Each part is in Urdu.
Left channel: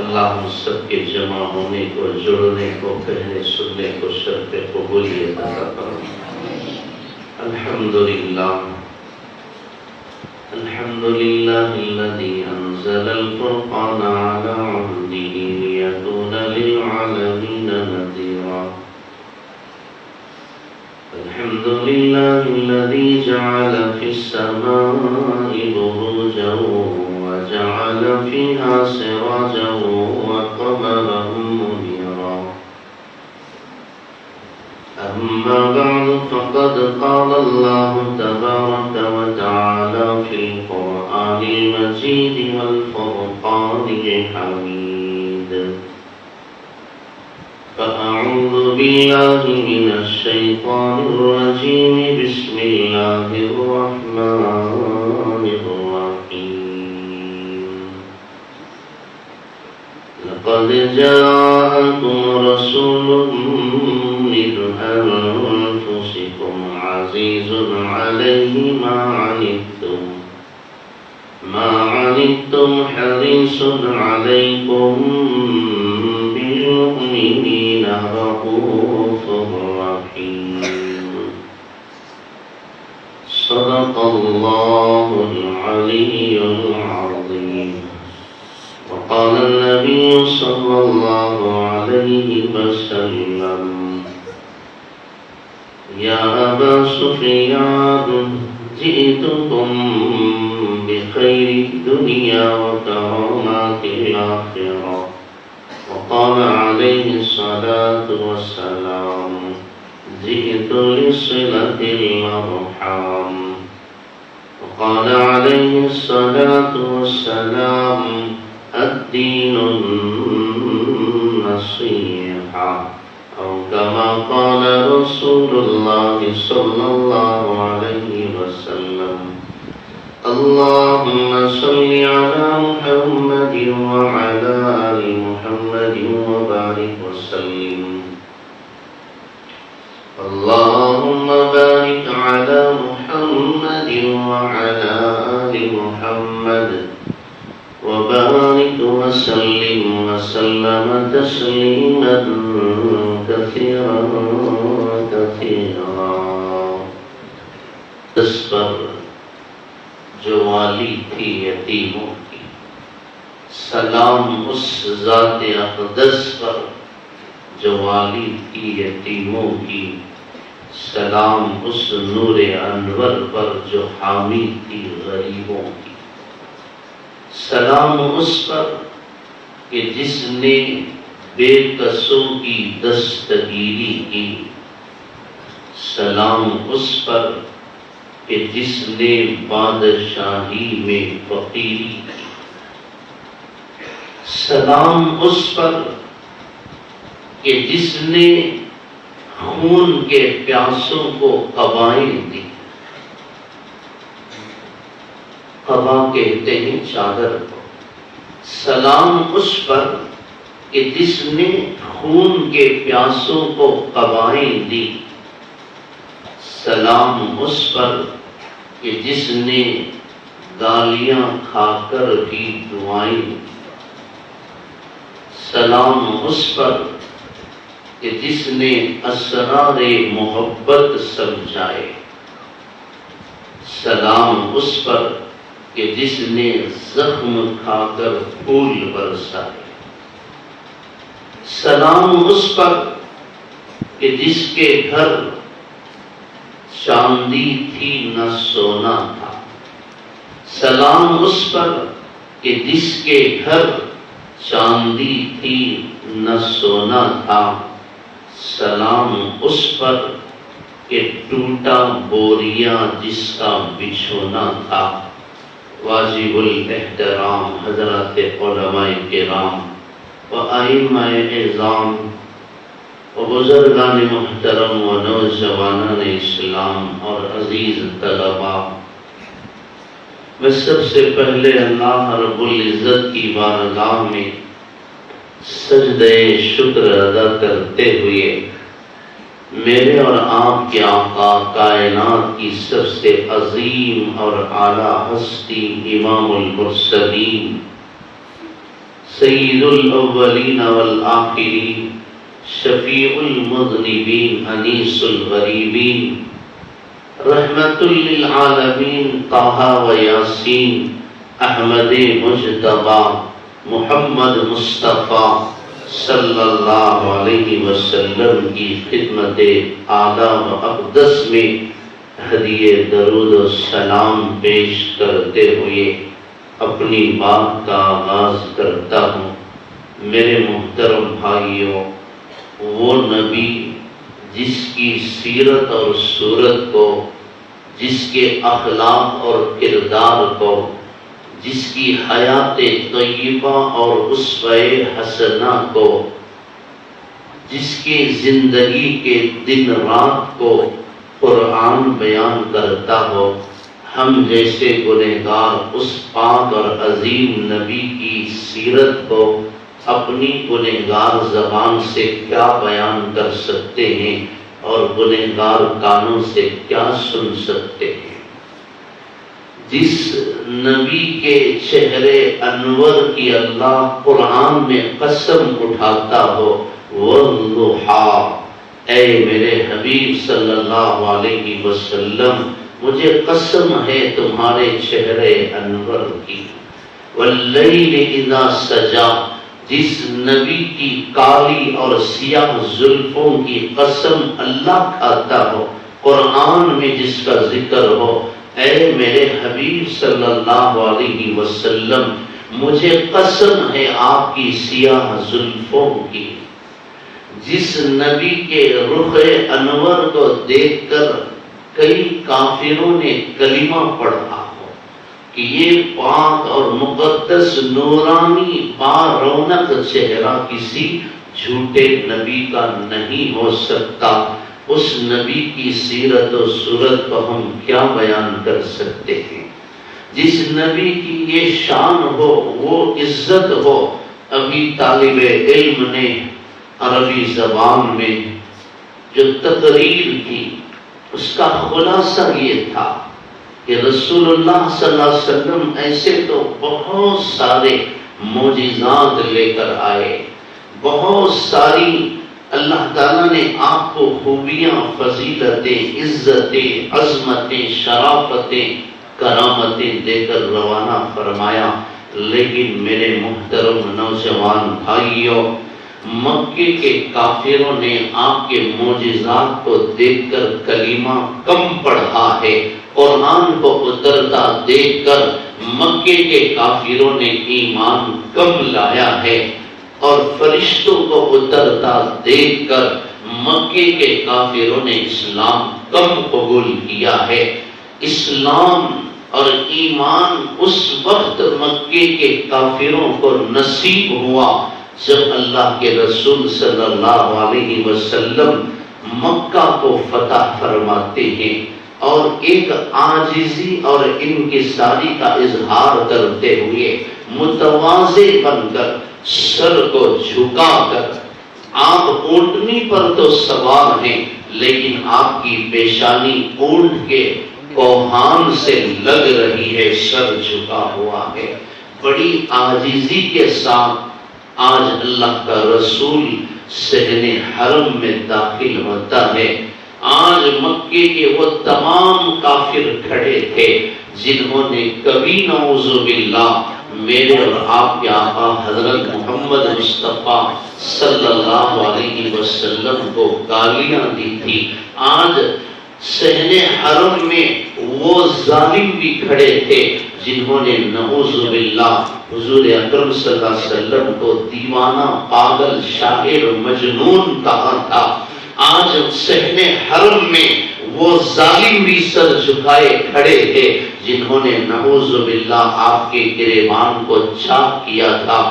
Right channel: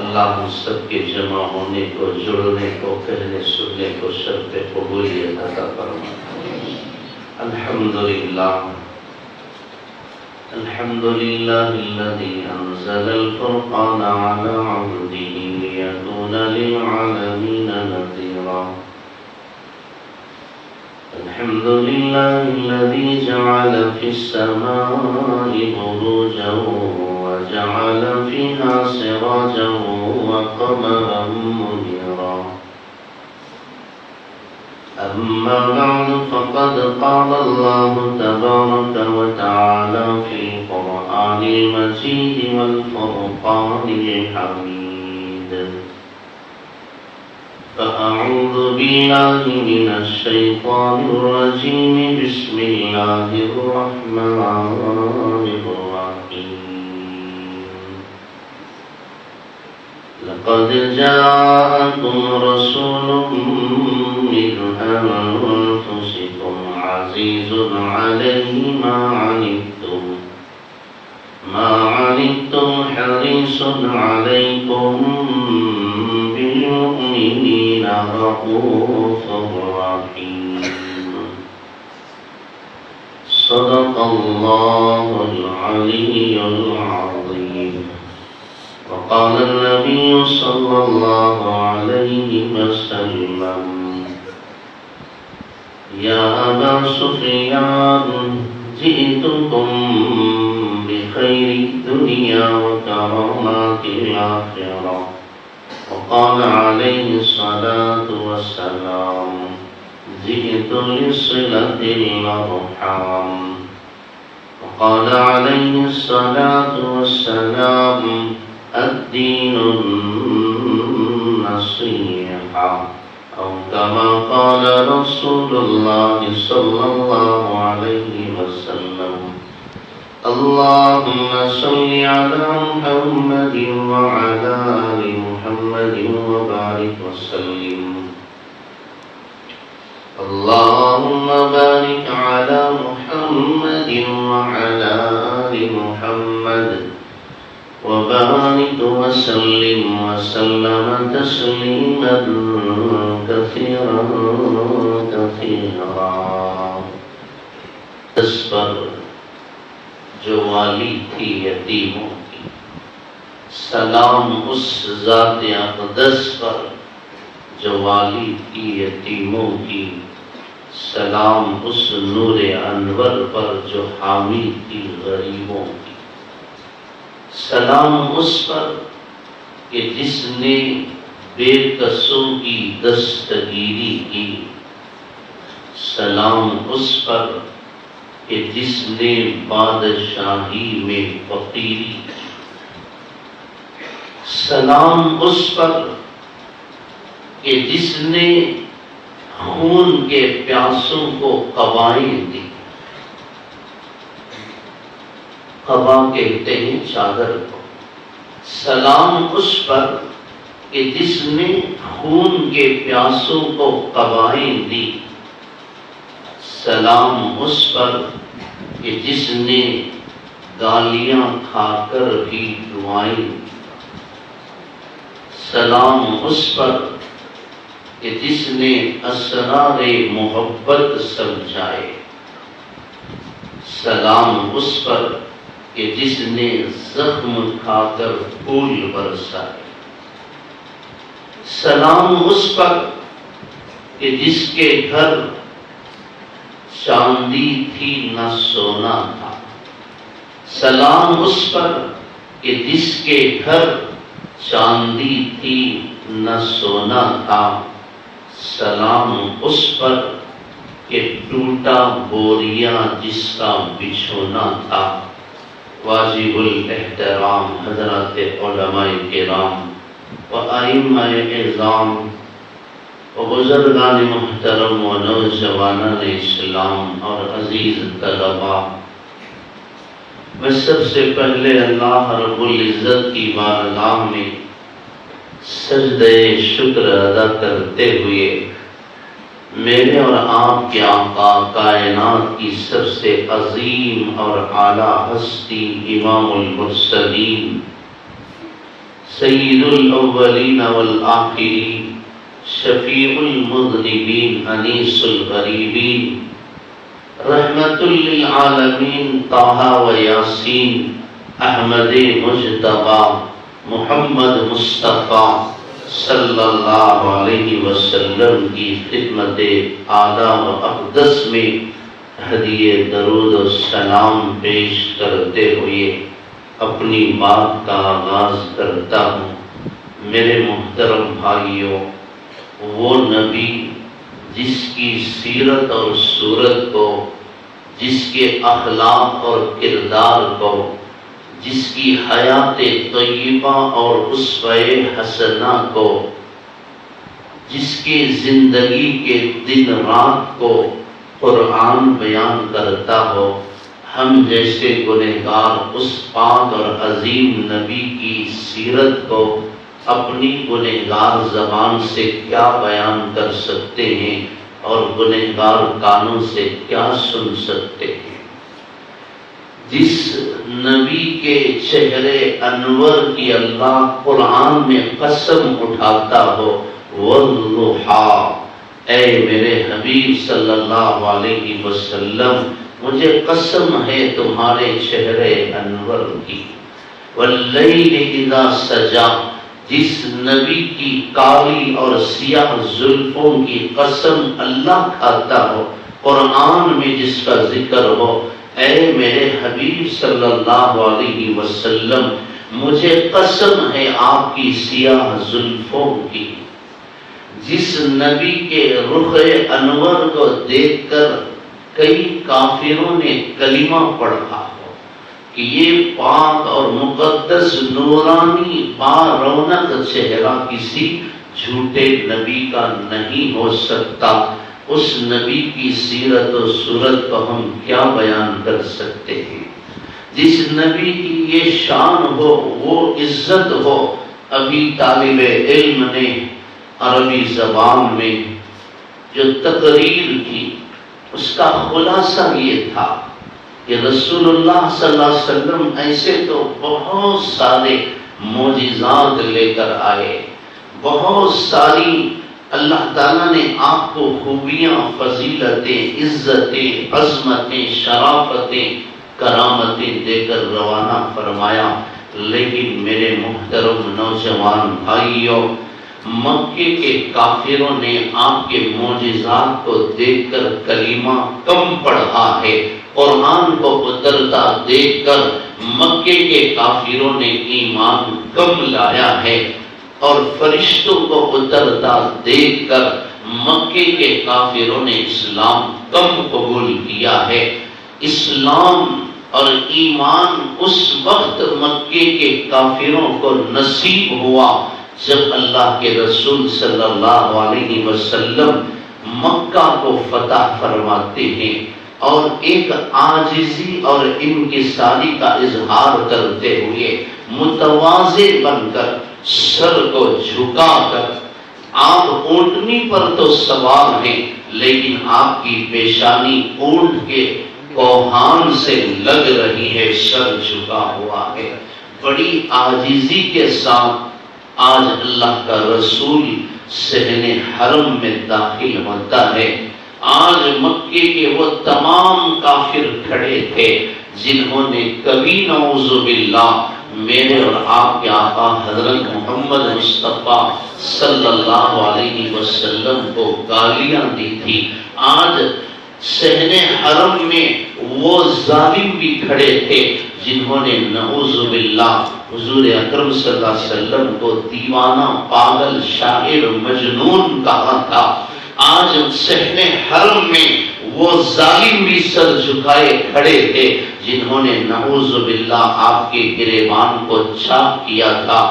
اللہ ہم سب کے جمع ہونے کو، جڑنے کو، کہنے سننے کو شرط قبولیت عطا فرما۔ الحمدللہ الحمدللہ الذی انزل الفرقان علی عبدہ لیکون للعالمین نذیرا۔ الحمد لله الذي جعل في السماء بروجا وجعل فيها سراجا وقمرا منيرا، أما بعد فقد قال الله تبارك وتعالى في القرآن المجيد والفرقان الحميد، فأعوذ بالله من الشيطان الرجيم، بسم الله الرحمن الرحيم، لقد جاءكم رسول من أنفسكم عزيز عليه ما عنتم حريص عليكم بالمؤمنين رؤوف رحيم، صدق الله العلي العظيم، وقال النبي صلى الله عليه وسلم، يا أبا سفيان جئتكم بخير الدنيا وكرامات الآخرة، وقال عليه الصلاة والسلام، جئت لصلة الأرحام، وقال عليه الصلاة والسلام، الدين النصيحة، أو كما قال رسول الله صلى الله عليه وسلم، اللهم صل على محمد وعلى آل محمد وبارك وسلم، اللهم بارك على محمد وعلى آل محمد وبارك وسلم وسلم تسليما كثيرا كثيرا۔ اس پر جو والی تھی یتیموں کی، سلام اس ذات اقدس پر جو والی تھی یتیموں کی، سلام اس نور انور پر جو حامی تھی غریبوں کی، سلام اس پر کہ جس نے بے کسوں کی دستگیری کی، سلام اس پر کہ جس نے بادشاہی میں فقیری کی، سلام اس پر کہ جس نے خون کے پیاسوں کو قبائیں دی، قبا کہتے ہیں چادر کو، سلام اس پر کہ جس نے خون کے پیاسوں کو قبائیں دی، سلام اس پر کہ جس نے گالیاں کھا کر بھی دعائیں دی، سلام اس پر کہ جس نے اسرار محبت سمجھائے، سلام اس پر کہ جس نے زخم کھا کر پھول برسائے، سلام اس پر کہ جس کے گھر چاندی تھی نہ سونا تھا، سلام اس پر کہ جس کے گھر چاندی تھی نہ سونا تھا، سلام اس پر کہ ٹوٹا بوریا جس کا بچھونا تھا۔ واجب الاحترام حضرات علماء کرام و ائمہ اعظام و بزرگان محترم و نوجوانان اسلام اور عزیز طلباء، میں سب سے پہلے اللہ رب العزت کی بارگاہ میں سجدہ شکر ادا کرتے ہوئے میرے اور آپ کے آقا کائنات کی سب سے عظیم اور اعلیٰ ہستی امام المرسلین سید الاولین والآخرین، شفیع المذنبین، انیس الغریبین، رحمت للعالمین، طٰہٰ و یاسین، احمد مجتبیٰ، محمد مصطفیٰ صلی اللہ علیہ وسلم کی خدمت اعلیٰ و اقدس میں ہدیہ درود و سلام پیش کرتے ہوئے اپنی بات کا آغاز کرتا ہوں۔ میرے محترم بھائیوں، وہ نبی جس کی سیرت اور صورت کو، جس کے اخلاق اور کردار کو، جس کی حیات طیبہ اور اسوہ حسنہ کو، جس کی زندگی کے دن رات کو قرآن بیان کرتا ہو، ہم جیسے گنہگار اس پاک اور عظیم نبی کی سیرت کو اپنی گنہگار زبان سے کیا بیان کر سکتے ہیں اور گنہگار کانوں سے کیا سن سکتے ہیں؟ جس نبی کے چہرے انور کی اللہ قرآن میں قسم اٹھاتا ہو، والضحیٰ، اے میرے حبیب صلی اللہ علیہ وسلم، مجھے قسم ہے تمہارے چہرے انور کی، واللیل اذا سجا، جس نبی کی کالی اور سیاہ زلفوں کی قسم اللہ کھاتا ہو، قرآن میں جس کا ذکر ہو، اے میرے حبیب صلی اللہ علیہ وسلم، مجھے قسم ہے آپ کی سیاہ زلفوں کی۔ جس نبی کے رخ انور کو دیکھ کر کئی کافروں نے کلمہ پڑھا ہو کہ یہ پاک اور مقدس نورانی با رونق چہرہ کسی جھوٹے نبی کا نہیں ہو سکتا، اس نبی کی سیرت و صورت کو ہم کیا بیان کر سکتے ہیں؟ جس نبی کی یہ شان ہو، وہ عزت ہو، ابھی طالب علم نے عربی زبان میں جو تقریر کی اس کا خلاصہ یہ تھا کہ رسول اللہ صلی اللہ علیہ وسلم ایسے تو بہت سارے معجزات لے کر آئے، بہت ساری اللہ تعالیٰ نے آپ کو خوبیاں، فضیلتیں، عزتیں، عظمتیں، شرافتیں، کرامتیں دے کر روانہ فرمایا، لیکن میرے محترم نوجوان بھائیوں، مکے کے کافروں نے آپ کے معجزات کو دیکھ کر کلمہ کم پڑھا ہے، قرآن کو اترتا دیکھ کر مکے کے کافروں نے ایمان کم لایا ہے، اور فرشتوں کو اترتا دیکھ کر مکے کے کافروں نے اسلام کم قبول کیا ہے۔ اسلام اور ایمان اس وقت مکے کے کافروں کو نصیب ہوا جب اللہ کے رسول صلی اللہ علیہ وسلم مکہ کو فتح فرماتے ہیں اور ایک عاجزی اور انکساری کا اظہار کرتے ہوئے متواضع بن کر، سر کو جھکا کر، آپ اونٹنی پر تو سوار ہیں لیکن آپ کی پیشانی اونٹ کے کوہان سے لگ رہی ہے، سر جھکا ہوا ہے، بڑی عاجزی کے ساتھ آج اللہ کا رسول صحن حرم میں داخل ہوتا ہے۔ آج مکے کے وہ تمام کافر کھڑے تھے جنہوں نے کبھی نعوذ باللہ میرے اور آپ کے آقا حضرت محمد مصطفیٰ صلی اللہ علیہ وسلم کو گالیاں دی تھی، آج صحن حرم میں وہ ظالم بھی کھڑے تھے جنہوں نے نعوذ باللہ حضور اکرم صلی اللہ علیہ وسلم کو دیوانہ، پاگل، شاعر، مجنون کہا تھا۔ آج صحن حرم میں وہ ظالم بھی سر جھکائے کھڑے تھے جنہوں نے نعوذ باللہ آپ کے گریبان کو چاک کیا تھا۔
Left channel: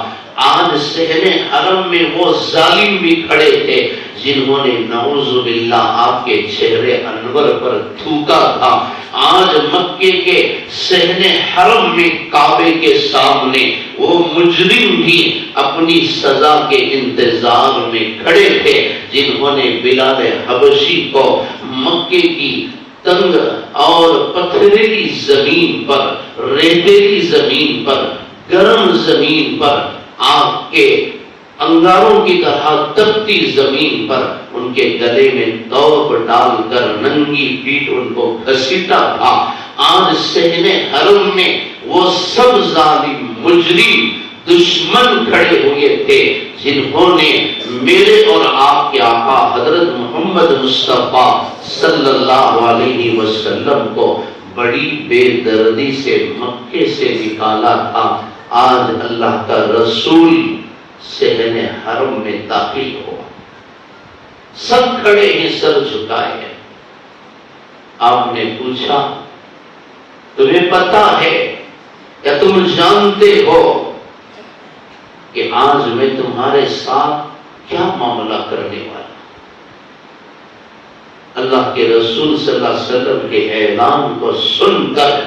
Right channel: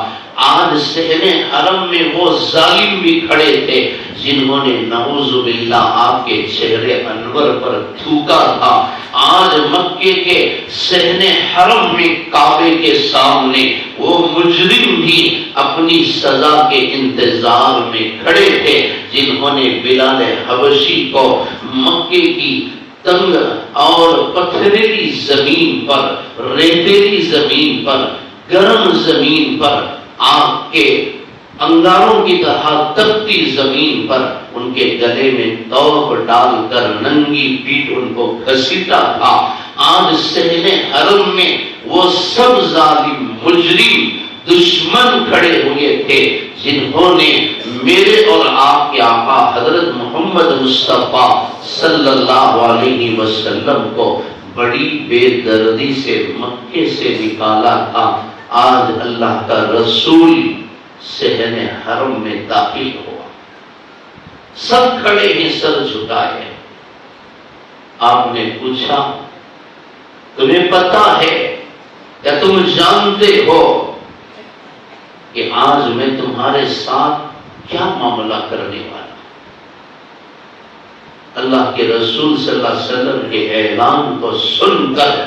آج صحن حرم میں وہ ظالم بھی کھڑے تھے جنہوں نے نعوذ باللہ آپ کے چہرے انور پر تھوکا تھا۔ آج مکے کے صحن حرم میں کعبے کے سامنے وہ مجرم بھی اپنی سزا کے انتظار میں کھڑے تھے جنہوں نے بلال حبشی کو مکے کی تنگ اور پتھریلی زمین پر، ریتیلی زمین پر، گرم زمین پر آگ کے انگاروں کی طرح تپتی زمین پر ان کے گلے میں توق ڈال کر ننگی پیٹھ ان کو گھسیٹا تھا. آج صحن حرم میں وہ سب ظالم مجرم دشمن کھڑے ہوئے تھے جنہوں نے میرے اور آپ کے آقا حضرت محمد مصطفیٰ صلی اللہ علیہ وسلم کو بڑی بے دردی سے مکے سے نکالا تھا. آج اللہ کا رسول صحن حرم میں داخل ہوا. سب کھڑے ہیں سر جھکائے. آپ نے پوچھا تمہیں پتا ہے یا تم جانتے ہو کہ آج میں تمہارے ساتھ کیا معاملہ کرنے والا؟ اللہ کے رسول صلی اللہ علیہ وسلم کے اعلان کو سن کر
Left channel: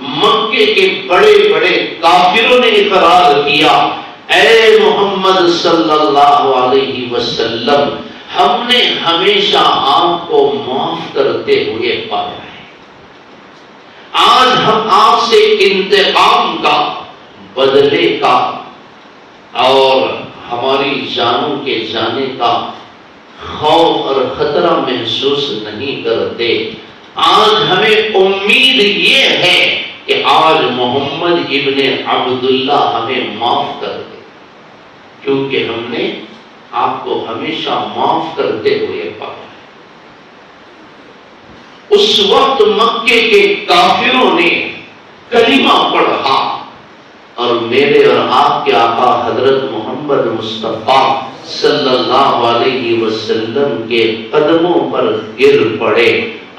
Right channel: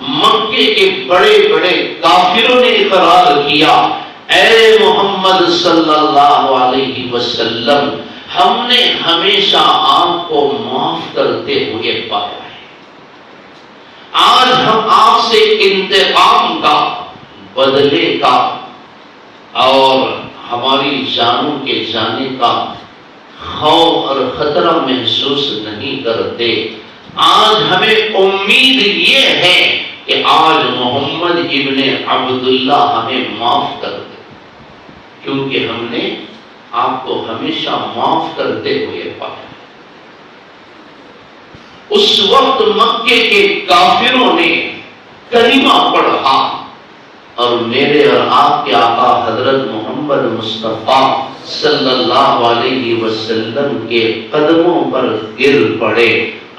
مکے کے بڑے بڑے کافروں نے اقرار کیا اے محمد صلی اللہ علیہ وسلم ہم نے ہمیشہ آپ کو معاف کرتے ہوئے پایا ہے. آج ہم آپ سے انتقام کا بدلے کا اور ہماری جانوں کے جانے کا خوف اور خطرہ محسوس نہیں کرتے. آج ہمیں امید یہ ہے کہ آج محمد ابن عبداللہ ہمیں معاف کر دے کیونکہ ہم نے آپ کو ہمیشہ معاف کرتے ہوئے پایا. اس وقت مکے کے کافروں نے کلمہ پڑھا اور میرے اور آپ کے آقا حضرت محمد مصطفیٰ صلی اللہ علیہ وسلم کے قدموں پر گر پڑے.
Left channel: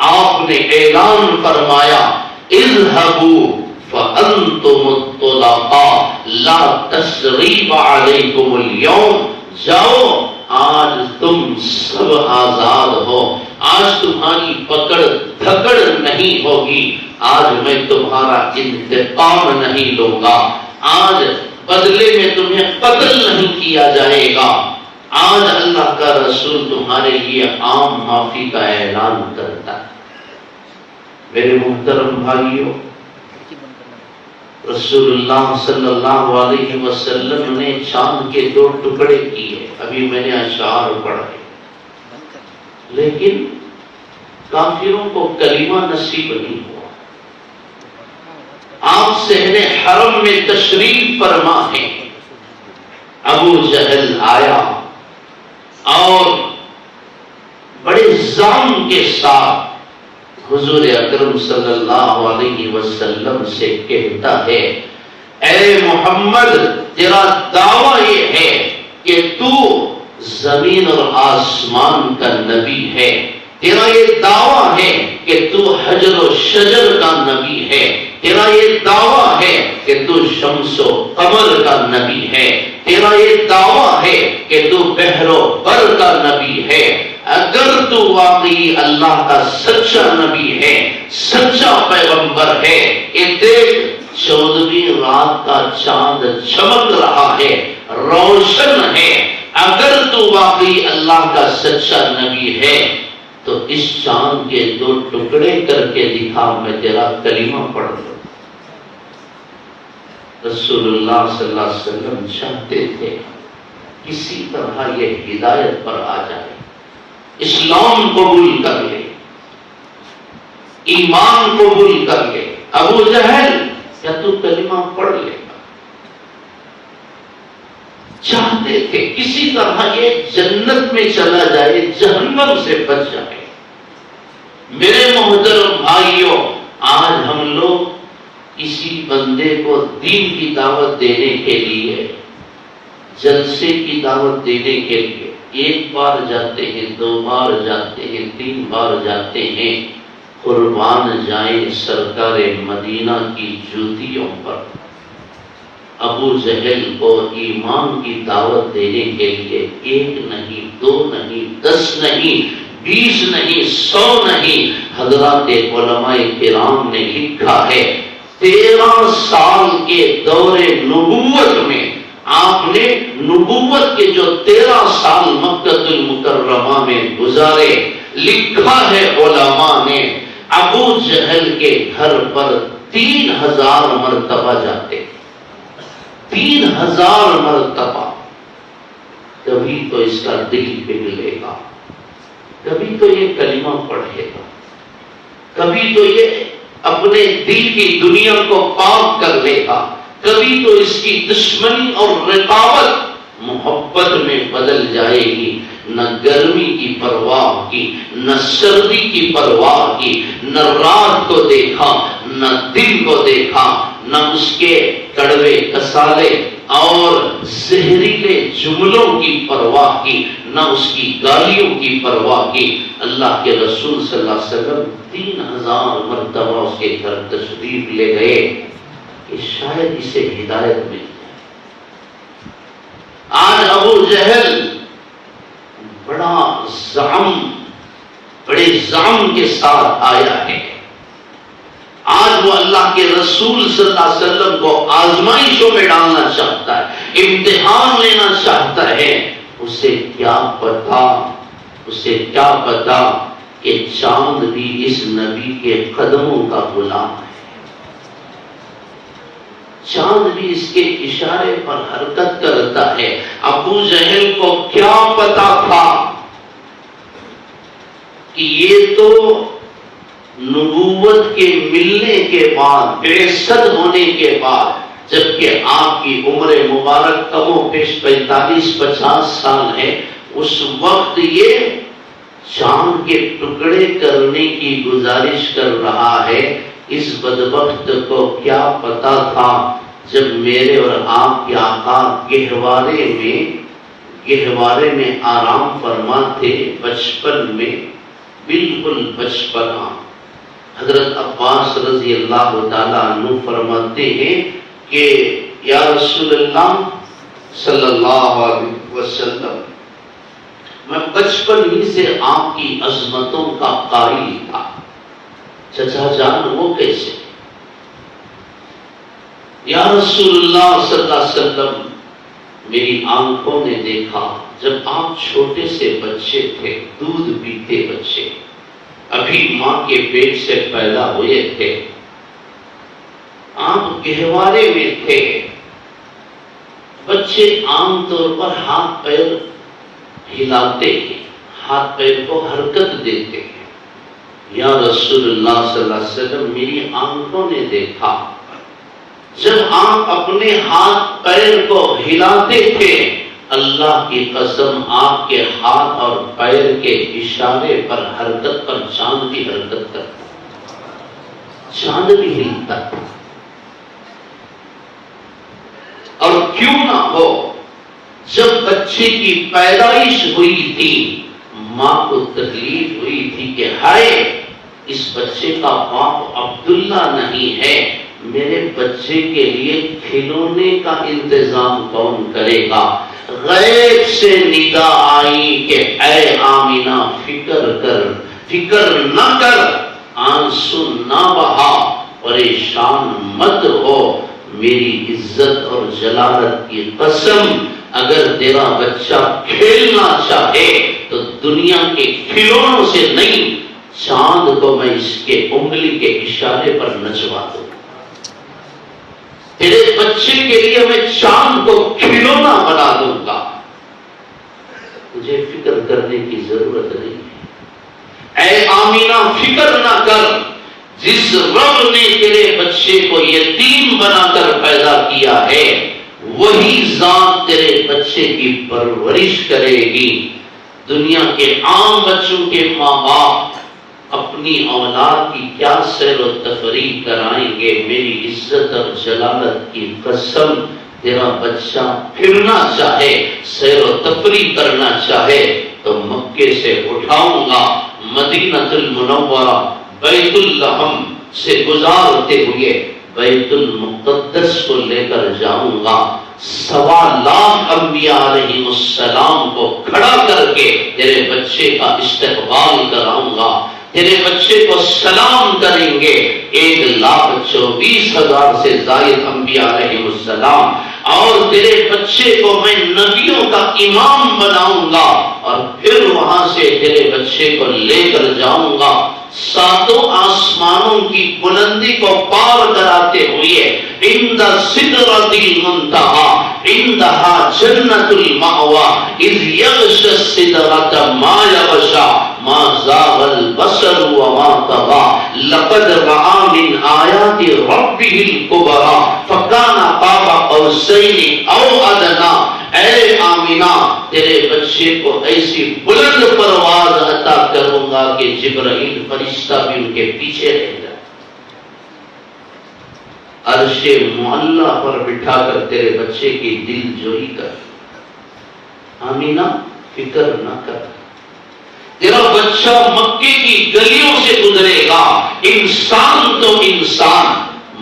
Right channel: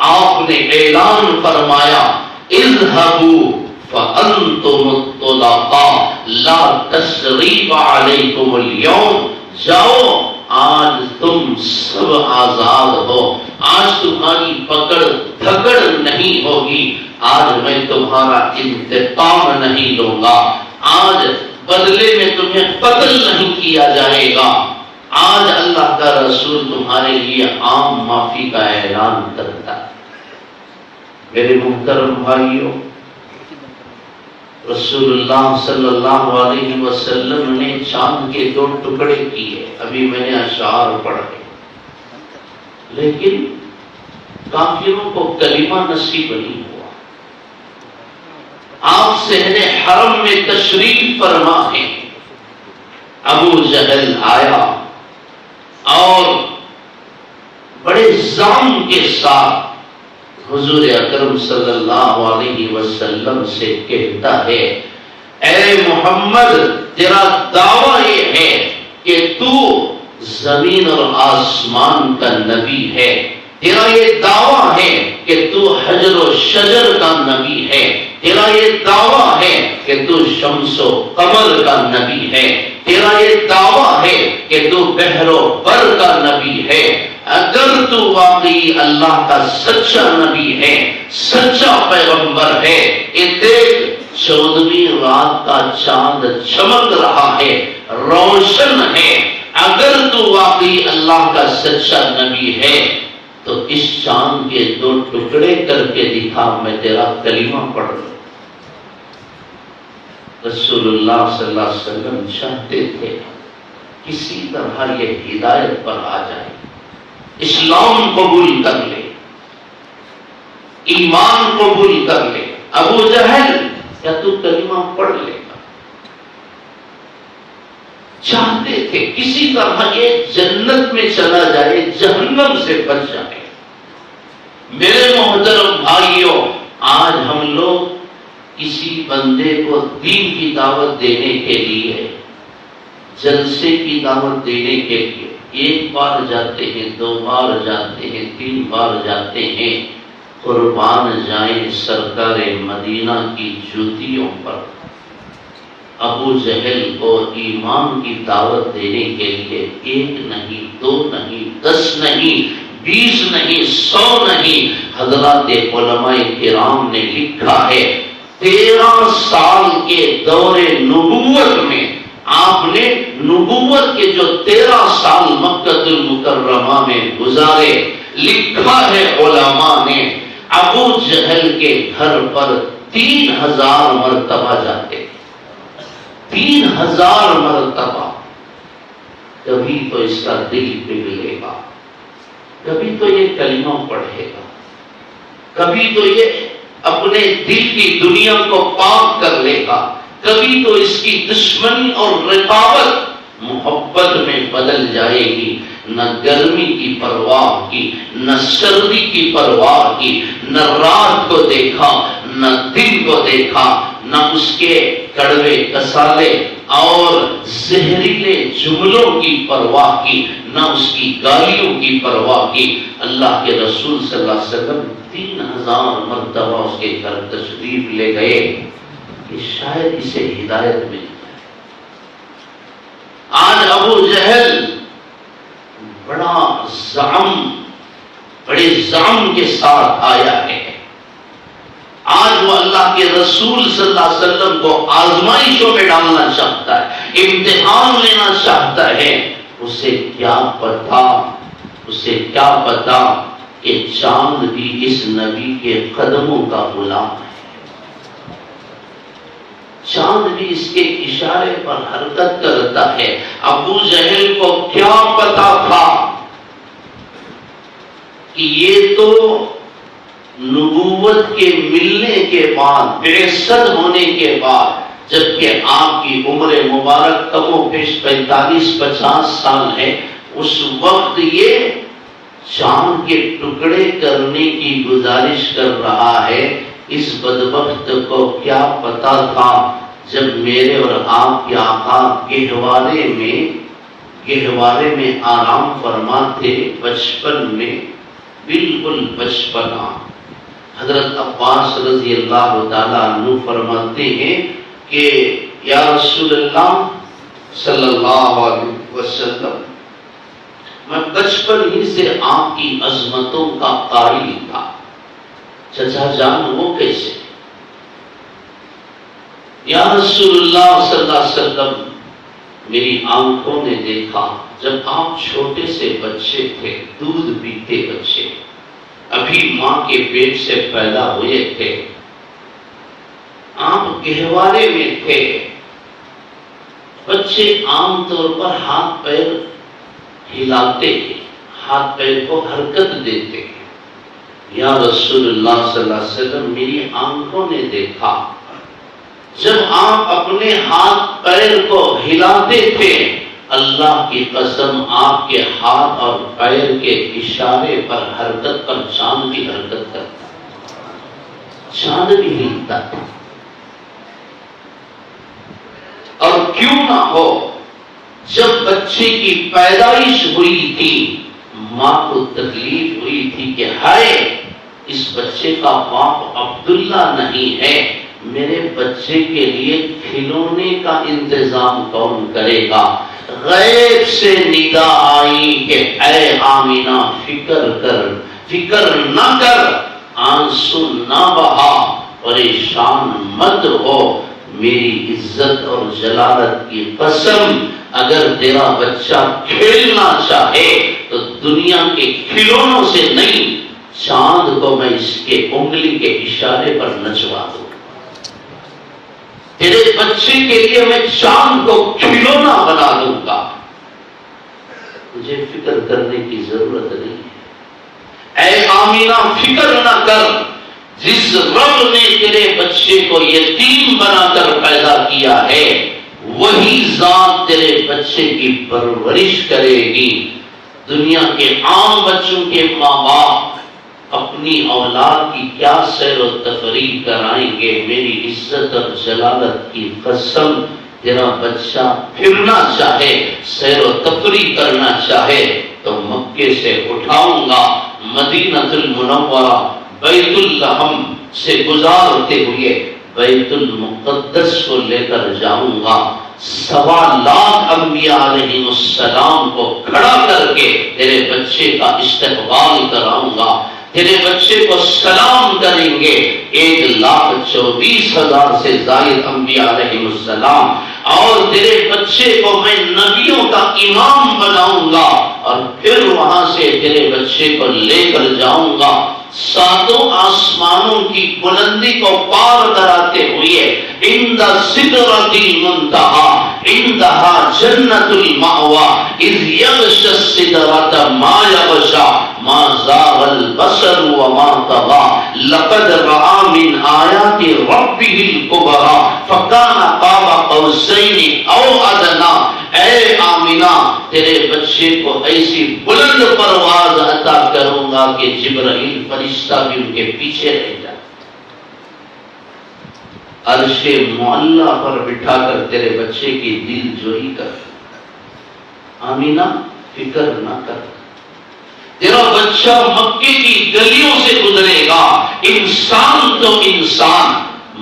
آپ نے اعلان فرمایا اذهبوا فانتم الطلقاء لا تثریب علیکم اليوم. جاؤ آج تم سب آزاد ہو. آج تمہاری پکڑ دھکڑ نہیں ہوگی. آج میں تمہارا انتقام نہیں لوں گا. آج بدلے میں تمہیں قتل نہیں کیا جائے گا. آج اللہ کا رسول تمہارے لیے عام معافی کا اعلان کرتا ہے. میرے محترم بھائیوں رسول اللہ صلی اللہ علیہ وسلم نے چاند کے 2 ٹکڑے کیے. ابھی میں نے اشعار پڑھے لیکن کافروں کو کلمہ نصیب نہیں ہوا. آپ صحن حرم میں تشریف فرما ہیں. ابو جہل آیا اور بڑے زام کے ساتھ حضور اکرم صلی اللہ علیہ وسلم سے کہتا ہے اے محمد تیرا دعویٰ یہ ہے کہ تو زمین اور آسمان کا نبی ہے. تیرا یہ دعویٰ ہے کہ تو حجر و شجر کا نبی ہے. تیرا یہ دعویٰ ہے کہ تو شمس و قمر کا نبی ہے. تیرا یہ دعویٰ ہے کہ تو بحر و بر کا نبی ہے. اگر تو واقعی اللہ کا سچا نبی ہے سچا پیغمبر ہے یہ دیکھ 14ویں رات کا چاند چمک رہا ہے روشن ہے. اگر تو واقعی اللہ کا سچا نبی ہے تو اس چاند کے 2 ٹکڑے کر کے دکھا میں تیرا کلمہ پڑھ لوں. رسول اللہ صلی اللہ علیہ وسلم چاہتے تھے کسی طرح یہ ہدایت پر آ جائے اسلام قبول کر لے ایمان قبول کر لے. ابو جہل کیا تو کلمہ پڑھ لے گا؟ چاہتے تھے کسی طرح یہ جنت میں چلا جائے جہنم سے بچ جائے. میرے محترم بھائیوں آج ہم لوگ کسی بندے کو دین کی دعوت دینے کے لیے جلسے کی دعوت دینے کے لیے 1 بار جاتے ہیں 2 بار جاتے ہیں 3 بار جاتے ہیں. قربان جائیں سرکار مدینہ کی جوتیوں پر. ابو جہل کو ایمان کی دعوت دینے کے لیے 1 نہیں 2 نہیں 10 نہیں 20 نہیں 100 نہیں حضرات علماء کرام نے لکھا ہے 13 سال کے دور نبوت میں آپ نے نبوت کے جو 13 سال مکہ المکرمہ میں گزارے لکھا ہے علماء نے ابو جہل کے گھر پر 3000 مرتبہ جاتے. 3000 مرتبہ. کبھی تو اس کا دل پگھلے گا، کبھی تو یہ کلمہ پڑھے گا، کبھی تو یہ اپنے دل کی دنیا کو پاک کر لے گا، کبھی تو اس کی دشمنی اور رقابت محبت میں بدل جائے گی. نہ گرمی کی پرواہ کی، نہ سردی کی پرواہ کی، نہ رات کو دیکھا نہ دن کو دیکھا، نہ اس کے کڑوے کسالے اور زہریلے جملوں کی پرواہ کی، نہ اس کی گالیوں کی پرواہ کی. اللہ کے رسول صلی اللہ علیہ وسلم 3000 مرتبہ اس کے گھر تشریف لے گئے کہ شاید اسے ہدایت مل. آج ابو جہل بڑے زعم کے ساتھ آیا ہے. آج وہ اللہ کے رسول صلی اللہ علیہ وسلم کو آزمائشوں میں ڈالنا چاہتا ہے، امتحان لینا چاہتا ہے. اسے کیا پتا کہ چاند بھی اس نبی کے قدموں کا غلام ہے، چاند بھی اس کے اشارے پر حرکت کرتا ہے. ابو جہل کو کیا پتا تھا کہ یہ تو نبوت کے ملنے کے بعد، بعثت ہونے کے بعد، جبکہ آپ کی عمر مبارک کم و بیش 45-50 سال ہے، اس وقت یہ چاند کے ٹکڑے کرنے کی گزارش کر رہا ہے. اس بدبخت کو کیا پتا تھا جب میرے اور آپ کے آقا گہوارے میں آرام فرما تھے، بچپن میں، بالکل بچپنا. حضرت عباس رضی اللہ تعالیٰ عنہ فرماتے ہیں کہ یا رسول اللہ صلی اللہ علیہ وسلم، میں بچپن ہی سے آپ کی عظمتوں کا قاری تھا. چچا جان وہ کیسے؟ یا رسول اللہ صلی اللہ علیہ وسلم، میری آنکھوں نے دیکھا جب آپ چھوٹے سے بچے تھے، دودھ پیتے بچے، ابھی ماں کے پیٹ سے پیدا ہوئے تھے، آپ گہوارے میں تھے. بچے عام طور پر ہاتھ پیر ہلاتے ہیں، ہاتھ پیر کو حرکت دیتے ہیں. یا رسول اللہ صلی اللہ علیہ وسلم، میری آنکھوں نے دیکھا جب آپ اپنے ہاتھ پیر کو ہلاتے تھے، اللہ کی قسم آپ کے ہاتھ اور پیر کے اشارے پر حرکت پر چاند بھی حرکت کرتا، چاند بھی ہلتا تھا. اور کیوں نہ ہو، جب بچے کی پیدائش ہوئی تھی، ماں کو تکلیف ہوئی تھی کہ ہائے، اس بچے کا باپ عبداللہ نہیں ہے، میرے بچے کے لیے کھلونے کا انتظام کون کرے گا. غیب سے ندا آئی کہ اے آمینہ فکر نہ کر، آنسو نہ بہا، پریشان مت ہو. میری عزت اور جلالت کی قسم، اگر تیرا بچہ کھیلنا چاہے تو دنیا کے کھلونوں سے نہیں، چاند کو میں اس کے انگلی کے اشارے پر نچوا دوں. تیرے بچے کے لیے میں چاند کو کھلونا بنا دوں گا. مجھے فکر کرنے کی ضرورت نہیں ہے. اے آمینہ فکر نہ کر، جس رب نے تیرے بچے کو یتیم بنا کر پیدا کیا ہے، وہی ذات تیرے بچے کی پرورش کرے گی. دنیا کے عام بچوں کے ماں باپ اپنی اولاد کی کیا سیر و تفریح کرائیں گے. میری عزت اور جلالت کی قسم، تیرا بچہ پھرنا چاہے، سیر و تفریح کرنا چاہے تو مکے سے اٹھاؤں گا، مدینہ المنورہ بیت الحم سے گزارتے ہوئے بیت المقدس کو لے کر جاؤں گا. 1.25 لاکھ انبیاء علیہ السلام کو کھڑا کر کے تیرے بچے کا استقبال کراؤں گا. تیرے بچے کو سلام کریں گے 1,24,000 سے زائد انبیاء علیہ السلام. اور تیرے بچے کو میں نبیوں کا امام بناؤں گا، اور پھر وہاں سے تیرے بچے کو لے کر جاؤں گا ساتوں آسمانوں کی بلندی کو پار کراتے ہوئے عند سدرۃ المنتہی عندہا جنت المأوی اذ یغشی السدرۃ ما یغشی ما زاغ البصر وما طغى لقد رأى من آیات ربه الکبری فکان قاب قوسین او ادنی۔ اے آمینہ تیرے بچے کو ایسی بلند پرواز عطا کروں گا کہ جبرائیل فرشتہ بھی ان کے پیچھے رہ جائے، عرش معلیٰ پر بٹھا کر تیرے بچے کی دل جوئی کر۔ آمینہ فکر نہ کر، تیرا بچہ مکے کی گلیوں سے گزرے گا، انسان تو انسان،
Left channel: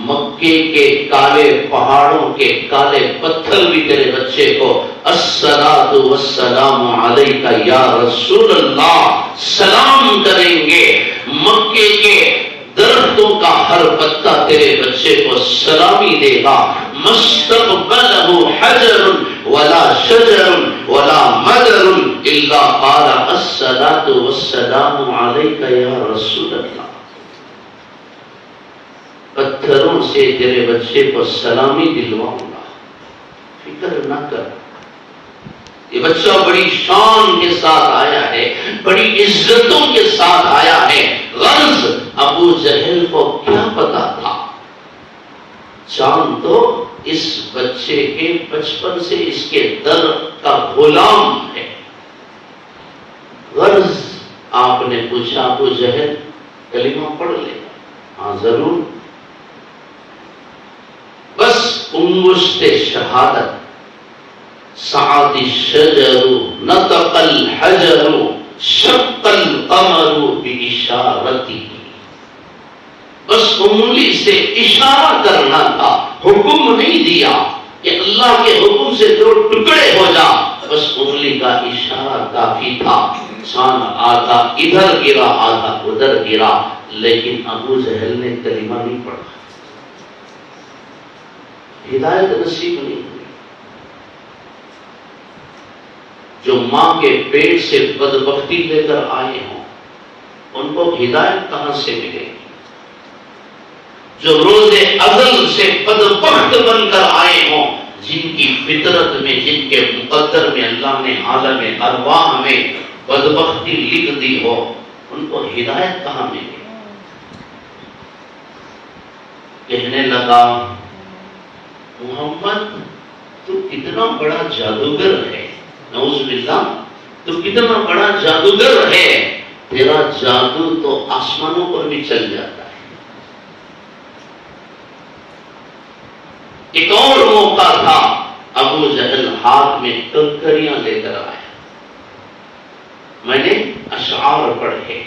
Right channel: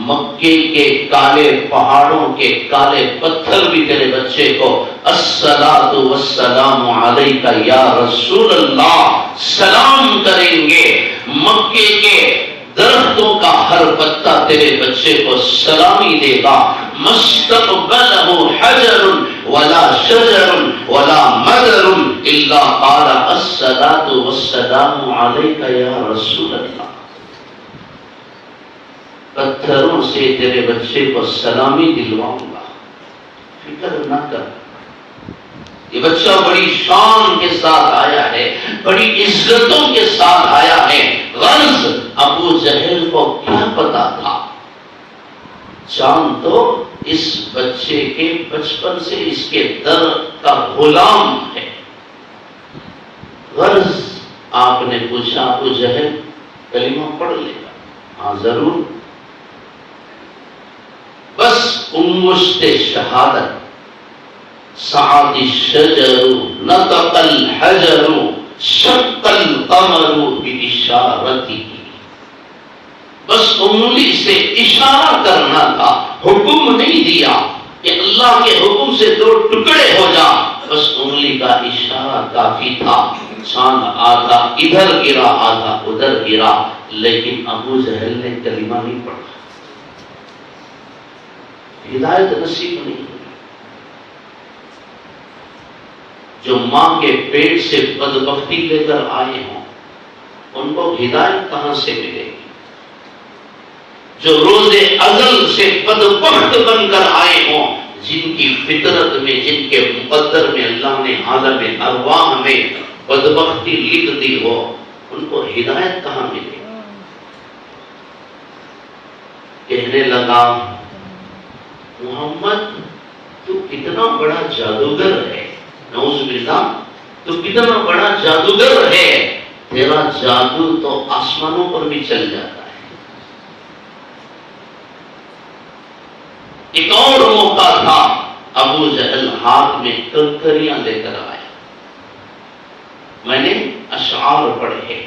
مکے کے کالے پہاڑوں کے کالے پتھر بھی تیرے بچے کو الصلاۃ والسلام علیک یا رسول اللہ سلام کریں گے۔ مکے کے درختوں کا ہر پتا تیرے بچے کو سلامی دے گا۔ مستقبلہ حجر ولا شجر ولا مدر الا قال الصلاۃ والسلام علیک یا رسول اللہ۔ پتھروں سے تیرے بچے کو سلامی دلواؤں گا، فکر نہ کر۔ یہ بچہ بڑی شان کے ساتھ آیا ہے، بڑی عزتوں کے ساتھ آیا ہے۔ غرض ابو جہل کو کیا پتا تھا؟ چاند تو اس بچے کے بچپن سے اس کے در کا غلام ہے۔ غرض آپ نے پوچھا ابو جہل کلمہ پڑھ لے؟ ہاں ضرور۔ بس انگشت شہادت سعد الشجر نطق الحجر شق القمر باشارتہ، بس انگلی سے اشارہ کرنا تھا، حکم نہیں دیا کہ اللہ کے حکم سے دو ٹکڑے ہو جا، بس انگلی کا اشارہ کافی تھا۔ چاند آدھا ادھر گرا آدھا ادھر گرا، لیکن ابو جہل نے کلمہ نہیں پڑھا، ہدایت نصیب نہیں ہوئی۔ جو ماں کے پیٹ سے بدبختی لے کر آئے ہوں ان کو ہدایت کہاں سے ملے گی؟ جو روز ازل سے بدبخت بن کر آئے ہوں، جن کی فطرت میں جن کے مقدر میں اللہ نے عالم ارواح میں بدبختی لکھ دی ہو، ان کو ہدایت کہاں ملے گی؟ کہنے لگا محمد تو کتنا بڑا جادوگر ہے، نعوذ باللہ تو کتنا بڑا جادوگر ہے، تیرا جادو تو آسمانوں پر بھی چل جاتا ہے۔ ایک اور موقع تھا، ابو جہل ہاتھ میں کنکریاں لے کر آئے، میں نے اشعار پڑھے،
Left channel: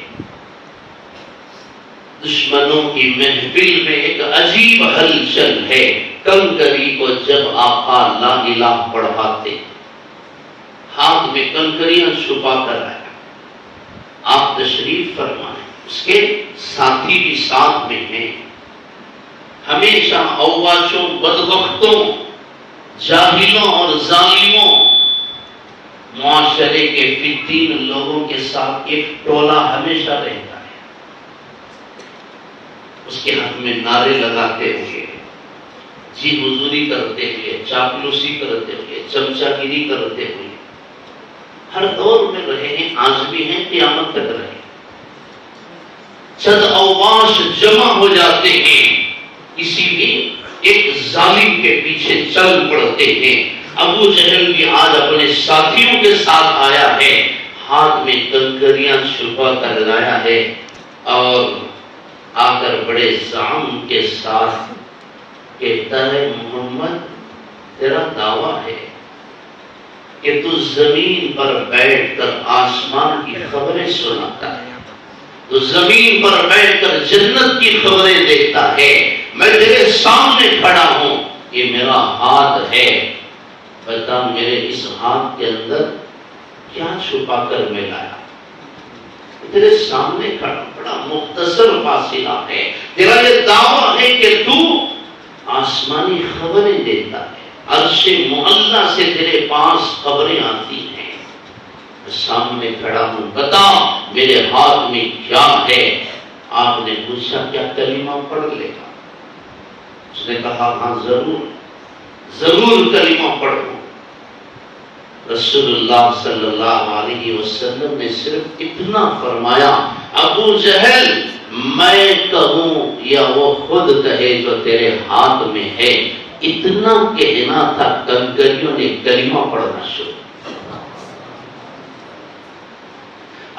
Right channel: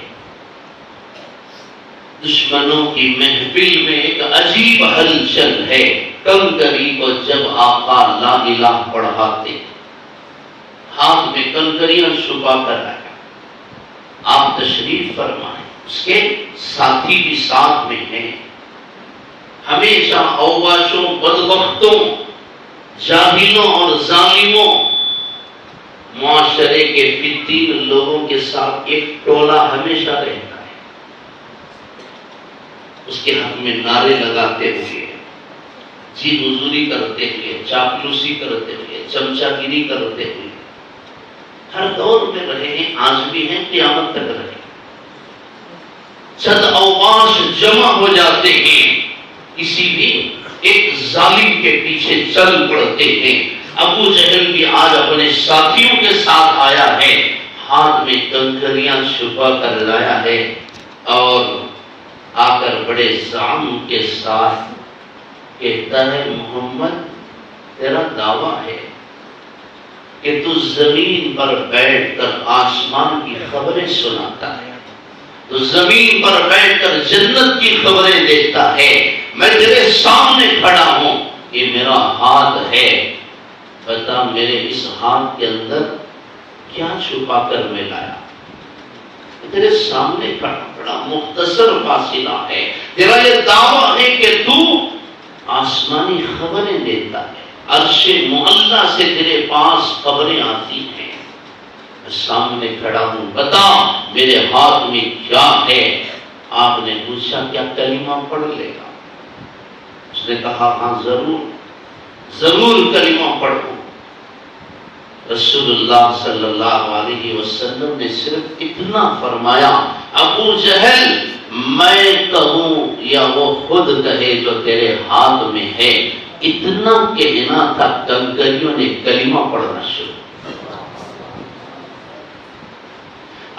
دشمنوں کی محفل میں ایک عجیب ہلچل ہے، کنکری کو جب آقا لا الہ پڑھاتے ہاتھ میں کنکریاں چھپا کر آیا، آپ تشریف فرمائیں، اس کے ساتھی بھی ساتھ میں ہیں، ہمیشہ اوباشوں بدبختوں جاہلوں اور ظالموں معاشرے کے فتین لوگوں کے ساتھ ایک ٹولہ ہمیشہ رہتا ہے، اس کے حق میں نعرے لگاتے ہوئے، جی حضوری کرتے ہوئے، چاپلوسی کرتے ہوئے، چمچہ گیری کرتے ہوئے ہر دور میں رہے ہیں، آج بھی ہیں، قیامت تک رہے۔ چند اوباش جمع ہو جاتے ہیں، کسی بھی ایک ظالم کے پیچھے چل پڑتے ہیں۔ ابو جہل بھی آج اپنے ساتھیوں کے ساتھ آیا ہے، ہاتھ میں کنکریاں چھپا کر لایا ہے، اور آ کر بڑے زعم کے ساتھ کہتا ہے محمد تیرا دعویٰ ہے کہ تو زمین پر بیٹھ کر آسمان کی خبریں سناتا ہے، تو زمین پر بیٹھ کر جنت کی خبریں دیکھتا ہے، میں تیرے سامنے کھڑا ہوں، یہ میرا ہاتھ ہے، بتا میرے اس ہاتھ کے اندر کیا چھپا کر میں لایا؟ تیرے سامنے کھڑا، بڑا مختصر فاصلہ ہے، تیرا یہ دعویٰ ہے کہ تو آسمانی خبریں دیتا ہے، عرش معلیٰ سے تیرے پاس خبریں آتی ہیں، میں سامنے کھڑا ہوں، بتا میرے ہاتھ میں کیا ہے؟ آپ نے پوچھا کیا کلمہ پڑھ لے گا؟ اس نے کہا ہاں ضرور کلمہ پڑھوں۔ رسول اللہ صلی اللہ علیہ وسلم نے صرف اتنا فرمایا، ابو جہل میں کہوں یا وہ خود کہے جو تیرے ہاتھ میں ہے، اتنا کہنا تھا، کنکریوں نے کلمہ پڑھنا شروع۔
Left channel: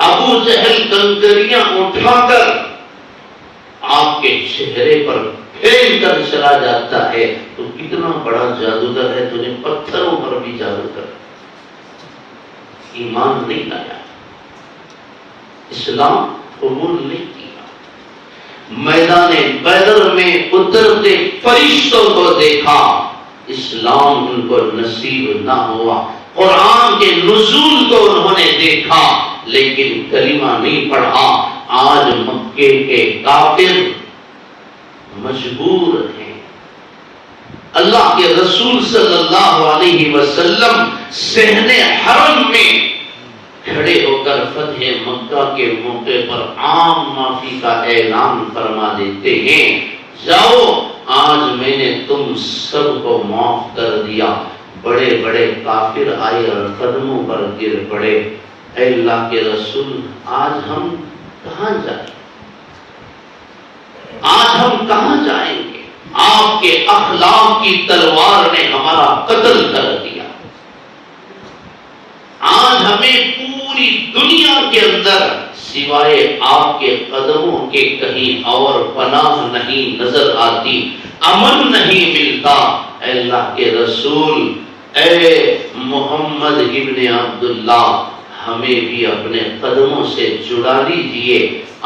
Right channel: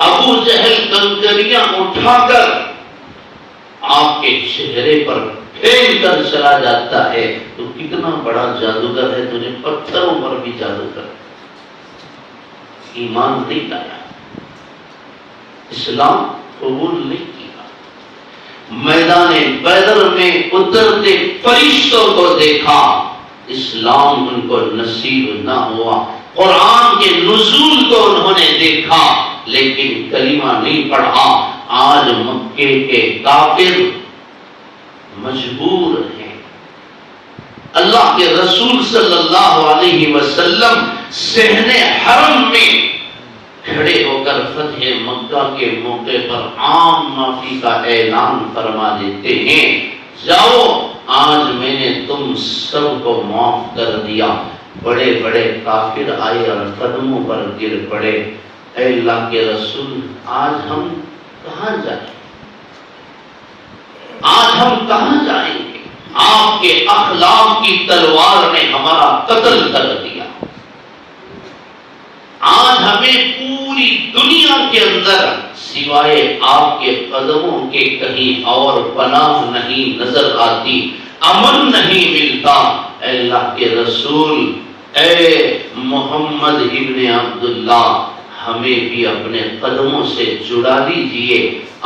ابو جہل کنکریاں اٹھا کر آپ کے چہرے پر پھینک کر چلا جاتا ہے، تو کتنا بڑا جادوگر ہے، تجھے پتھروں پر بھی جادو کر۔ ایمان نہیں لایا، اسلام قبول نہیں کیا۔ میدان بدر میں اترتے فرشتوں کو دیکھا، اسلام ان کو نصیب نہ ہوا۔ قرآن کے نزول کو انہوں نے دیکھا لیکن کلمہ نہیں پڑھا۔ آج مکے کے کافر مجبور ہیں اللہ کے رسول صلی اللہ علیہ وسلم صحن حرم میں کھڑے ہو کر فتح مکہ کے موقع پر عام معافی کا اعلان فرما دیتے ہیں، جاؤ آج میں نے تم سب کو معاف کر دیا۔ بڑے بڑے کافر آئے اور قدموں پر گر پڑے، اے اللہ کے رسول آج ہم کہاں جائیں؟ آج ہم کہاں جائیں گے؟ آپ کے اخلاق کی تلوار نے ہمارا قتل کر دیا۔ آج ہمیں پوری دنیا کے اندر سوائے آپ کے قدموں کے کہیں اور پناہ نہیں نظر آتی، امن نہیں ملتا۔ اے اللہ کے رسول، اے محمد ابن عبداللہ، ہمیں بھی اپنے قدموں سے جڑا لیجئے،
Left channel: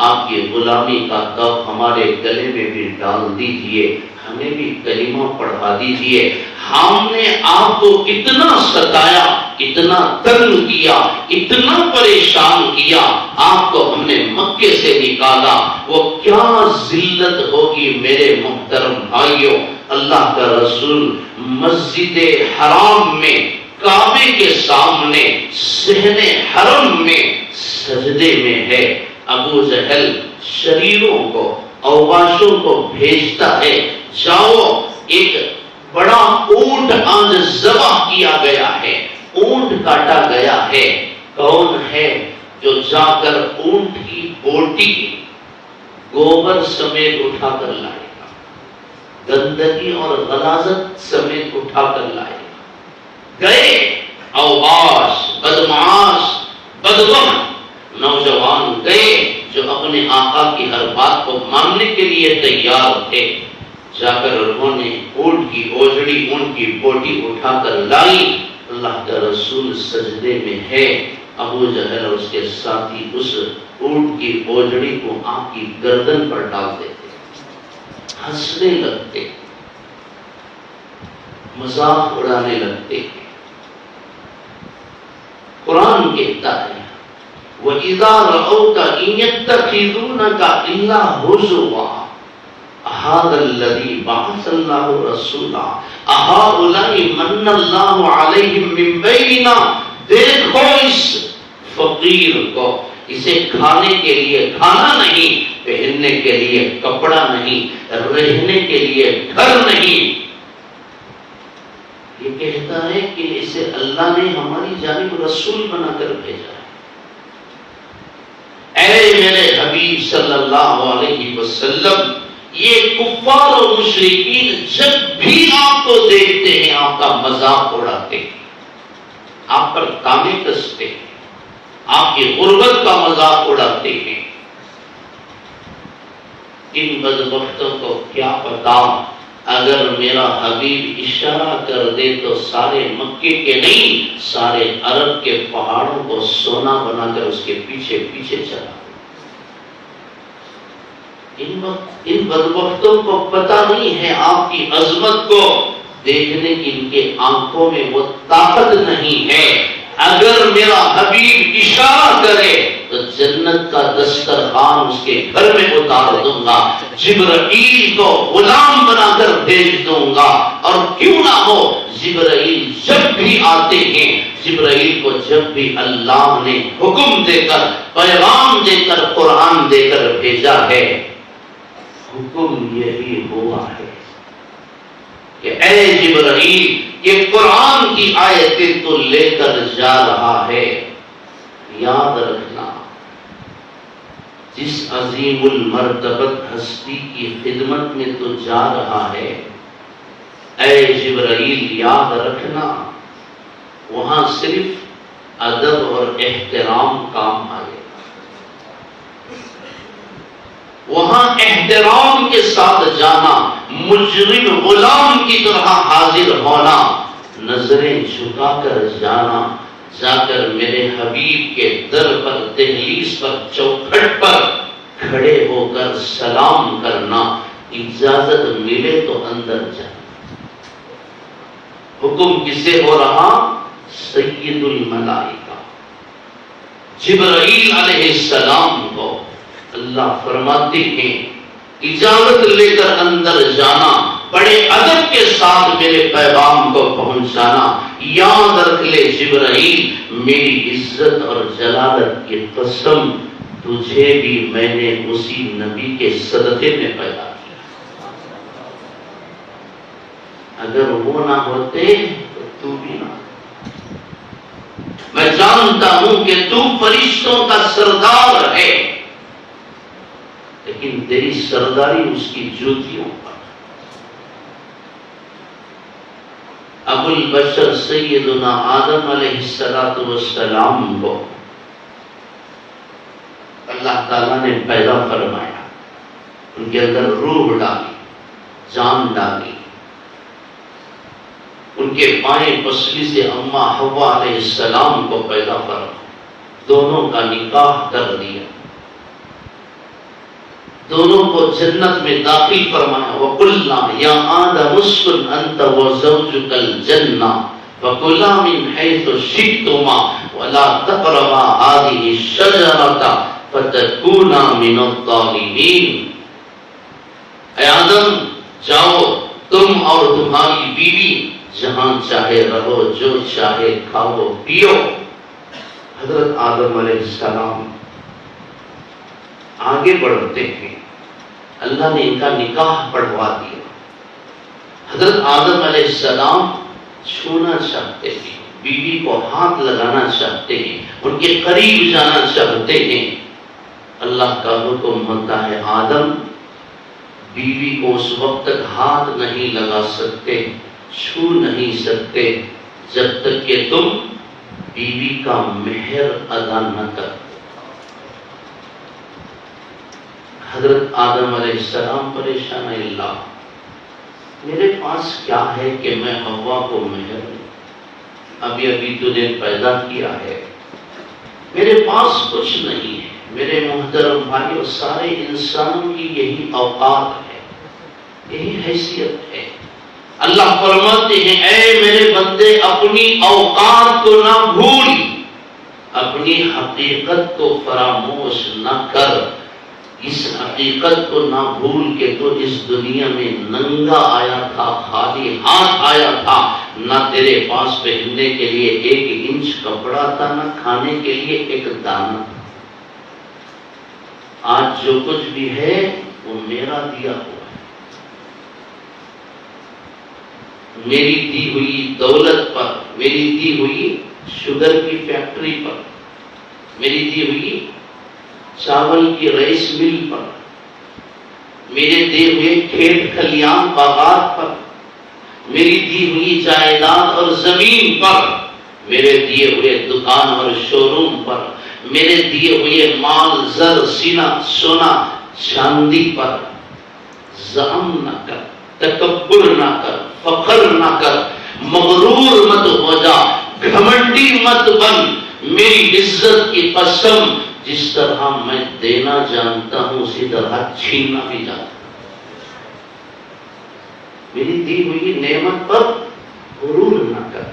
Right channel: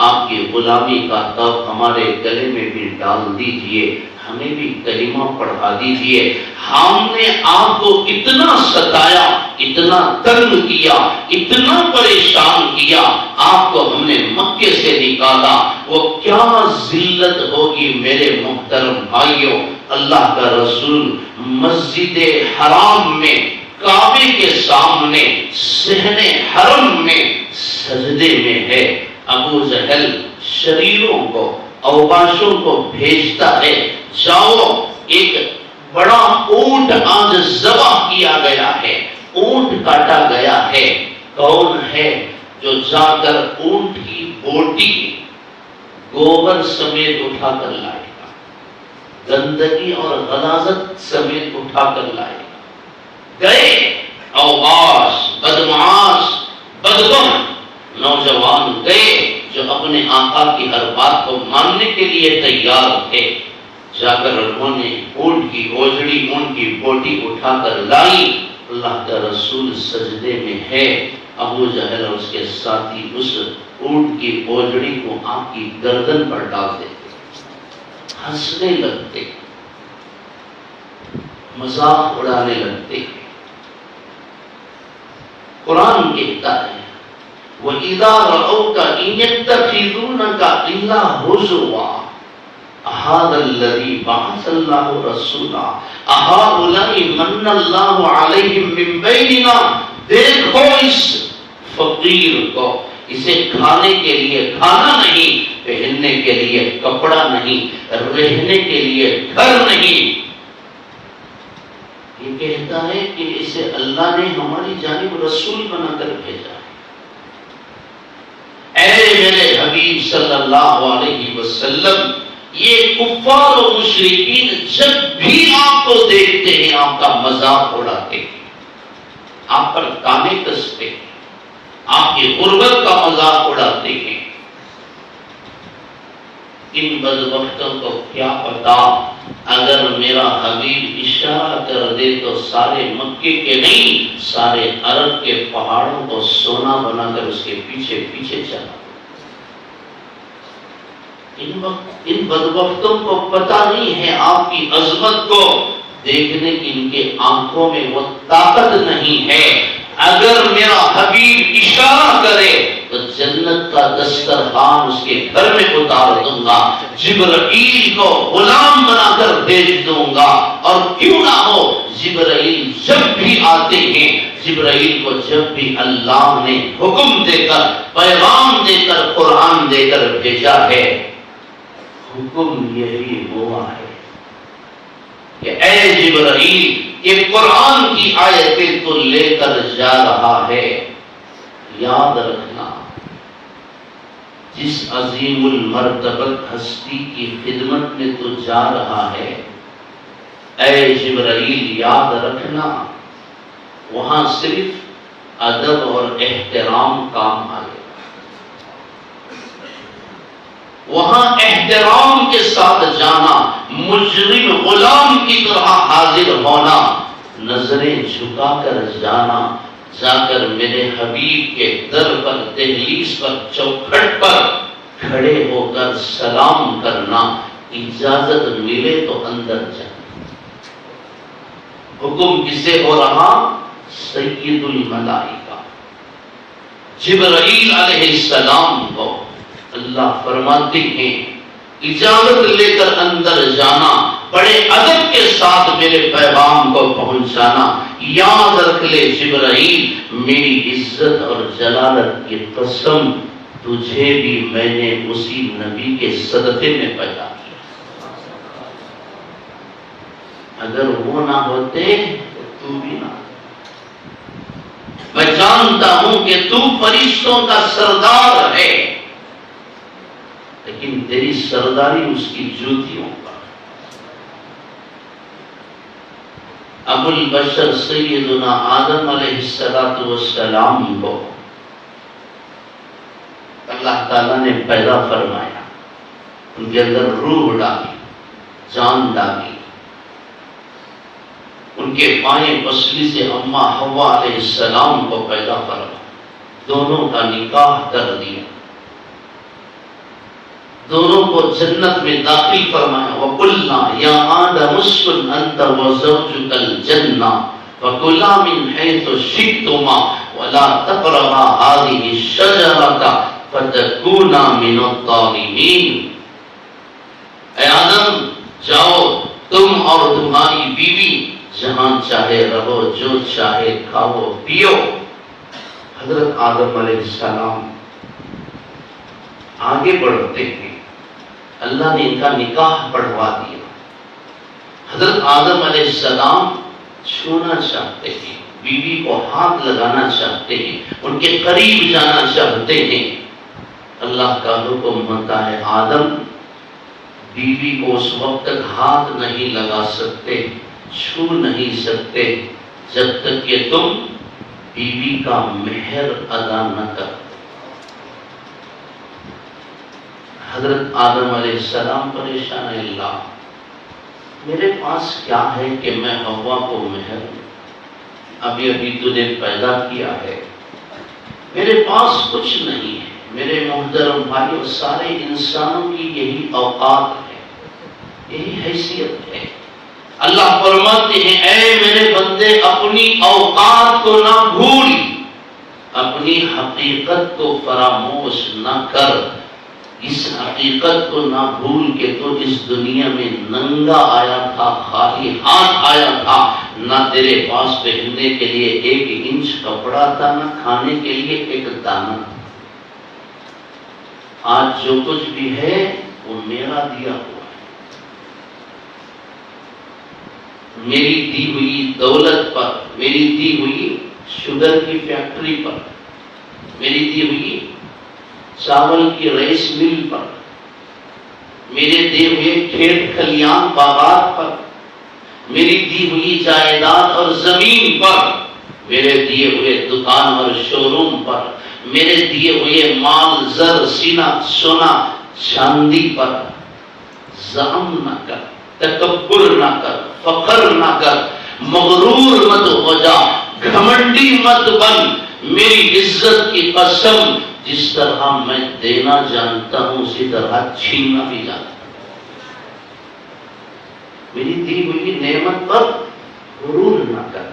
آپ کی غلامی کا تاب ہمارے گلے میں بھی ڈال دیجئے، ہمیں بھی کلمہ پڑھا دیجئے۔ ہم نے آپ کو اتنا ستایا، اتنا تنگ کیا، اتنا پریشان کیا، آپ کو ہم نے مکے سے نکالا، وہ کیا ذلت ہوگی میرے محترم بھائیوں۔ اللہ کا رسول مسجد حرام میں، کعبے کے سامنے، صحن حرم میں سجدے میں ہے۔ ابو جہل شریروں کو، اوباشوں کو بھیجتا ہے، جاؤ ایک بڑا اونٹ آج ذبح کیا گیا ہے، اونٹ کاٹا گیا ہے۔ کون ہے جو جا کر اونٹ کی بوٹی گوبر سمیت اٹھا کر لائے گا، گندگی اور غلاظت سمیت اٹھا کر لائے گا؟ گئے اوباش، بدمعاش، بدگم نوجوان گئے جو اپنے آقا کی ہر بات کو ماننے کے لیے تیار تھے، جا کر انہوں نے اونٹ کی اوجڑی، اونٹ کی بوٹی اٹھا کر لائی۔ اللہ کا رسول سجدے میں ہے، ابو جہل اور اس کے ساتھی اس اونٹ کی اوجڑی کو آپ کی گردن پر ڈال دیتے، ہنسنے لگتے، مذاق اڑانے لگتے۔ قرآن کہتا ہے وَإِذَا رَأَوْكَ إِن يَتَّخِذُونَكَ إِلَّا هُزُوًا أَهَذَا الَّذِي بَعَثَ اللَّهُ رَسُولًا أَهَؤُلَاءِ مَنَّ اللَّهُ عَلَيْهِمْ مِنْ بَيْنِنَا۔ دیکھو اس فقیر کو، اسے کھانے کے لیے کھانا نہیں، پہننے کے لیے کپڑا نہیں، رہنے کے لیے گھر نہیں۔ یہ کہتا ہے کہ اسے اللہ نے ہماری جانب رسول بنا کر بھیجا ہے۔ اے میرے حبیب صلی اللہ علیہ وسلم، یہ کفار و مشرکین جب بھی آپ کو دیکھتے ہیں آپ کا مذاق اڑاتے ہیں، آپ پر تانے کستے ہیں، آپ کی غربت کا مذاق اڑاتے ہیں۔ ان بدبختوں کو کیا پتا، اگر میرا حبیب اشارہ کر دے تو سارے مکے کے نہیں، سارے عرب کے پہاڑوں کو سونا بنا کر اس کے پیچھے پیچھے چلا۔ ان بدبختوں کو پتا نہیں ہے آپ کی عظمت کو دیکھنے کی، ان کے آنکھوں میں وہ طاقت نہیں ہے۔ اگر میرا حبیب اشارہ کرے تو جنت کا دسترخوان اس کے گھر میں اتار دوں گا، جبرائیل کو غلام بنا کر بھیج دوں گا، اور کیوں نہ ہو جبرائیل جب بھی آتے ہیں، جبرائیل کو جب بھی اللہ نے حکم دے کر، پیغام دے کر، قرآن دے کر بھیجا ہے، حکم یہی ہوا ہے کہ اے جبرائیل، یہ قرآن کی آیتیں تو لے کر جا رہا ہے، یاد رکھنا جس عظیم المرتبت ہستی کی خدمت میں تو جا رہا ہے، اے جبرائیل یاد رکھنا وہاں صرف ادب اور احترام کام آئے، وہاں احترام کے ساتھ جانا، مجرم غلام کی طرح حاضر ہونا، نظریں جھکا کر جانا، جا کر میرے حبیب کے در پر، دہلیز پر، چوکھٹ پر کھڑے ہو کر سلام کرنا، اجازت ملے تو اندر جانا۔ حکم کسے ہو رہا؟ سید الملائکہ جبرائیل علیہ السلام کو اللہ فرماتے ہیں اجازت لے کر اندر جانا، بڑے ادب کے ساتھ میرے پیغام کو پہنچانا۔ یاد رکھ لے جبرائیل، میری عزت اور جلالت کی قسم، تجھے بھی میں نے اسی نبی کے صدقے میں پیدا کیا، اگر وہ نہ ہوتے تو بھی نہ۔ میں جانتا ہوں کہ تو فرشتوں کا سردار ہے، لیکن تیری سرداری اس کی جوتیوں پر۔ ابو البشر سیدنا آدم علیہ السلام کو اللہ تعالیٰ نے پیدا فرمایا، ان کے اندر روح ڈالی، جان ڈالی، ان کے بائیں پسلی سے اماں حوا علیہ السلام کو پیدا فرمایا، دونوں کا نکاح کر دیا، دونوں کو جنت میں داخل فرمایا۔ وَقُلْنَا يَا آدَمُ اسْكُنْ أَنْتَ وَزَوْجُكَ الْجَنَّةَ وَكُلَا مِنْ حَيْثُ شِئْتُمَا وَلَا تَقْرَبَا هَٰذِهِ الشَّجَرَةَ فَتَكُونَا مِنَ الظَّالِمِينَ۔ اے آدم جاؤ، تم اور تمہاری بیوی جہاں چاہے رہو، جو چاہے کھاؤ پیو۔ حضرت آدم علیہ السلام آگے بڑھتے ہیں، اللہ نے ان کا نکاح پڑھوا دیا۔ حضرت آدم علیہ السلام چھونا چاہتے ہیں، بیوی کو ہاتھ لگانا چاہتے ہیں، ان کے قریب جانا چاہتے ہیں۔ اللہ کا حکم ہوتا ہے آدم بیوی کو اس وقت تک ہاتھ نہیں لگا سکتے، چھو نہیں سکتے جب تک کہ تم بیوی کا مہر ادا نہ کرو۔ حضرت آدم علیہ السلام پریشان، اللہ میرے پاس کیا ہے کہ میں حوا کو مہر دوں؟ ابھی تجھے پیدا کیا ہے، میرے پاس کچھ نہیں ہے۔ میرے محترم بھائیوں، سارے انسانوں کی یہی اوقات ہے، یہی حیثیت ہے۔ اللہ فرماتے ہیں اے میرے بندے، اپنی اوقات کو نہ بھول، اپنی حقیقت کو فراموش نہ کر۔ اس حقیقت کو نہ بھول کے تو اس دنیا میں ننگا آیا تھا، خالی ہاتھ آیا تھا، نہ تیرے پاس پہننے کے لیے 1 انچ کپڑا تھا، نہ کھانے کے لیے 1 دانہ۔ آج جو کچھ بھی ہے وہ میرا دیا ہوا ہے، میری دی ہوئی دولت پر، میری دی ہوئی شوگر کی فیکٹری پر، میری دی ہوئی چاول کی رائس مل پر، میرے دیے ہوئے کھیت کھلیان باغات پر، میری دی ہوئی جائیداد اور زمین پر، میرے دیے ہوئے دکان اور شو روم پر، میرے دیے ہوئے مال زر سونا چاندی پر ظلم نہ کر، تکبر نہ کر، فخر نہ کر، مغرور مت ہو جا، گھمنڈی مت بن۔ میری عزت کی قسم، جس طرح میں دینا جانتا ہوں اسی طرح چھیننا بھی جانتا ہوں۔ میری دی ہوئی نعمت پر غرور نہ کر،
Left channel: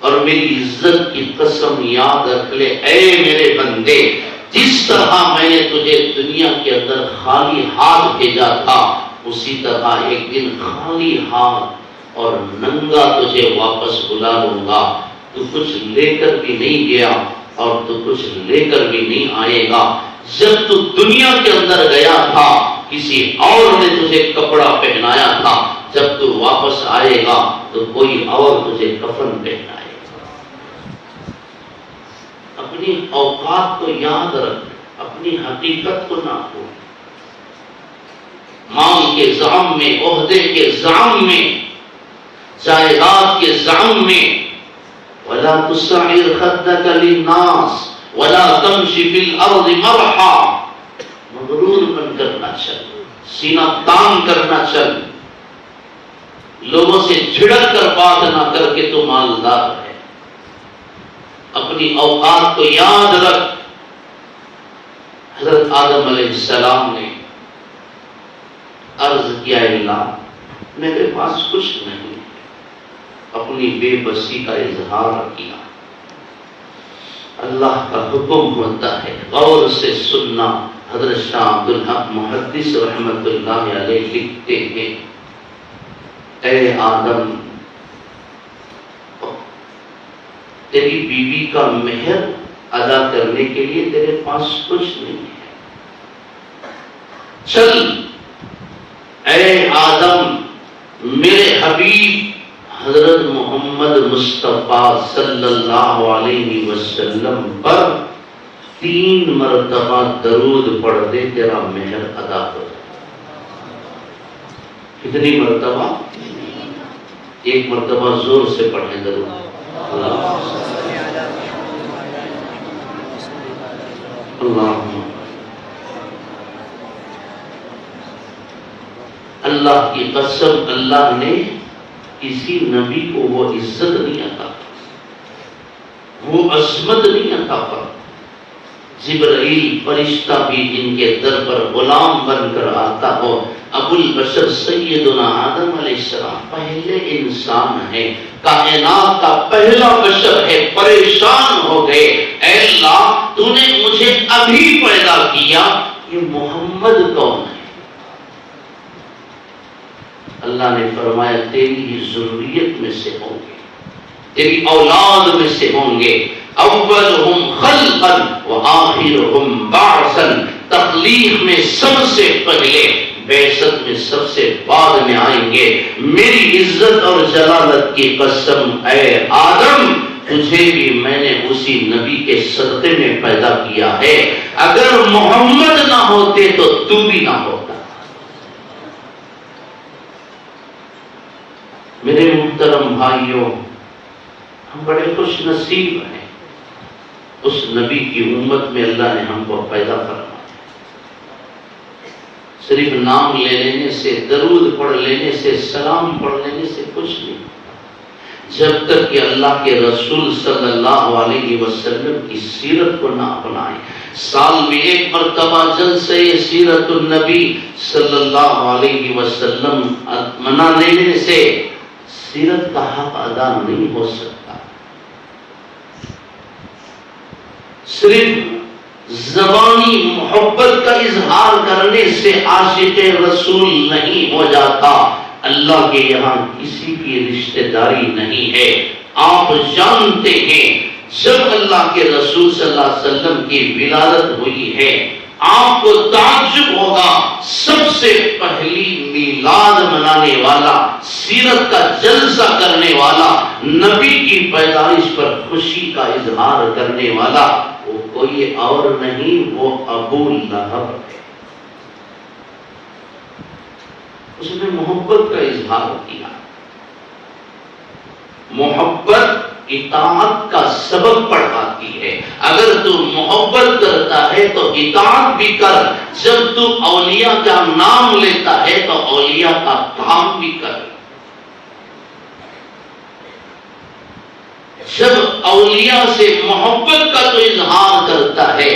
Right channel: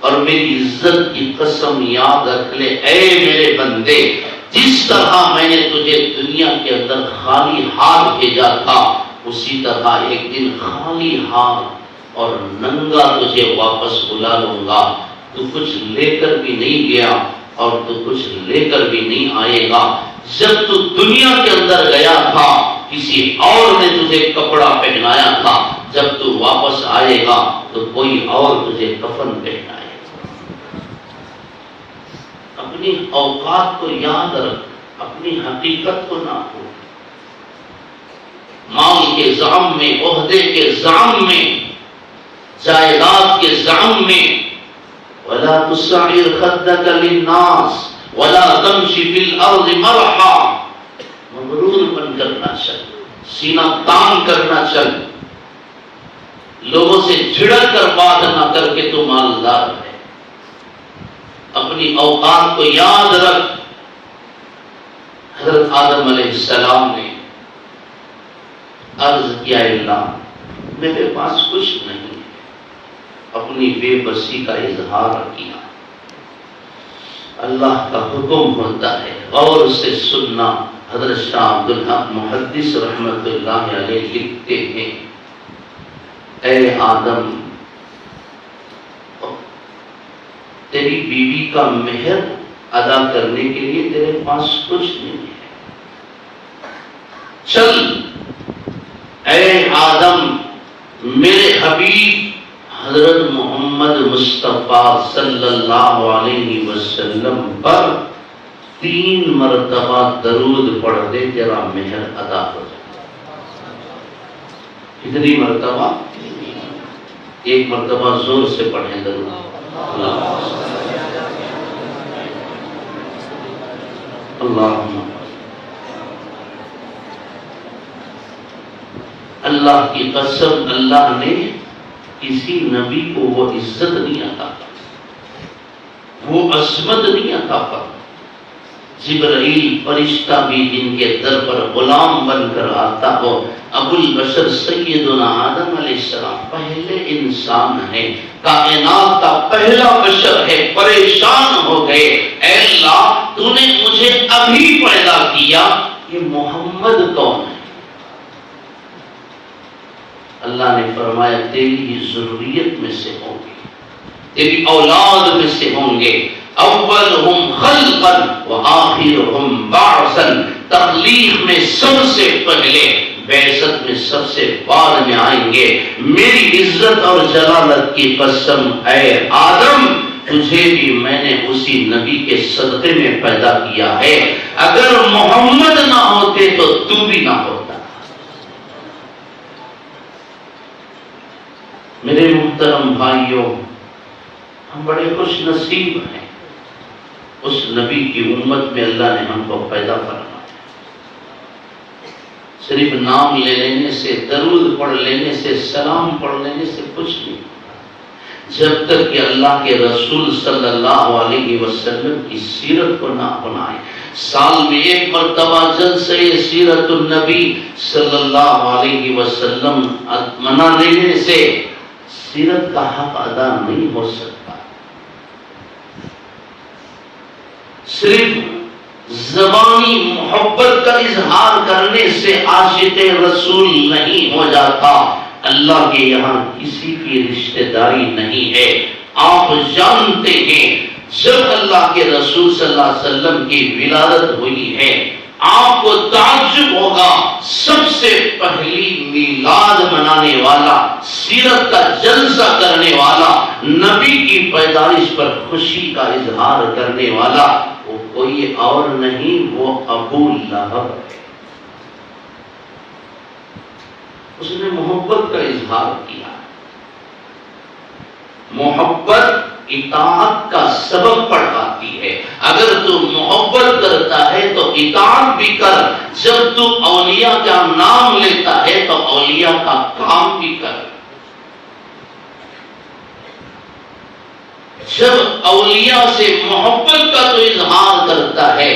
اور میری عزت کی قسم یاد رکھ لے اے میرے بندے، جس طرح میں نے تجھے دنیا کے اندر خالی ہاتھ بھیجا تھا، اسی طرح ایک دن خالی ہاتھ اور ننگا تجھے واپس بلا لوں گا. تو کچھ لے کر بھی نہیں گیا اور تو کچھ لے کر بھی نہیں آئے گا. جب تو دنیا کے اندر گیا تھا کسی اور نے تجھے کپڑا پہنایا تھا، جب تو واپس آئے گا تو کوئی اور تجھے کفن پہنائے گا. اپنی اوقات کو یاد رکھ، اپنی حقیقت کو نہ بھول. مال کے زعم میں، عہدے کے زعم میں، جائیداد کے زعم میں، وَلَا تُسْعِرْ خَدَّكَ لِلنَّاسِ وَلَا تَمْشِ فِي الْأَرْضِ مَرَحًا. مغرور بن کر نہ چل، سینہ تان کر نہ چل، لوگوں سے جھڑک کر بات نہ کر کے تو مالدار ہے. اپنی اوقات کو یاد رکھ. حضرت آدم علیہ السلام نے عرض کیا، اللہ میرے پاس کچھ نہیں ہے. اپنی بے بسی کا اظہار کیا. اللہ کا حکم ہوتا ہے، غور سے سننا. حضرت شاہ عبدالحق محدث رحمت اللہ علیہ لکھتے ہیں، اے آدم تیری بیوی کا مہر ادا کرنے کے لیے تیرے پاس کچھ نہیں ہے. چل اے آدم میرے حبیب حضرت محمد مصطفیٰ صلی اللہ علیہ وسلم پر 3 مرتبہ درود پڑھ دے، تیرا مہر ادا ہو جائے. کتنی مرتبہ؟ 1 مرتبہ زور سے پڑھیں درود. اللہ کی قسم، اللہ نے کسی نبی کو وہ عزت نہیں عطا، وہ عظمت نہیں عطا پر. جبرائیل فرشتہ بھی جن کے در پر غلام بن کر آتا ہو. ابو البشر سیدنا آدم علیہ السلام پہلے انسان ہے، کائنات کا پہلا بشر ہے. پریشان ہو گئے، اے اللہ تو نے مجھے ابھی پیدا کیا، یہ محمد کون ہے؟ اللہ نے فرمایا تیری ضروریت میں سے ہوں گے، تیری اولاد میں سے ہوں گے. اولہم خلقا وآخرہم بعثا. تخلیق میں سب سے پہلے، بعثت میں سب سے بعد میں آئیں گے. میری عزت اور جلالت کی قسم اے آدم تجھے بھی میں نے اسی نبی کے صدقے میں پیدا کیا ہے. اگر محمد نہ ہوتے تو تو بھی نہ ہوتا. میرے محترم بھائیوں، ہم بڑے خوش نصیب ہیں، اس نبی کی امت میں اللہ نے ہم کو پیدا کرنا. صرف نام لے لینے سے، درود پڑھ لینے سے، سلام پڑھ لینے سے کچھ نہیں. جب تک کہ اللہ کے رسول صلی اللہ علیہ وسلم کی سیرت کو نہ اپنائیں. سال میں 1 مرتبہ جلسہ سیرت النبی صلی اللہ علیہ وسلم منا لینے سے سیرت کا حق ادا نہیں ہو سکتا. صرف زبانی محبت کا اظہار کرنے سے عاشق رسول نہیں ہو جاتا. اللہ کے یہاں کسی کی رشتہ داری نہیں ہے. آپ جانتے ہیں جب اللہ کے رسول صلی اللہ علیہ وسلم کی ولادت ہوئی ہے آپ کو تعجب ہوگا، سب سے پہلی میلاد منانے والا، سیرت کا جلسہ کرنے والا، نبی کی پیدائش پر خوشی کا اظہار کرنے والا وہ کوئی اور نہیں، وہ ابو لہب ہے. اس نے محبت کا اظہار کیا. محبت اطاعت کا سبب پڑھاتی ہے. اگر تو محبت کرتا ہے تو اطاعت بھی کر. جب تو اولیاء کا نام لیتا ہے تو اولیاء کا کام بھی کر. جب اولیاء سے محبت کا تو اظہار کرتا ہے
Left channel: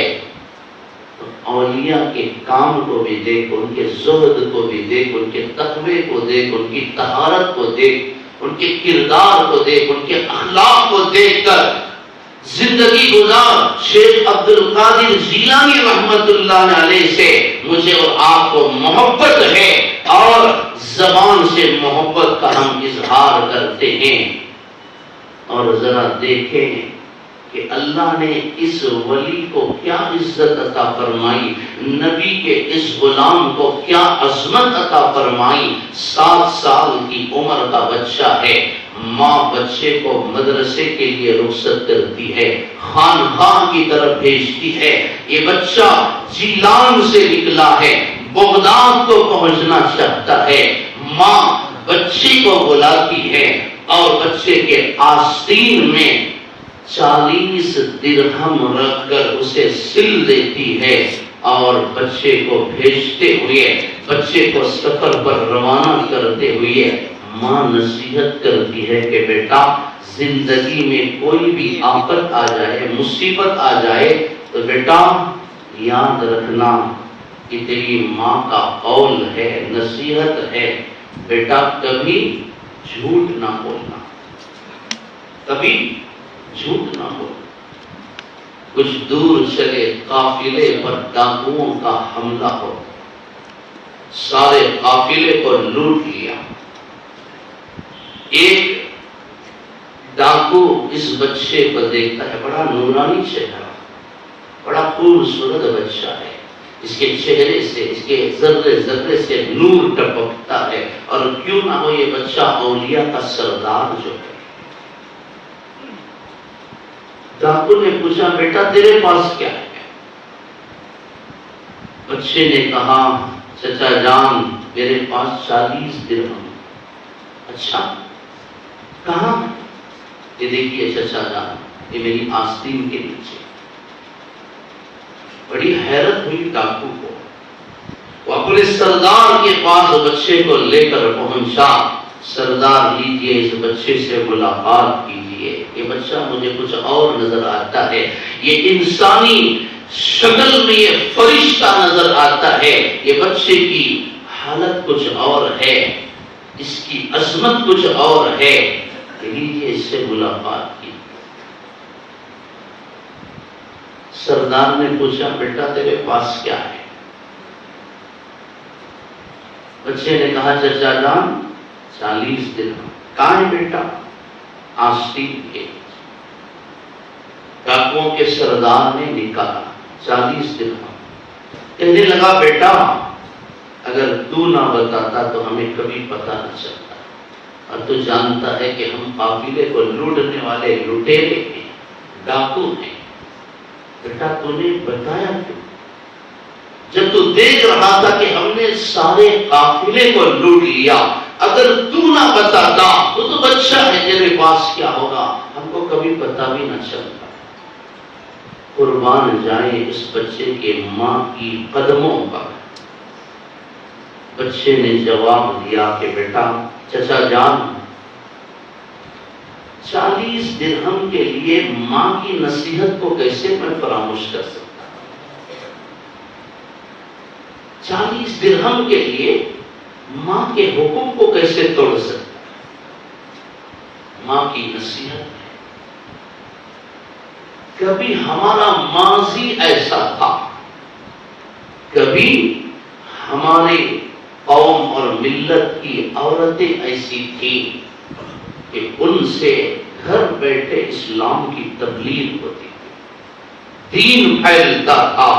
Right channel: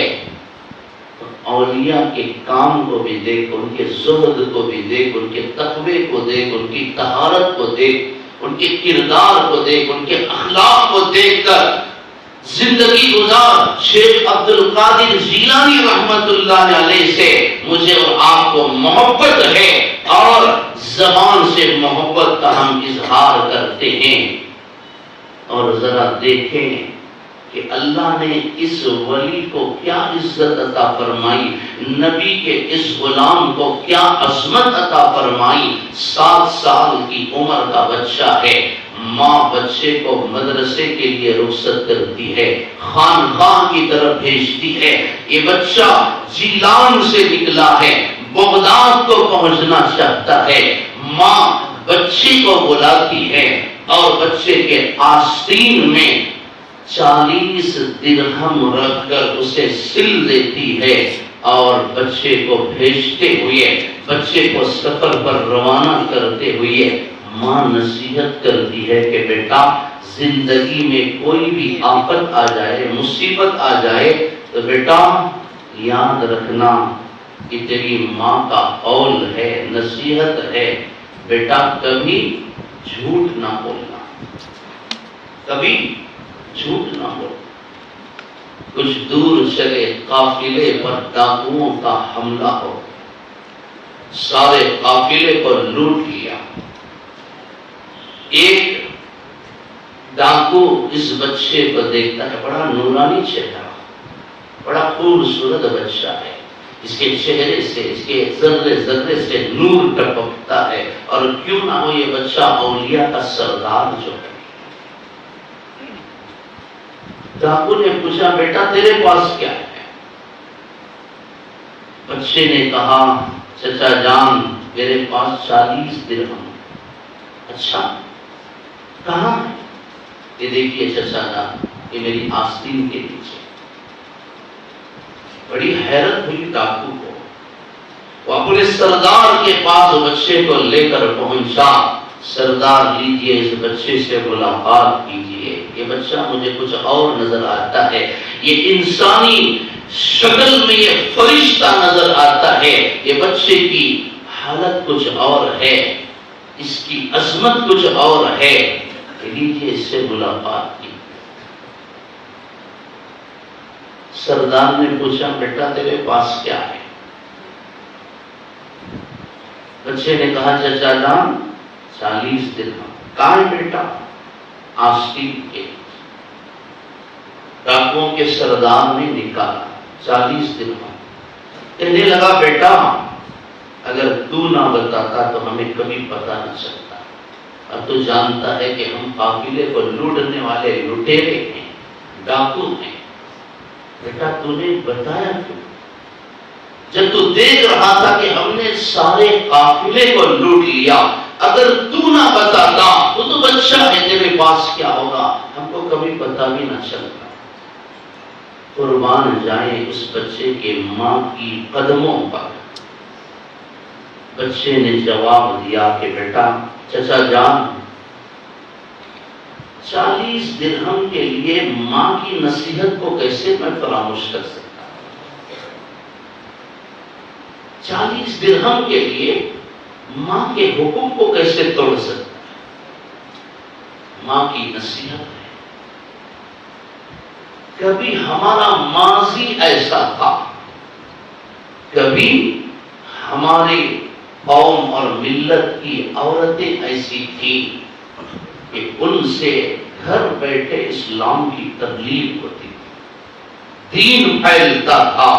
تو اولیاء کے کام کو بھی دیکھ، ان کے زہد کو بھی دیکھ، ان کے تقوی کو دیکھ، ان کی طہارت کو دیکھ، ان کے کردار کو دیکھ، ان کے اخلاق کو دیکھ کر زندگی گزار. شیخ عبد القادر جیلانی رحمت اللہ علیہ سے مجھے اور آپ کو محبت ہے اور زبان سے محبت کا ہم اظہار کرتے ہیں، اور ذرا دیکھیں کہ اللہ نے اس ولی کو کیا عزت عطا فرمائی، نبی کے اس غلام کو کیا عظمت عطا فرمائی۔ 7 سال کی عمر کا بچہ ہے، ماں بچے کو مدرسے کے لیے رخصت کرتی ہے، خانقاہ کی طرف بھیجتی ہے۔ یہ بچہ جیلان سے نکلا ہے، بغداد کو پہنچنا چاہتا ہے، ماں بچی کو بلاتی ہے اور بچے کے آستین میں 40 درہم رکھ کر اسے سل دیتی ہے، اور بچے کو بھیجتے ہوئے، بچے کو سفر پر روانہ کرتے ہوئے ماں نصیحت کرتی ہے کہ بیٹا، زندگی میں کوئی بھی آفت آ جائے، مصیبت آ جائے تو بیٹا یاد رکھنا کہ تیری ماں کا قول ہے، نصیحت ہے، بیٹا کبھی جھوٹ نہ بولنا، کبھی جھوٹ نہ بولنا۔ کچھ دور چلے، قافلے پر ڈاکوؤں کا حملہ ہو، سارے قافلے کو لوٹ لیا۔ ایک ڈاکو اس بچے کو دیکھتا ہے، بڑا نورانی چہرہ، بڑا خوبصورت بچہ ہے، اس کے چہرے سے، اس کے ذرے ذرے سے نور ٹپکتا ہے، اور کیوں نہ ہو یہ بچہ اولیاء کا سردار جو ہے۔ ڈاکو نے پوچھا، بیٹا تیرے پاس کیا ہے؟ بچے نے کہا، چچا جان میرے پاس 40 درہم۔ اچھا کہاں؟ یہ دیکھیے چچا جان، یہ میری آستین کے نیچے۔ بڑی حیرت ہوئی ڈاکو کو، وہ اپنے سردار کے پاس بچے کو لے کر پہنچا۔ سردار لیجیے، اس بچے سے ملاقات کیجیے، یہ بچہ مجھے کچھ اور نظر آتا ہے، یہ انسانی شکل میں یہ فرشتہ نظر آتا ہے، یہ بچے کی حالت کچھ اور ہے، اس کی عظمت کچھ اور ہے، لیجیے اس سے ملاقات کی۔ سردار نے پوچھا، بیٹا تیرے پاس کیا ہے؟ بچے نے کہا، چچا جان 40 درہم۔ کہاں ہے بیٹا؟ آستین کے۔ ڈاکوؤں کے سردار نے نکالا 40 درہم۔ کہنے لگا، بیٹا اگر تو نہ بتاتا تو ہمیں کبھی پتہ نہ چلتا، اب تو جانتا ہے کہ ہم قافلے کو لوٹنے والے لٹیرے ہیں، ڈاکو ہیں، بیٹا تو نے بتایا کیوں؟ جب تو دیکھ رہا تھا کہ ہم نے سارے قافلے کو لوٹ لیا، اگر تو نہ بتاتا تو بچہ ہے، تیرے پاس کیا ہوگا، ہم کو کبھی پتہ بھی نہ چلتا۔ قربان جائیں اس بچے کے ماں کی قدموں پر۔ بچے نے جواب دیا کہ بیٹا چچا جان، 40 درہم کے لیے ماں کی نصیحت کو کیسے میں فراموش کر سکتا؟ 40 درہم کے لیے ماں کے حکم کو کیسے توڑ سکتا؟ ماں کی نصیحت ہے۔ کبھی ہمارا ماضی ایسا تھا، کبھی ہمارے قوم اور ملت کی عورتیں ایسی تھیں کہ ان سے گھر بیٹھے اسلام کی تبلیغ ہوتی تھی، دین پھیلتا تھا۔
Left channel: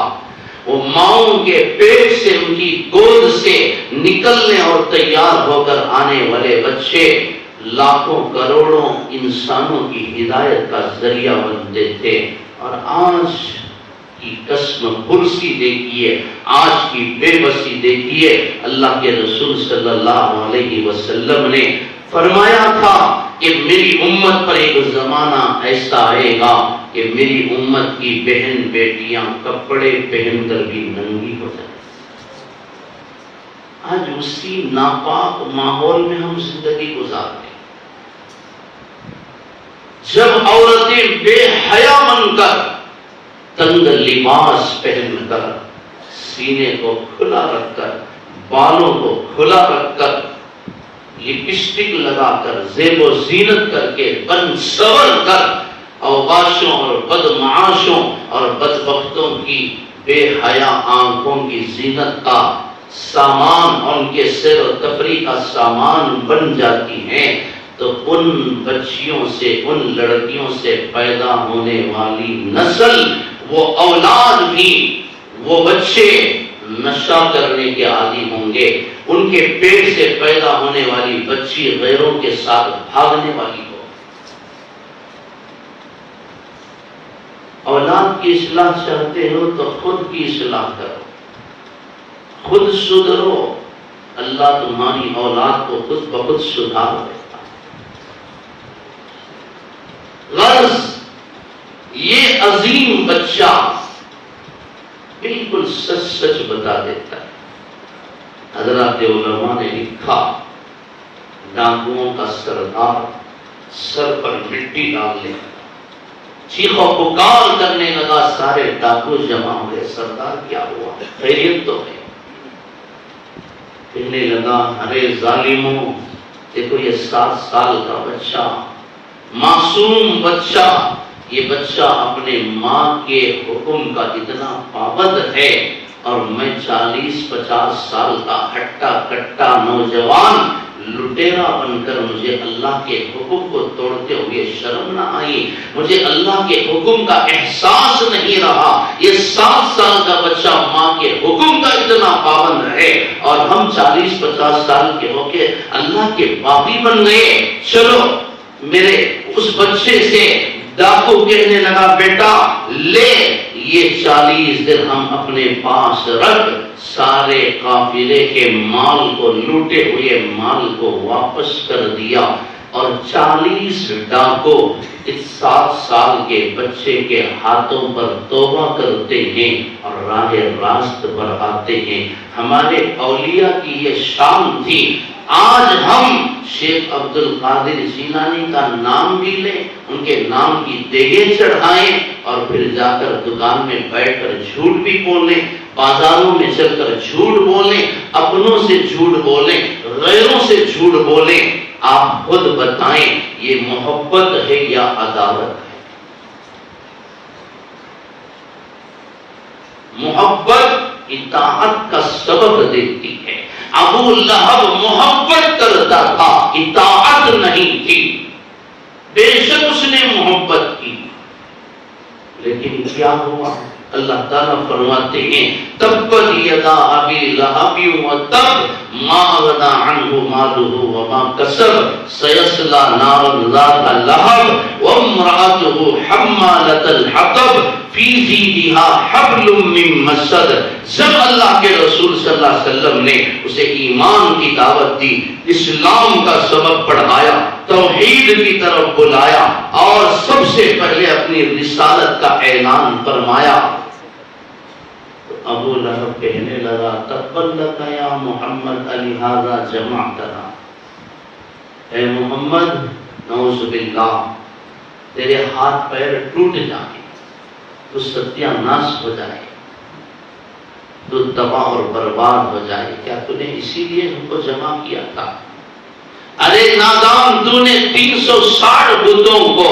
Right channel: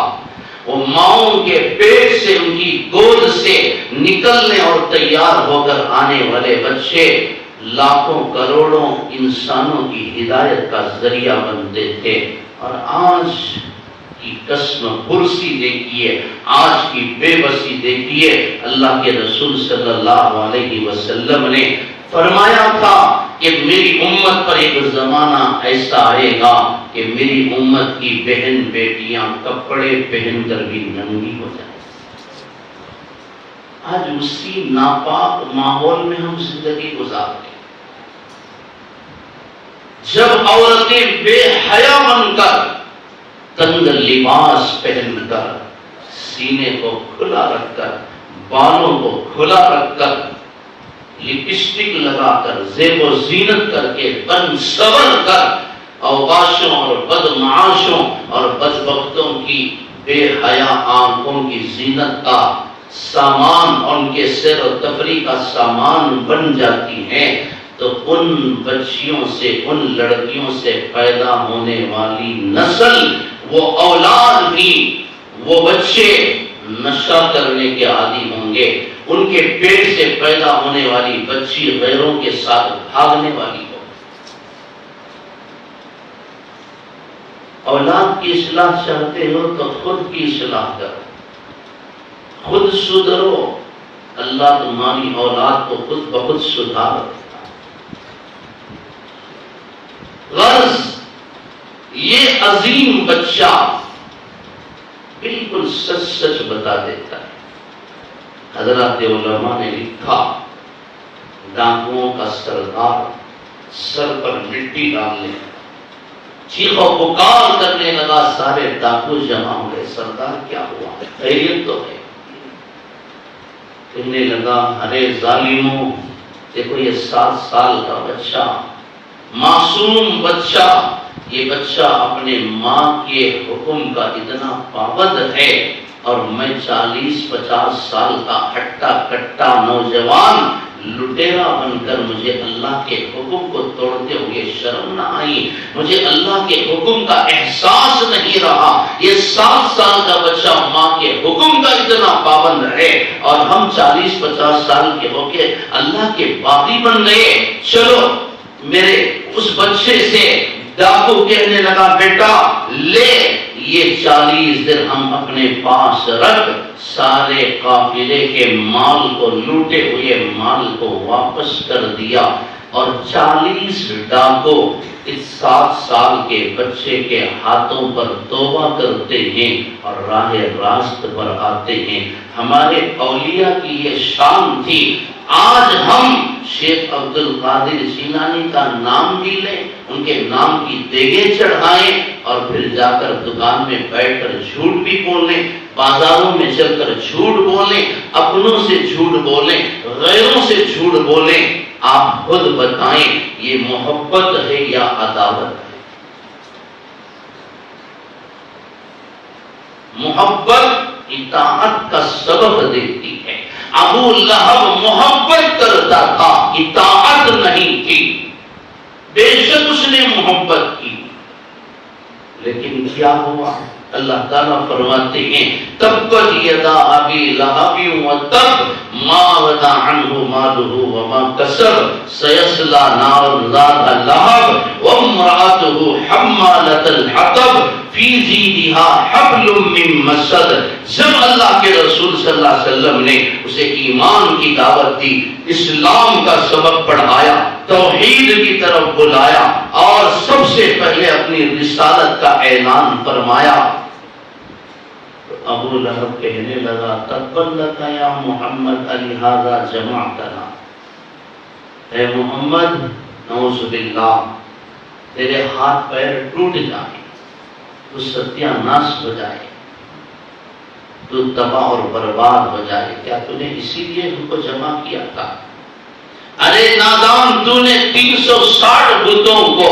وہ ماؤں کے پیٹ سے، ان کی گود سے نکلنے اور تیار ہو کر آنے والے بچے لاکھوں کروڑوں انسانوں کی ہدایت کا ذریعہ بنتے تھے۔ اور آج کی قسم پرسی دیکھیے، آج کی بے بسی دیکھیے۔ اللہ کے رسول صلی اللہ علیہ وسلم نے فرمایا تھا کہ میری امت پر ایک زمانہ ایسا آئے گا کہ میری امت کی بہن بیٹیاں کپڑے پہن کر بھی ننگی ہو جائیں۔ آج اسی ناپاک ماحول میں ہم زندگی گزارتے ہیں، جب عورتیں بے حیا بن کر، تنگ لباس پہن کر، سینے کو کھلا رکھ کر، بالوں کو کھلا رکھ کر، لپسٹک لگا کر، زیب و زینت کر کے، بن سور کر، اوباشوں اور بدمعاشوں اور بدبختوں کی بے حیا آنکھوں کی زینت کا سامان اور ان کے سیر و تفریح کا سامان بن جاتی ہیں، تو ان بچیوں سے، ان لڑکیوں سے پیدا ہونے والی نسل، وہ اولاد بھی، وہ بچے نشہ کرنے کے عادی ہوں گے، ان کے پیٹ سے پیدا ہونے والی بچی غیروں کے ساتھ بھاگنے والی ہو۔ اولاد کی اصلاح چاہتے ہو تو خود کی اصلاح کرو، خود سدھرو، اللہ تمہاری اولاد کو خود بخود سدھار دے۔ غرض یہ عظیم بچہ بالکل سچ سچ بتا دیتا ہے۔ حضرات علماء نے لکھا، ڈاکوؤں کا سردار سر پر مٹی ڈال لے، چیخ و پکار کرنے لگا، سارے ڈاکو جمع ہوئے، سردار کیا ہوا، خیریت تو ہے؟ کہنے لگا، ارے ظالموں، دیکھو یہ 7 سال کا بچہ، معصوم بچہ، یہ بچہ اپنے ماں کے حکم کا اتنا پابند ہے، اور میں 40-50 سال کا ہٹا کٹا نوجوان لٹیرا بن کر مجھے اللہ کے حکم کو توڑتے ہوئے شرم نہ آئی، مجھے اللہ کے حکم کا احساس نہیں رہا۔ یہ 7 سال کا بچہ ماں کے حکم کا اتنا پابند ہے، اور ہم 40-50 سال کے ہو کے اللہ کے باغی بن گئے۔ چلو، میرے اس بچے سے ڈاکو کہنے لگا، بیٹا لے یہ 40 درہم اپنے پاس رکھ، سارے قافلے کے مال کو، لوٹے ہوئے مال کو واپس کر دیا، اور 40 ڈاکو اس 7 سال کے بچے کے ہاتھوں پر توبہ کرتے ہیں اور راہ راست پر آتے ہیں۔ ہمارے اولیاء کی یہ شان تھی۔ آج ہم شیخ عبد القادر جیلانی کا نام بھی لیں، ان کے نام کی دیگیں چڑھائیں، اور پھر جا کر دکان میں بیٹھ کر جھوٹ بھی بولیں، بازاروں میں چل کر جھوٹ بولیں، اپنوں سے جھوٹ بولیں، غیروں سے جھوٹ بولیں۔ آپ خود بتائیں، یہ محبت ہے یا عداوت ہے؟ محبت اطاعت کا سبب دیتی ہے۔ ابو لہب محبت کرتا تھا، اطاعت نہیں تھی۔ بے شک اس نے محبت کی، لیکن کیا ہوا؟ اللہ تعالیٰ فرماتے ہیں، تبت یدا ابی لہب وتب ما اغنی عنہ مالہ وما کسب سیصلی نارا ذات لہب وامرأته حمالۃ الحطب فی جیدها حبل من مسد۔ جب اللہ کے رسول صلی اللہ علیہ وسلم نے اسے ایمان کی دعوت دی، اسلام کا سبق پڑھایا، توحید کی طرف بلایا، اور سب سے پہلے اپنی رسالت کا اعلان فرمایا، ابو لہب کہنے لگا، تبت لک یا محمد لہذا جمعتنا، اے محمد نعوذ باللہ، تیرے ہاتھ پیر ٹوٹ جائیں، تو ستیہ ناش ہو جائے، تو تباہ اور برباد ہو جائے، کیا تو نے اسی لیے ہم کو جمع کیا تھا؟ ارے نادان، تو نے 360 بتوں کو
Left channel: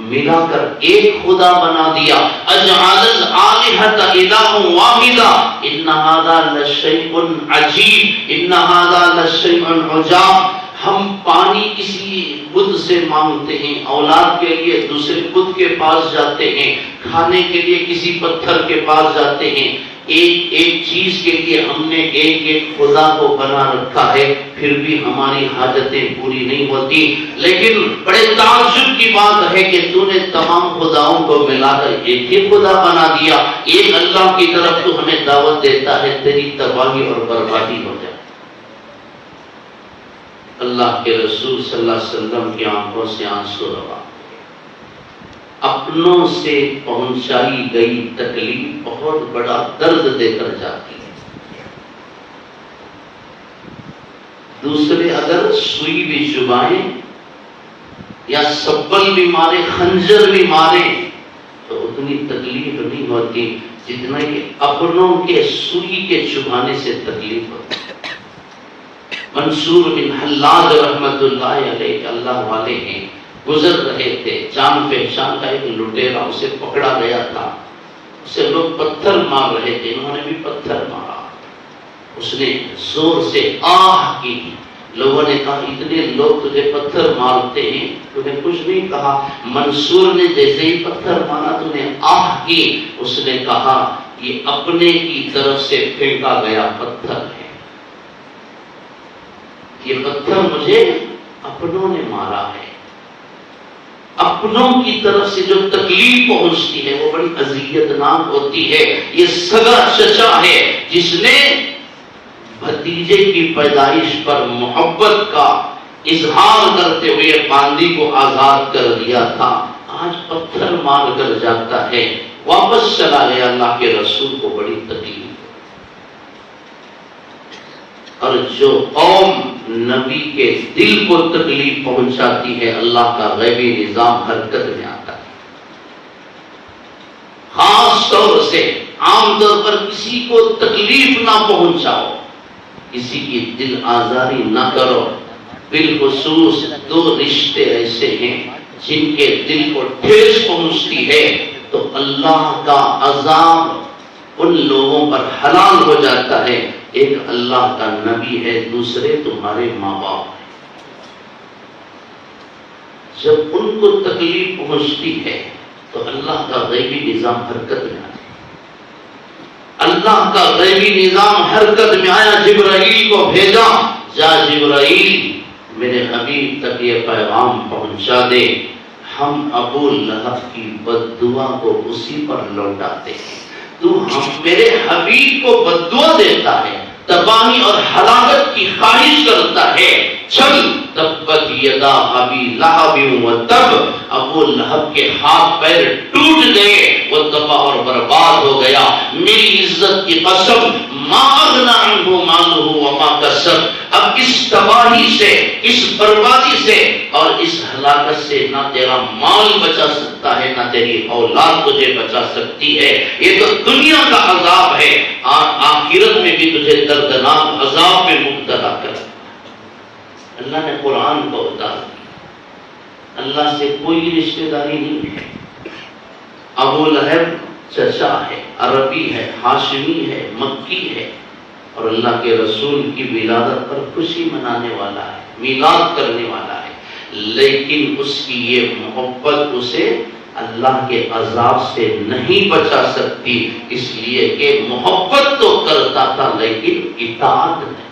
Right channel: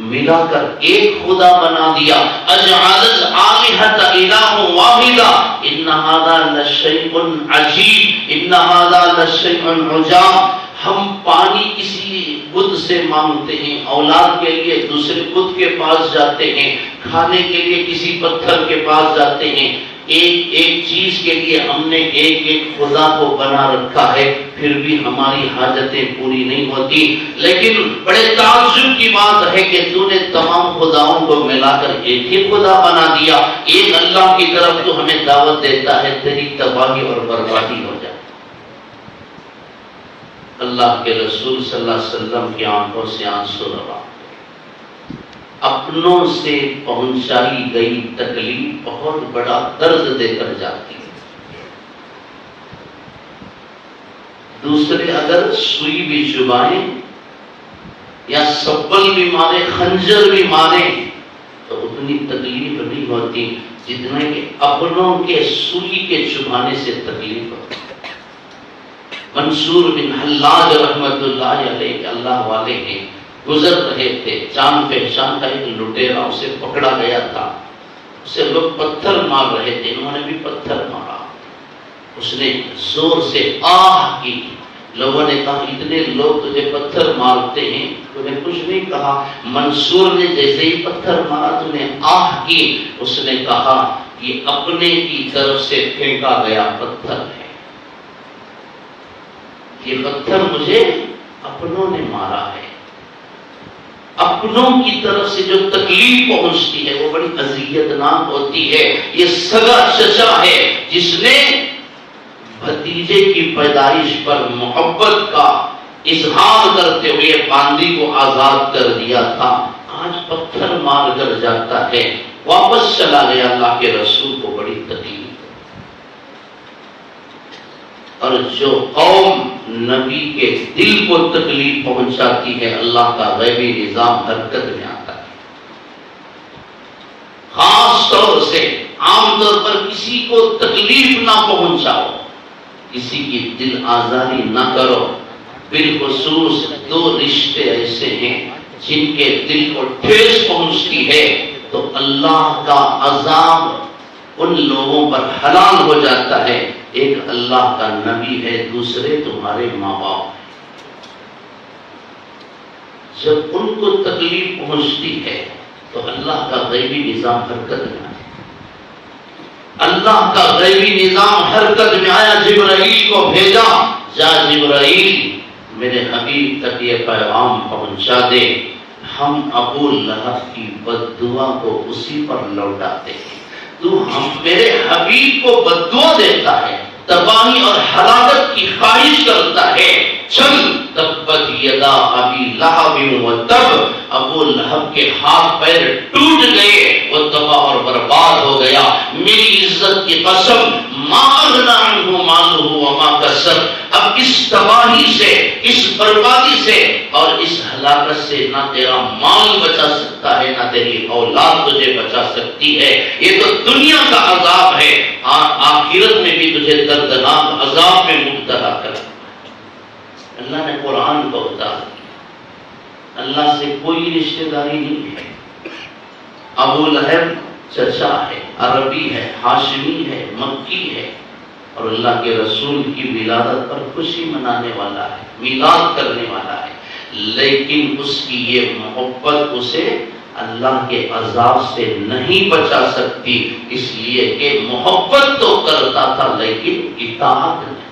ملا کر ایک خدا بنا دیا۔ اجعل الآلہۃ الہ واحدہ ان ھذا لشیء عجیب، ان ھذا لشیء عجاب۔ ہم پانی کسی بت سے مانگتے ہیں، اولاد کے لیے دوسرے بت کے پاس جاتے ہیں، کھانے کے لیے کسی پتھر کے پاس جاتے ہیں، ایک ایک چیز کے لیے ہم نے ایک ایک خدا کو بنا رکھا ہے، پھر بھی ہماری حاجتیں پوری نہیں ہوتی۔ لیکن بڑے تعجب کی بات ہے کہ تو نے تمام خداؤں کو ملا کر ایک ہی خدا بنا دیا، ایک اللہ کی طرف تو ہمیں دعوت دیتا ہے، تیری تباہی اور بربادی ہو جائے۔ اللہ کے رسول صلی اللہ علیہ وسلم کی آنکھوں سے آنسو روا، اپنوں سے پہنچائی گئی تکلیف بہت بڑا درد دے کر جاتی ہے۔ دوسرے اگر سوئی بھی چبائیں یا سبل بھی مارے، خنجر بھی مارے، تو اتنی تکلیف نہیں ہوتی جتنا کہ اپنوں کے سوئی کے چبانے سے تکلیف ہوتی ہے۔ منصور بن حلاج رحمت اللہ علیہ اللہ والے ہیں، گزر رہے تھے، جان پہچان کا ایک لٹیرا اسے پکڑا گیا تھا، اسے لوگ پتھر مار رہے تھے، انہوں نے بھی پتھر مارا، اس نے زور سے آہ کی. لوگوں نے کہا اتنے لوگ تجھے پتھر مارتے ہیں، تو نے کچھ نہیں کہا. منصور نے جیسے ہی پتھر مارا تو نے آہ کی. اس نے کہا یہ اپنے کی طرف سے پھینکا گیا پتھر ہے، یہ پتھر مجھے اپنوں نے مارا ہے. اپنوں کی طرف سے جو تکلیف پہنچتی ہے وہ بڑی اذیت ناک ہوتی ہے. یہ سگا چچا ہے جس نے بھتیجے کی پیدائش پر محبت کا اظہار کرتے ہوئے باندی کو آزاد کر دیا تھا، آج پتھر مار کر جاتا ہے. واپس چلا گیا. اللہ کے رسول کو بڑی تکلیف. اور جو قوم نبی کے دل کو تکلیف پہنچاتی ہے اللہ کا غیبی نظام حرکت میں آتا ہے. خاص طور سے عام طور پر کسی کو تکلیف نہ پہنچاؤ، کسی کی دل آزاری نہ کرو. بالخصوص دو رشتے ایسے ہیں جن کے دل کو ٹھیس پہنچتی ہے تو اللہ کا عذاب ان لوگوں پر حلال ہو جاتا ہے. ایک اللہ کا نبی ہے، دوسرے تمہارے ماں باپ. جب ان کو تکلیف پہنچتی ہے تو اللہ کا غیبی نظام حرکت میں آیا. اللہ کا غیبی نظام حرکت میں آیا. جبرائیل کو بھیجا، جا جبرائیل میرے حبیب تک یہ پیغام پہنچا دے، ہم ابو لہب کی بد دعا کو اسی پر لوٹاتے ہیں. تو میرے حبیب کو بد دعا دیتا ہے، تباہی اور ہلاکت کی خواہش کرتا ہے. چل تبت یدا ابی لہب وتب، ابو لہب کے ہاتھ پیر ٹوٹ گئے، وہ تباہ اور برباد ہو گیا. میری عزت کی قسم ما اغنی عنہ مالہ وما کسب. اب اس تباہی سے، اس بربادی سے اور اس ہلاکت سے نہ تیرا مال بچا سکتا ہے، نہ تیری اولاد تجھے بچا سکتی ہے. یہ تو دنیا کا عذاب ہے، آخرت میں بھی تجھے دردناک عذاب میں مبتلا کر. اللہ نے قرآن کو اتار دیا. اللہ سے کوئی رشتہ داری نہیں ہے. ابو لہب چچا ہے، عربی ہے، ہاشمی ہے، مکی ہے، اور اللہ کے رسول کی ولادت پر خوشی منانے والا ہے، میلاد کرنے والا ہے. لیکن اس کی یہ محبت اسے اللہ کے عذاب سے نہیں بچا سکتی، اس لیے کہ محبت تو کرتا تھا لیکن اطاعت نہیں.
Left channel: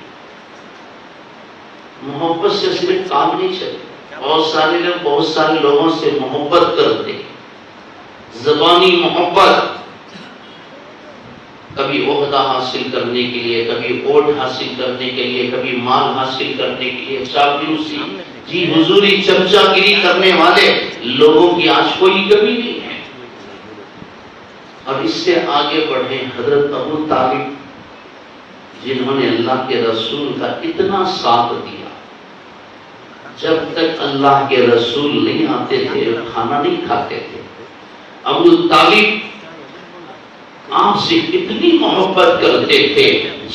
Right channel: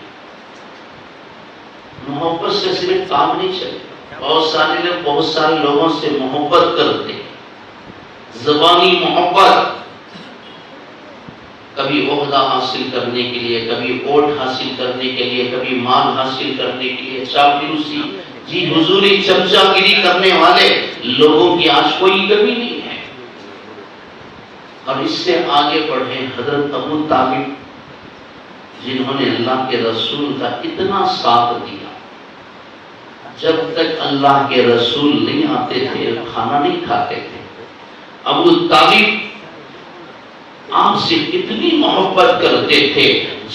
محبت سے صرف کام نہیں چلتا. بہت سارے لوگوں سے محبت کرتے، زبانی محبت، کبھی عہدہ حاصل کرنے کے لیے، کبھی ووٹ حاصل کرنے کے لیے، کبھی مال حاصل کرنے کے لیے، چاپلوسی، جی حضوری، چمچا گیری کرنے والے لوگوں کی آج کوئی کمی نہیں ہے. اب اس سے آگے بڑھے حضرت ابو طالب، جنہوں نے اللہ کے رسول کا اتنا ساتھ دیا. جب تک اللہ کے رسول نہیں آتے تھے کھانا نہیں کھاتے تھے. ابو طالب آپ سے اتنی محبت کرتے تھے،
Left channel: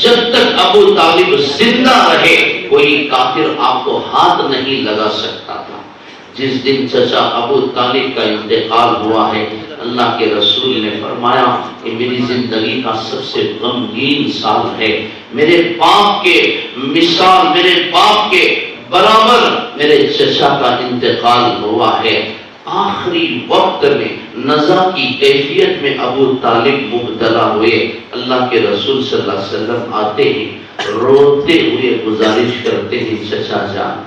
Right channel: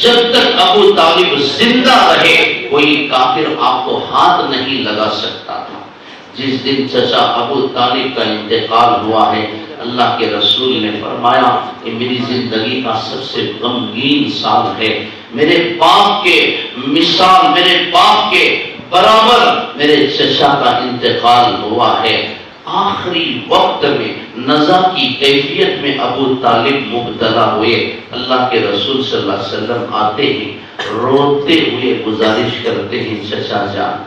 جب تک ابو طالب زندہ رہے کوئی کافر آپ کو ہاتھ نہیں لگا سکتا تھا. جس دن چچا ابو طالب کا انتقال ہوا ہے، اللہ کے رسول نے فرمایا کہ میری زندگی کا سب سے غمگین سال ہے. میرے باپ کے مثال، میرے باپ کے برابر میرے چچا کا انتقال ہوا ہے. آخری وقت میں نزا کی کیفیت میں ابو طالب مبتلا ہوئے. اللہ کے رسول صلی اللہ علیہ وسلم آتے ہی روتے ہوئے گزارش کرتے ہیں، چچا جان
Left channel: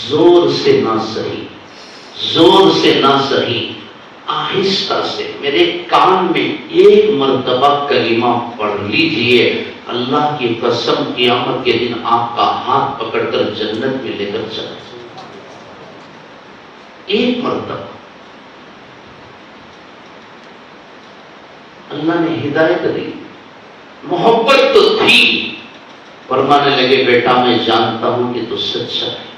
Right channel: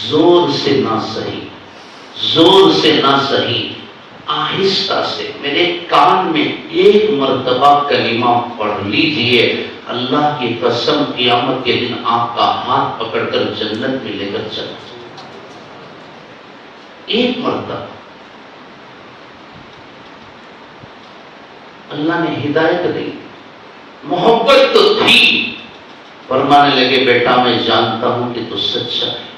زور سے نہ سہی، زور سے نہ سہی، آہستہ سے میرے کان میں ایک مرتبہ کلمہ پڑھ لیجئے. اللہ کی قسم قیامت کے دن آپ کا ہاتھ پکڑ کر جنت میں لے کر چلا. ایک مرتبہ اللہ نے ہدایت دی. محبت تو تھی. فرمانے لگے بیٹا میں جانتا ہوں کہ تو سچا ہے،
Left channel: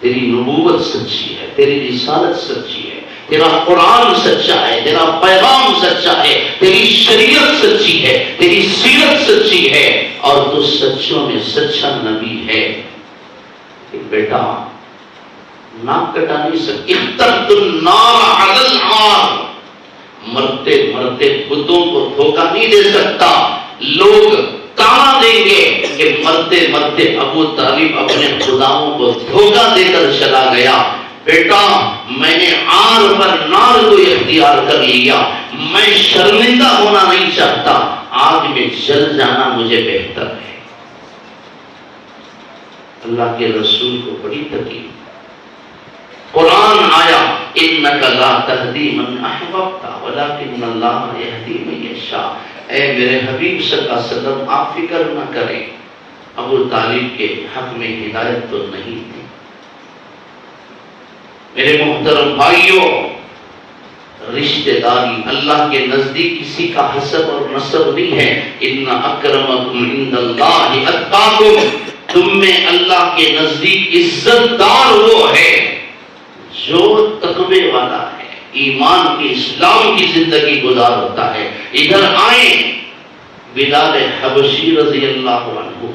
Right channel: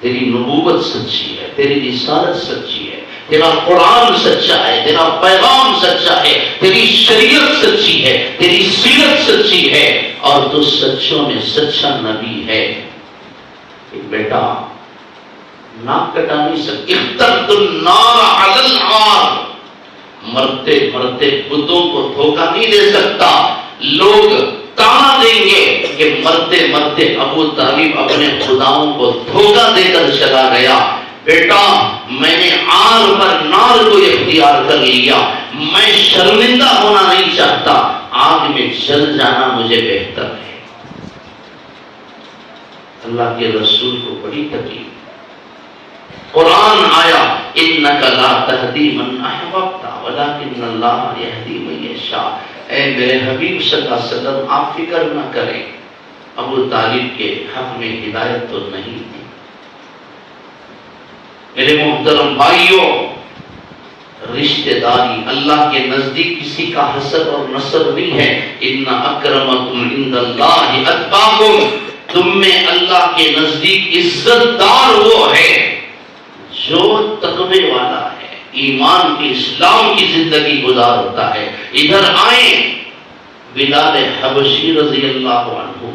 تیری نبوت سچی ہے، تیری رسالت سچی ہے، تیرا قرآن سچا ہے، تیرا پیغام سچا ہے، تیری شریعت سچی ہے، تیری سیرت سچی ہے، اور تو سچوں میں سچا نبی ہے. کہ بیٹا ناک کٹا نہیں سکتی. اخترت النار علی العار، مرتے مرتے بتوں کو دھوکہ نہیں دے سکتا، لوگ کہاں دیں گے کہ مرتے مرتے ابو طالب اپنے خداؤں کو دھوکہ دے کر چلا گیا. بیٹا میں نے آگ پر نار کو اختیار کر لیا، میں شرمندہ ہونا نہیں چاہتا، آگ میں جل جانا مجھے بہتر ہے. اللہ کے رسول کو بڑی تکلیف. قرآن آیا انک لا تہدی من احببت ولکن اللہ یہدی من یشاء. اے میرے حبیب صلی اللہ علیہ وسلم آپ فکر نہ کریں، ابو طالب کے حق میں ہدایت تو نہیں تھی. میرے محترم بھائیوں، رشتہ داری اللہ کے نزدیک کسی کا حسب اور نسب نہیں ہے. ان اکرمکم عند اللہ اتقاکم. تم میں اللہ کے نزدیک عزت دار وہ ہے جو تقوی والا ہے، ایمان کی اسلام کی زندگی گزارتا ہے. ادھر آئیں، بلال حبشی رضی اللہ عنہ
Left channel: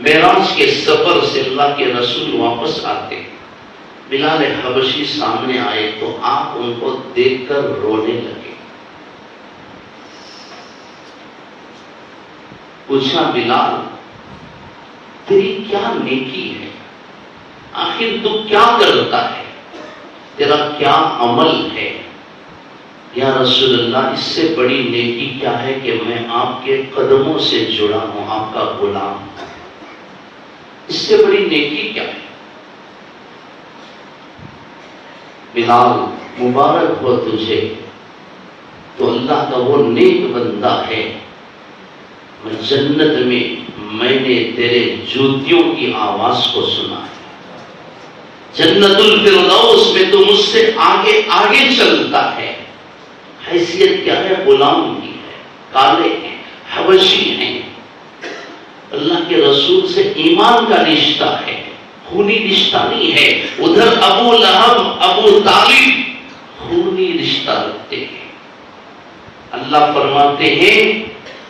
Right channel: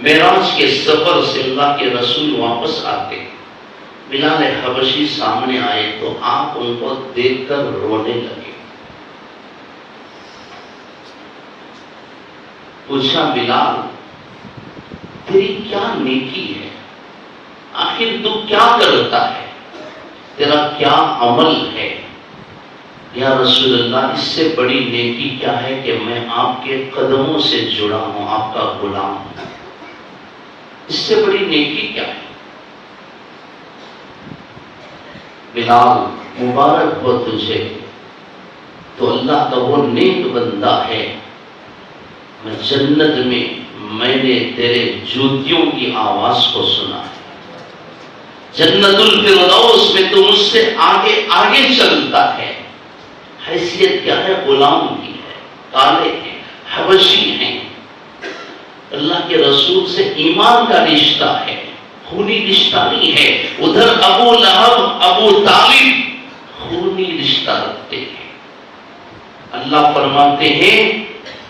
معراج کے سفر سے اللہ کے رسول واپس آتے، بلال حبشی سامنے آئے تو آپ ان کو دیکھ کر رونے لگے. پوچھا بلال تیری کیا نیکی ہے، آخر تو کیا کرتا ہے، تیرا کیا عمل ہے؟ یا رسول اللہ اس سے بڑی نیکی کیا ہے کہ میں آپ کے قدموں سے جڑا ہوں، آپ کا غلام ہوں. اس سے بڑی نیکی کیا ہے؟ بلال مبارک ہو تجھے، تو اللہ کا وہ نیک بندہ ہے. جنت میں نے تیرے جوتیوں کی آواز کو سنا ہے. جنت الفردوس میں تو مجھ سے آگے آگے چلتا ہے. حیثیت کیا ہے؟ غلام کی ہے، کالے ہیں، حبشی ہیں. اللہ کے رسول سے ایمان کا رشتہ ہے، خونی رشتہ نہیں ہے. ادھر ابو لہب ابو طالب خونی رشتہ رکھتے ہیں. اللہ فرماتے ہیں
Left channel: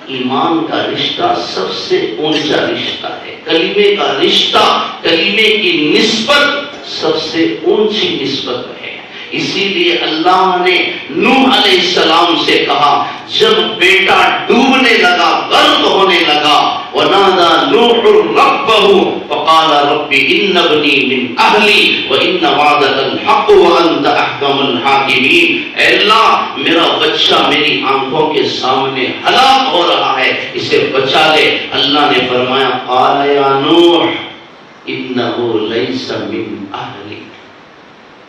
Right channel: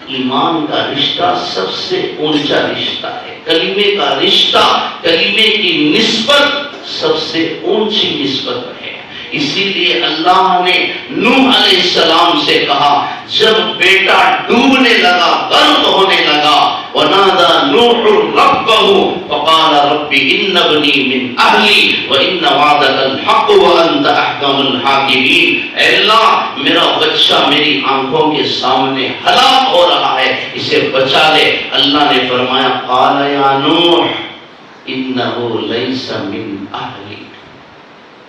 ایمان کا رشتہ سب سے اونچا رشتہ ہے. کلمے کا رشتہ، کلمے کی نسبت سب سے اونچی نسبت ہے. اسی لیے اللہ نے نوح علیہ السلام سے کہا جب بیٹا ڈوبنے لگا، غرق ہونے لگا، وَنَادَى نُوحٌ رَبَّهُ فَقَالَ رَبِّ إِنَّ ابْنِي مِنْ أَهْلِي وَإِنَّ وَعْدَكَ الْحَقُّ وَأَنْتَ أَحْكَمُ الْحَاكِمِينَ. اے اللہ میرا بچہ میری آنکھوں کے سامنے ہلاک ہو رہا ہے، اسے بچا لے. اللہ نے فرمایا قَالَ يَا نُوحُ إِنَّهُ لَيْسَ مِنْ أَهْلِكَ.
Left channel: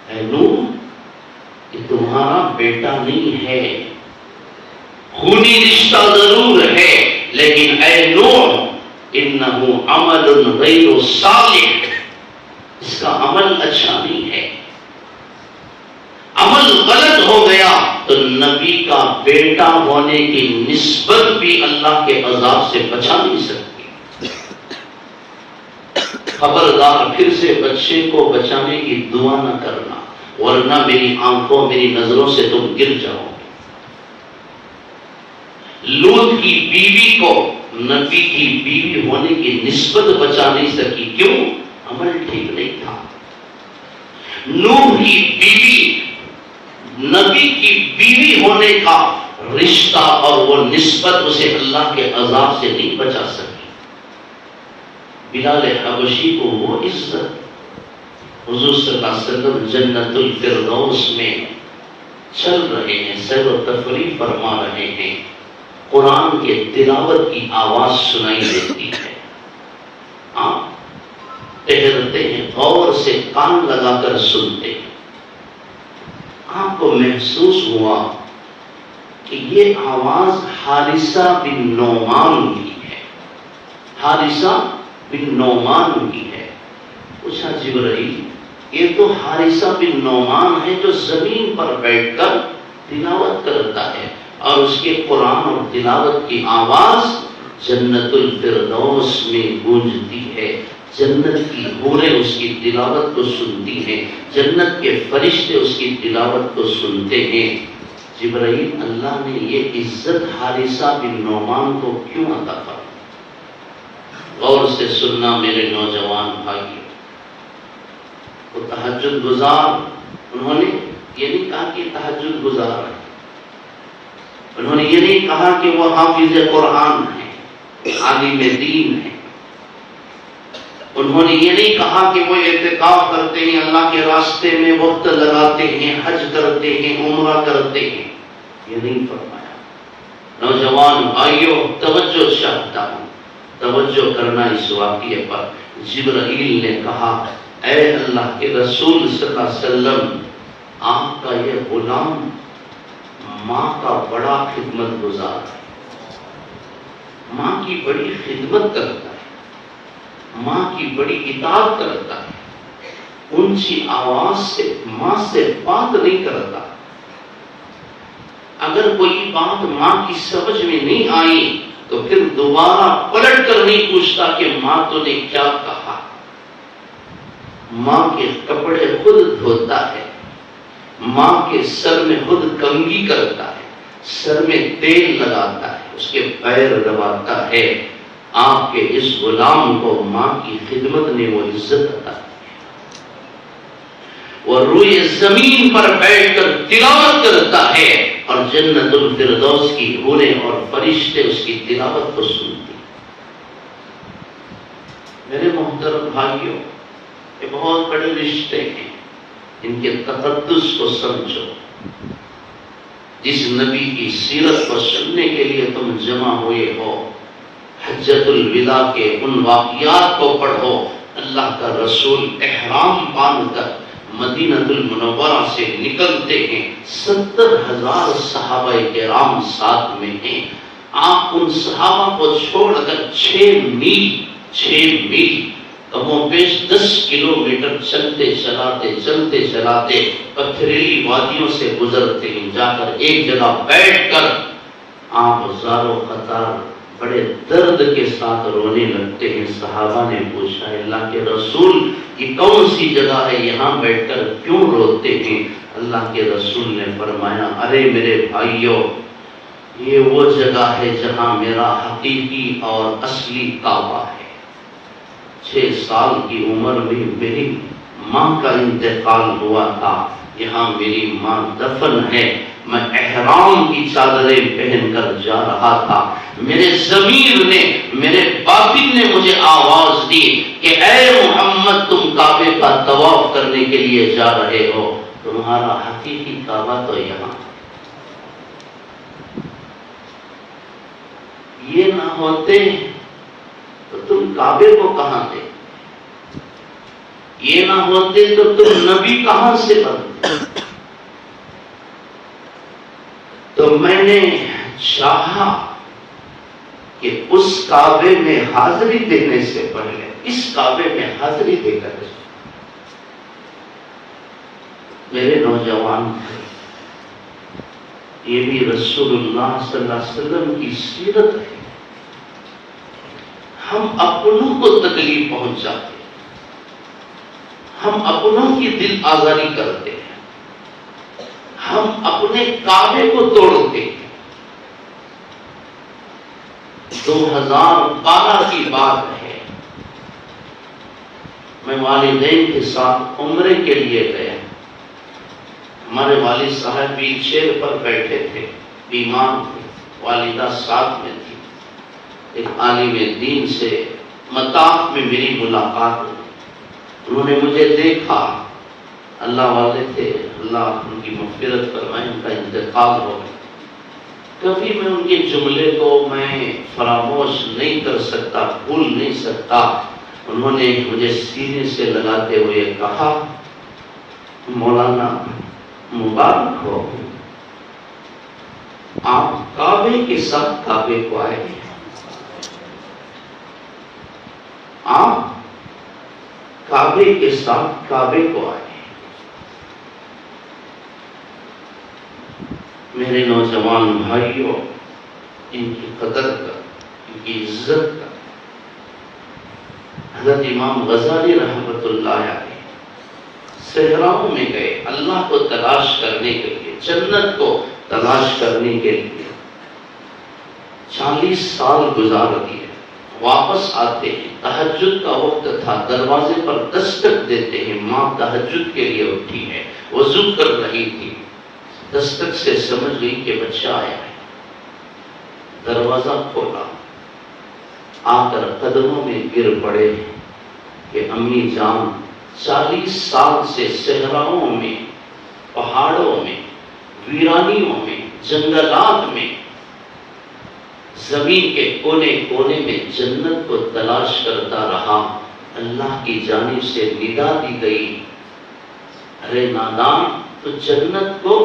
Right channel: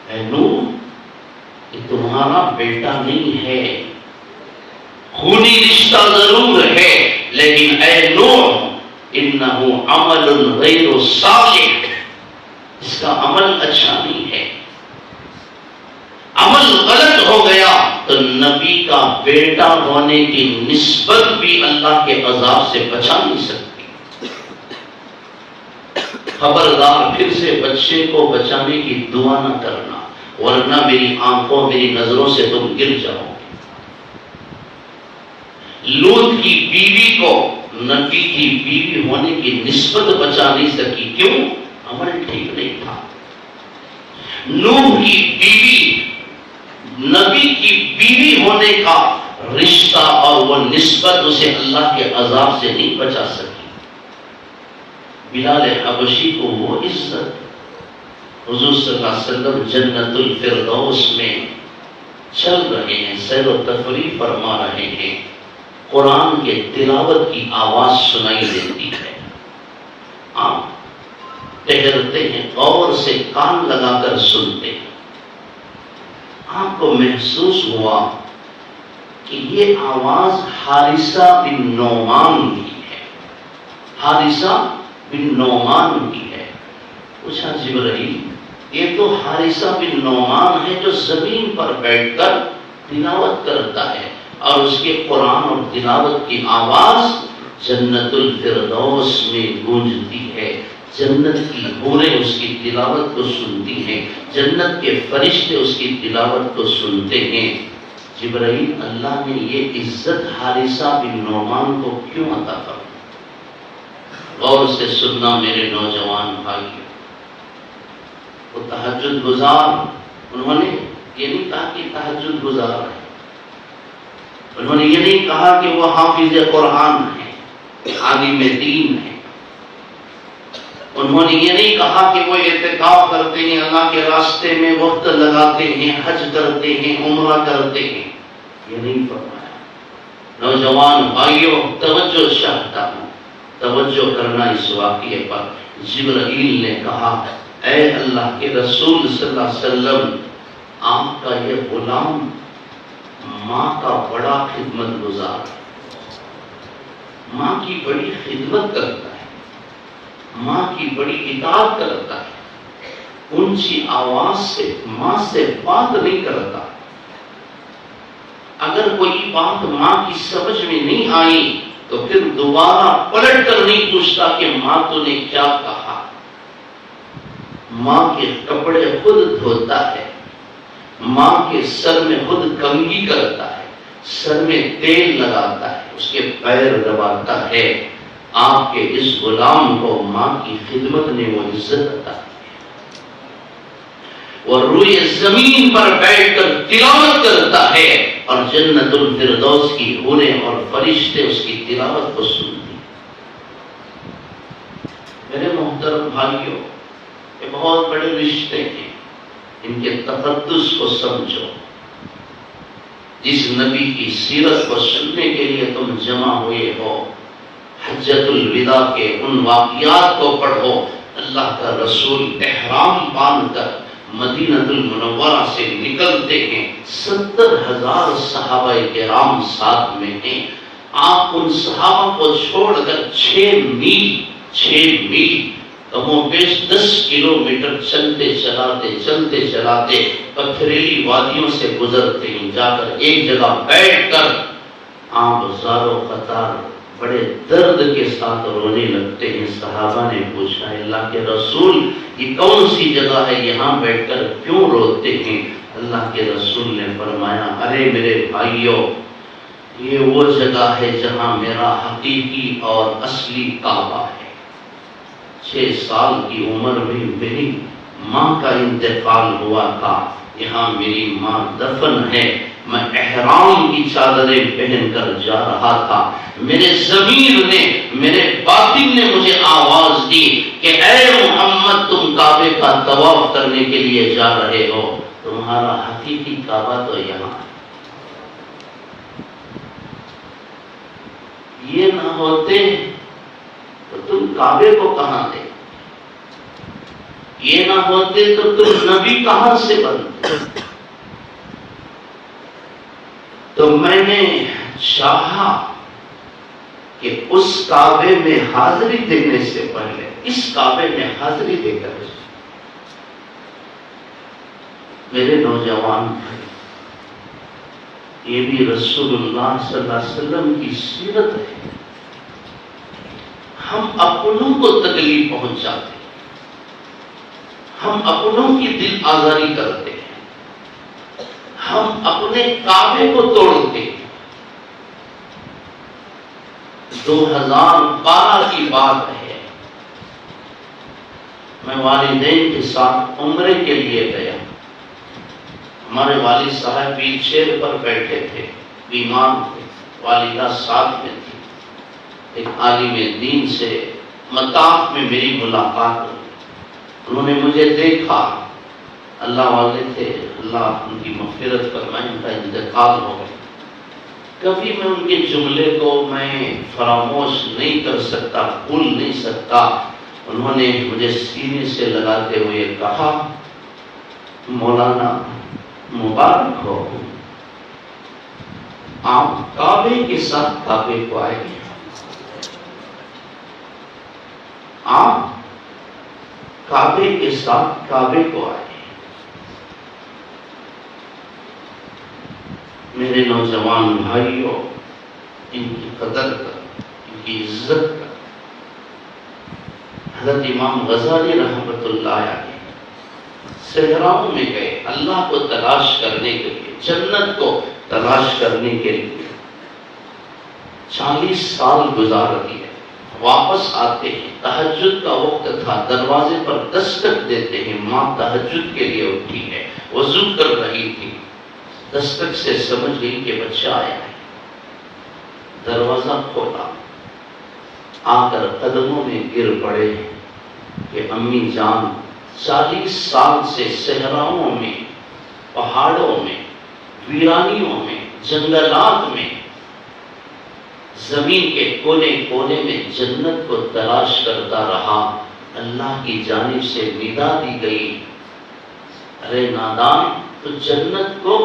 اے نوح یہ تمہارا بیٹا نہیں ہے، خونی رشتہ ضرور ہے، لیکن اے نوح انہو عمل غیر صالح، اس کا عمل اچھا نہیں ہے. عمل غلط ہو گیا تو نبی کا بیٹا ہونے کی نسبت بھی اللہ کے عذاب سے بچا نہیں سکتی. خبردار پھر سے بچے کو بچانے کی دعا نہ کرنا، ورنہ میری آنکھوں میری نظروں سے تم گر جاؤ. لوط کی بیوی کو نبی کی بیوی ہونے کی نسبت بچا نہیں سکی. کیوں؟ عمل ٹھیک نہیں تھا. نوح کی بیوی نبی کی بیوی ہونے کا رشتہ اور وہ نسبت اسے اللہ کے عذاب سے نہیں بچا سکی. بلال حبشی کو وہ عزت، حضور صلی اللہ علیہ وسلم جنت الفردوس میں چل رہے ہیں، سیر و تفریح فرما رہے ہیں، قرآن کے تلاوت کی آواز سنائی دیتی ہے. آپ ٹہرتے ہیں، غور سے کان لگا کر سنتے ہیں. آپ کو محسوس ہوا کہ یہ آواز حارثہ بن نعمان کی ہے. حارثہ بن نعمان کی ہے. پوچھا جبرائیل یہ تو حارثہ بن نعمان ہے جو زمین پر بیٹھ کر تلاوت کرتا ہے، اور اس کے قرآن اور تلاوت کی آواز جنت الفردوس میں گونجتی ہے. جنت کی حوریں اس کی تلاوت کو سنتی ہیں، جنت کے فرشتے اس کی تلاوت کو سنتے ہیں. جبرائیل اللہ نے یہ عزت حارثہ بن نعمان کو کیوں عطا کر؟ غور سے سننا میرے نوجوان بھائی. وہ تہجد گزار، انہوں نے یہ نہیں کہا کہ تہجد گزار ہے، انہوں نے یہ نہیں کہا کہ وہ حافظ قرآن ہے، عالم دین ہے، انہوں نے یہ نہیں کہا کہ وہ اعتکاف کرتے ہیں، اللہ کے راستے میں وقت لگاتے ہیں، حج کرتے ہیں، عمرہ کرتے ہیں، یہ نہیں فرمایا۔ نوجوان بھائیوں، توجہ چاہتا ہوں، توجہ کرنا اس واقعے پر۔ جبرائیل نے کہا، اے اللہ کے رسول صلی اللہ علیہ وسلم، آپ کا یہ غلام ماں کا بڑا خدمت گزار ہے، ماں کی بڑی خدمت کرتا ہے، ماں کی بڑی اطاعت کرتا ہے، اونچی آواز سے ماں سے بات نہیں کرتا، اگر کوئی بات ماں کی سمجھ میں نہیں آئی تو پھر دوبارہ پلٹ کر نہیں پوچھتا کہ ماں تو نے کیا کہا، ماں کے کپڑے خود دھوتا ہے، ماں کے سر میں خود کنگھی کرتا ہے، سر میں تیل لگاتا ہے، اس کے پیر دباتا ہے۔ آپ کے اس غلام کو ماں کی خدمت نے وہ عزت عطا کی، وہ روئے زمین پر بیٹھ کر تلاوت کرتا ہے اور جنت الفردوس کی حوریں اور فرشتے اس کی تلاوت کو سنتے ہیں۔ میرے محترم بھائیوں، یہ بہت بڑے رشتے ہیں، ان کے تقدس کو سمجھو۔ جس نبی کی سیرت کو سننے کے لیے تم جمع ہوئے ہو، حجۃ الوداع کے ان واقعات کو پڑھو۔ اللہ کا رسول احرام باندھ کر مدینہ المنورہ سے نکلتے ہیں، 70,000 صحابہ کرام ساتھ میں ہیں۔ آپ ان صحابہ کو چھوڑ کر 6 میل کم و بیش 10 کلومیٹر چلتے چلاتے پتھریلی وادیوں سے گزرتے ہیں، جا کر ایک جگہ بیٹھ کر آپ زارو قطار بڑے درد کے ساتھ رونے لگتے ہیں۔ صحابہ نے پوچھا، اللہ کے رسول یہ کون سی جگہ ہے، یہاں بیٹھ کر کیوں روتے ہیں؟ اللہ کے رسول نے فرمایا، ارے میرے بھائیوں، یہ وہ جگہ ہے جہاں میرا حقیقی اور اصلی کعبہ ہے۔ 6 سال کی عمر میں میری ماں کا انتقال ہوا تھا، یہاں میری ماں دفن ہے، میں احرام کی چادریں پہن کر جا رہا تھا، میرے ضمیر نے، میرے باطن نے مجھے آواز دی کہ اے محمد، تم کعبے کا طواف کرنے کے لیے جا رہے ہو، تمہارا حقیقی کعبہ تو یہاں۔ یہ نہ ہوتے تو تم کعبے کو کہاں دے، یہ نہ ہوتے تو تم نبی کہاں سے بنتے۔ تو میں نے چاہا کہ اس کعبے میں حاضری دینے سے پہلے اس کعبے میں حاضری دے کر، میرے نوجوان بھائی، یہ بھی رسول اللہ صلی اللہ علیہ وسلم کی سیرت ہے۔ ہم اپنوں کو تکلیف پہنچاتے ہیں، ہم اپنوں کی دل آزاری کرتے ہیں، ہم اپنے کعبے کو توڑتے ہیں۔ 2012 کی بات ہے، میں والدین کے ساتھ عمرے کے لیے گیا۔ ہمارے والد صاحب ویل چیئر پر بیٹھے تھے، بیمار تھے، والدہ ساتھ میں تھی۔ ایک عالم دین سے مطاف میں میری ملاقات ہوئی، انہوں نے مجھے دیکھا، اللہ والے تھے، اللہ ان کی مغفرت فرمائے، ان کا انتقال ہو گیا۔ کبھی میں ان کے جملے کو میں فراموش نہیں کر سکتا، بھول نہیں سکتا۔ انہوں نے مجھے سینے سے لگاتے ہوئے کہا، مولانا مبارک ہو، آپ کعبے کے ساتھ کعبے کو آئے ہیں، آپ کعبے کے ساتھ کعبے کو آئے ہیں۔ میرے نوجوان بھائیوں، ان کی قدر کر، ان کی عزت کر۔ حضرت امام غزالی رحمۃ اللہ علیہ صحراؤں میں گئے اللہ کو تلاش کرنے کے لیے، جنت کو تلاش کرنے کے لیے، 40 سال گزار دیے۔ واپس آتے ہیں، تہجد کا وقت تھا، دروازے پر دستک دیتے ہیں، ماں تہجد کے لیے اٹھی ہے، وضو کر رہی تھی، دستک سے سمجھ گئی کہ بچہ آیا ہے، دروازہ کھولا، آ کر قدموں میں گر پڑے کہ امی جان 40 سال سے صحراؤں میں، پہاڑوں میں، ویرانیوں میں، جنگلات میں، زمین کے کونے کونے میں جنت کو تلاش کرتا رہا، اللہ کی جانب سے ندا دی گئی، ارے نادان، تو جنت کو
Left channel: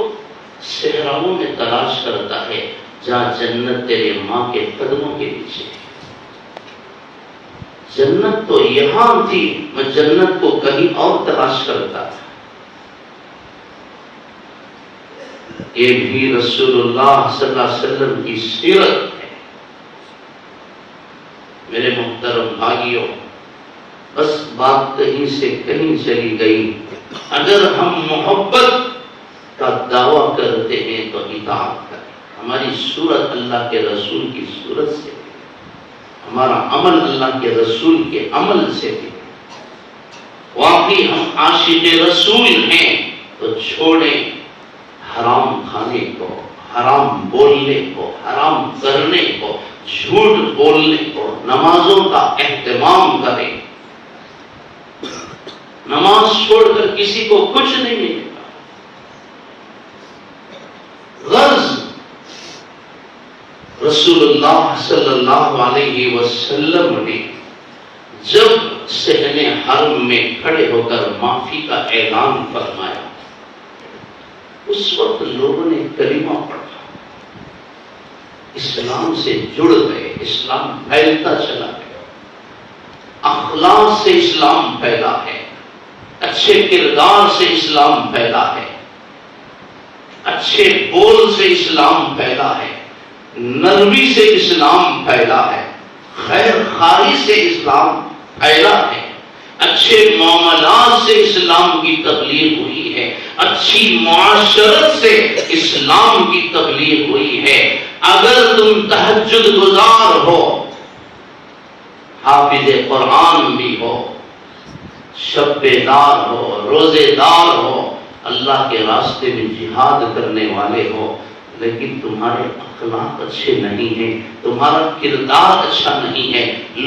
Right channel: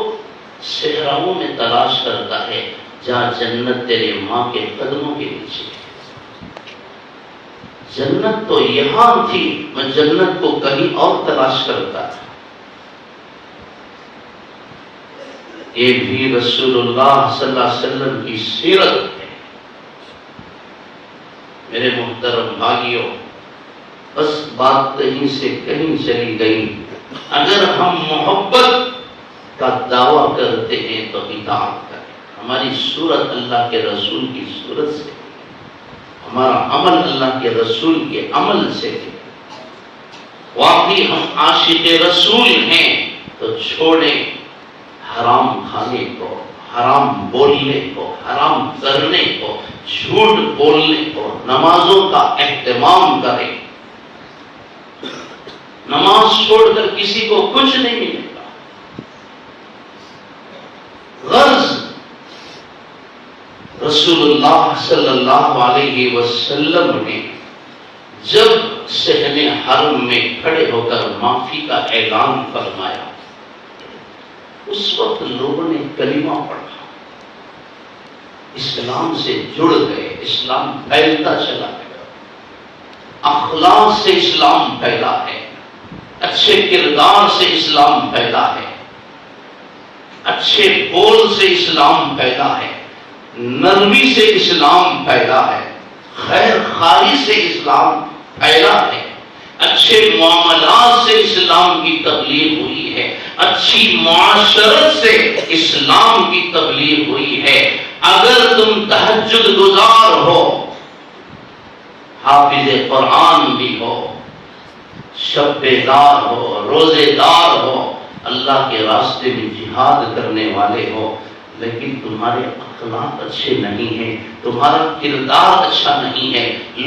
صحراؤں میں تلاش کرتا ہے جہاں جنت تیرے ماں کے قدموں کے پیچھے۔ جنت تو یہاں تھی، میں جنت کو کہیں اور تلاش کرتا تھا۔ یہ بھی رسول اللہ صلی اللہ علیہ وسلم کی سیرت ہے۔ میرے محترم بھائیوں، بس بات کہیں سے کہیں چلی گئی۔ اگر ہم محبت کا دعویٰ کرتے ہیں تو اطاعت کریں۔ ہماری صورت اللہ کے رسول کی صورت سے، ہمارا عمل اللہ کے رسول کے عمل سے ہے۔ واقعی ہم عاشق رسول ہیں تو چھوڑیں حرام کھانے کو، حرام بولنے کو، حرام کرنے کو، جھوٹ بولنے کو، نمازوں کا اہتمام کریں۔ نماز چھوڑ کر کسی کو کچھ نہیں ملے گا۔ غرض رسول اللہ صلی اللہ علیہ وسلم نے جب صحن حرم میں کھڑے ہو کر معافی کا اعلان فرمایا، اس وقت لوگوں نے کلمہ پڑھا، اسلام سے جڑ گئے، اسلام پھیلتا چلا گیا، اخلاق سے اسلام پھیلا ہے، اچھے کردار سے اسلام پھیلا ہے، اچھے بول سے اسلام پھیلا ہے، نرمی سے اسلام پھیلا ہے، خیر خواہی سے اسلام پھیلا ہے، اچھے معاملات سے اسلام کی تبلیغ ہوئی ہے، اچھی معاشرت سے اسلام کی تبلیغ ہوئی ہے۔ اگر تم تہجد گزار ہو، حافظ قرآن بھی ہو، شب بیدار ہو، روزے دار ہو، اللہ کے راستے میں جہاد کرنے والے ہو، لیکن تمہارے اخلاق اچھے نہیں ہیں، تمہارا کردار اچھا نہیں ہے،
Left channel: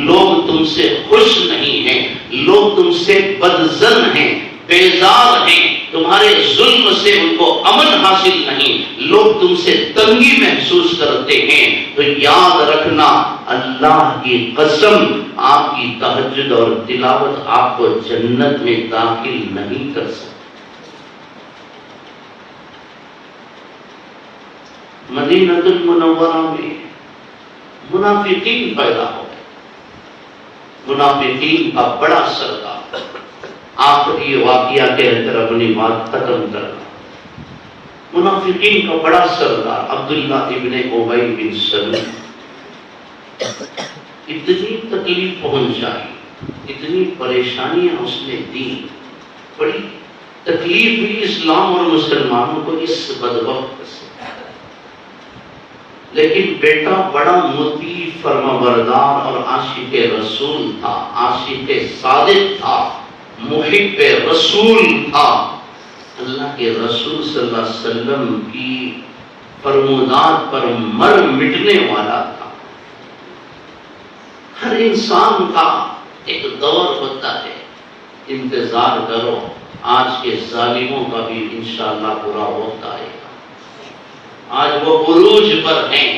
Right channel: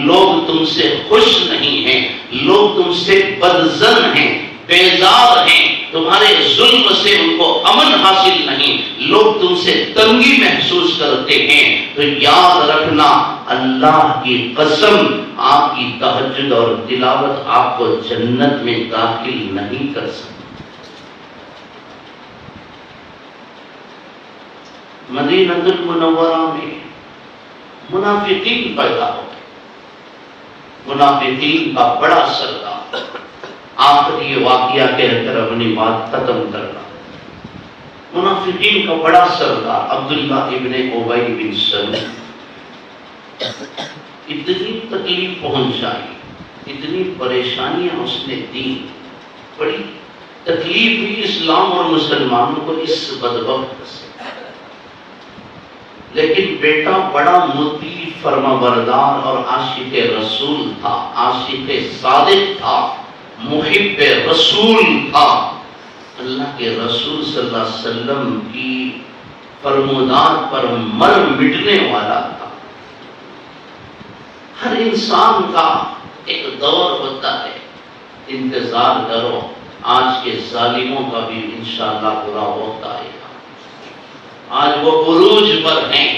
لوگ تم سے خوش نہیں ہیں، لوگ تم سے بدظن ہیں، بیزار ہیں، تمہارے ظلم سے ان کو امن حاصل نہیں، لوگ تم سے تنگی محسوس کرتے ہیں، تو یاد رکھنا اللہ کی قسم، آپ کی تہجد اور تلاوت آپ کو جنت میں داخل نہیں کر سکتی۔ مدینہ المنورہ میں منافقین پیدا ہو گئے، منافقین کا بڑا سردار، آخری واقعہ کہہ کر اپنی بات ختم کرنا، منافقین کا بڑا سردار عبداللہ ابن ابی بن سلول اتنی تکلیف پہنچائی، اتنی پریشانیاں اس نے دی، بڑی تکلیف ہوئی اسلام اور مسلمانوں کو اس بدبخت سے، لیکن بیٹا بڑا مطیع فرمانبردار اور عاشق رسول تھا، عاشق صادق تھا، محب رسول تھا، اللہ کے رسول صلی اللہ علیہ وسلم کی فرمودات پر مر مٹنے والا تھا۔ ہر انسان کا ایک دور ہوتا ہے، انتظار کرو، آج کے ظالموں کا بھی انشاءاللہ برا وقت آئے گا۔ آج وہ عروج پر ہیں،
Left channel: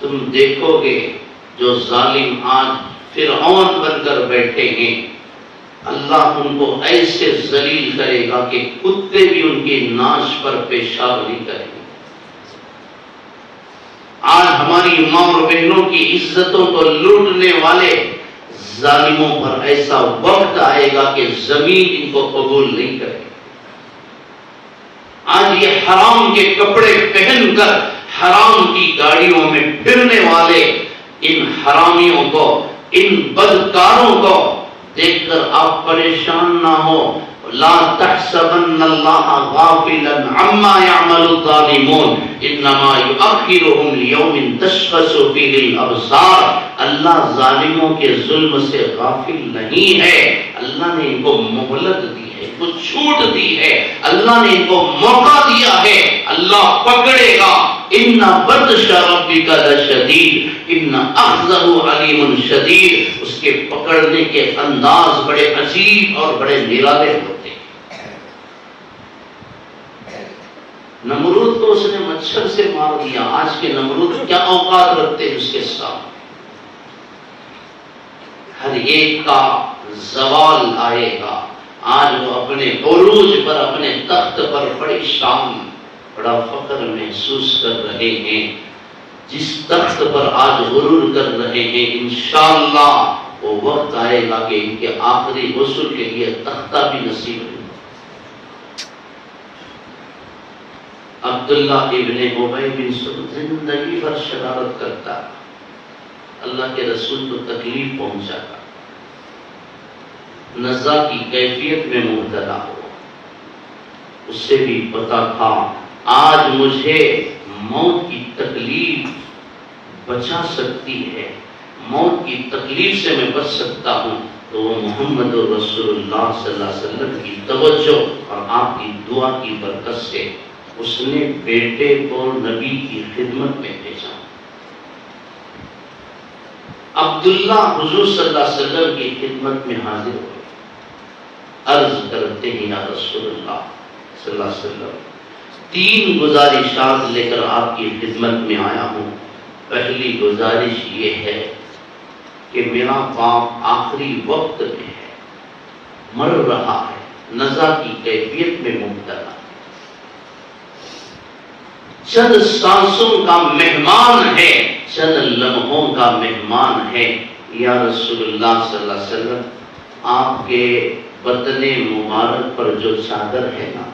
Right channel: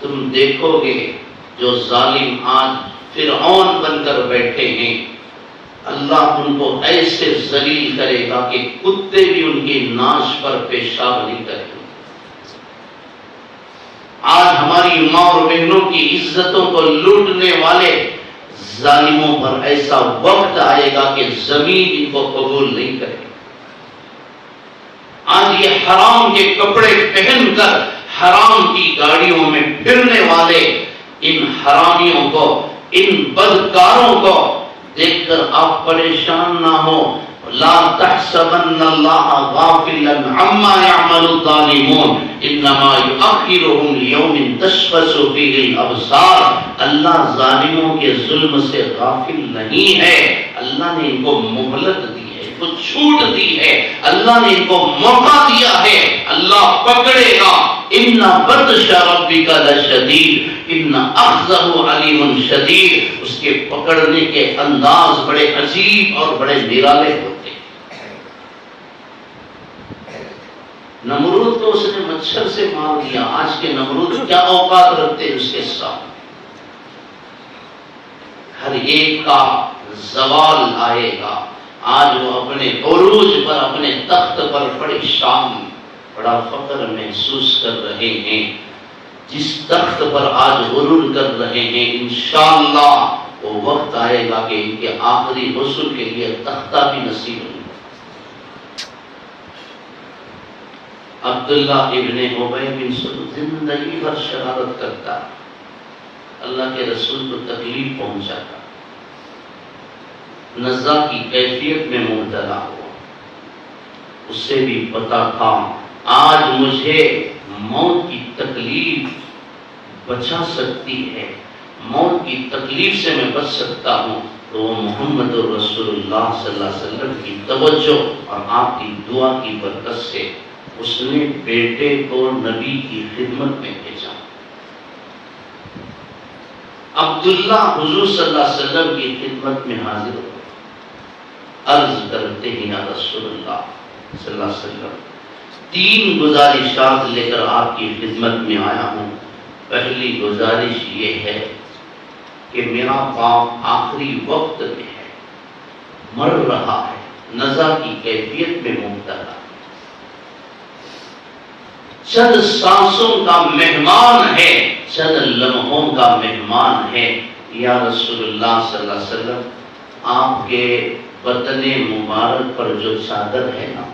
تم دیکھو گے جو ظالم آج فرعون بن کر بیٹھے ہیں، اللہ ان کو ایسے ذلیل کرے گا کہ کتے بھی ان کی ناش پر پیشاب نہیں کریں گے۔ آج ہماری ماں اور بہنوں کی عزتوں کو لوٹنے والے ظالموں پر ایسا وقت آئے گا کہ زمین ان کو قبول نہیں کرے گی۔ آج یہ حرام کے کپڑے پہن کر حرام کی گاڑیوں میں پھرنے والے ان حرامیوں کو، ان بدکاروں کو دیکھ کر آپ پریشان نہ ہو۔ لا تحسبن اللہ غافلا عما يعمل الظالمون انما يؤخرهم ليوم تشخص فيه الابصار۔ اللہ ظالموں کے ظلم سے غافل نہیں ہے، اللہ نے ان کو مہلت دی ہے، ان کو چھوٹ دی ہے، اللہ نے ان کو موقع دیا ہے، اللہ پکڑے گا ان بطش ربک لشدید ان اخذہ علیم شدید، اس کے پکڑنے کے انداز بڑے عجیب اور بڑے نرالے ہوتے ہیں۔ نمرود تو اس نے مچھر سے مار دیا، آج کے نمرود کیا اوقات رکھتے ہیں اس کے ساتھ؟ ہر ایک کا زوال آئے گا۔ آج وہ اپنے عروج پر، اپنے تخت پر بڑی شان، بڑا فخر محسوس کر رہے ہیں۔ جس تخت پر آج غرور کر رہے ہیں، انشاءاللہ وہ وقت آئے گا کہ ان کے آخری غسل کے لیے تختہ بھی نصیب نہیں۔ عبداللہ ابن ابی بن سلول زندگی بھر شرارت کرتا ہے، اللہ کے رسول کو تکلیف پہنچاتا، نزا کی کیفیت میں مبتلا ہوا۔ اس سے بھی پتا تھا آج مجھے موت کی تکلیف بچا سکتی ہے، موت کی تکلیف سے میں بچ سکتا ہوں، تو وہ محمد رسول اللہ صلی اللہ علیہ وسلم کی توجہ اور آپ کی دعا کی برکت سے اس نے بیٹے کو نبی کی خدمت میں بھیجا۔ عبداللہ حضور صلی اللہ علیہ وسلم کی خدمت میں حاضر ہوئے، عرض کرتے ہیں یا رسول اللہ صلی اللہ علیہ وسلم، 3 گزارشات لے کر آپ کی خدمت میں آیا ہوں۔ پہلی گزارش یہ ہے کہ میرا باپ آخری وقت میں ہے، مر رہا ہے، نزا کی کیفیت میں مبتلا، چند سانسوں کا مہمان ہے، چند لمحوں کا مہمان ہے۔ یا رسول اللہ صلی اللہ علیہ وسلم، آپ کے بدن مبارک پر جو چادر ہے نا،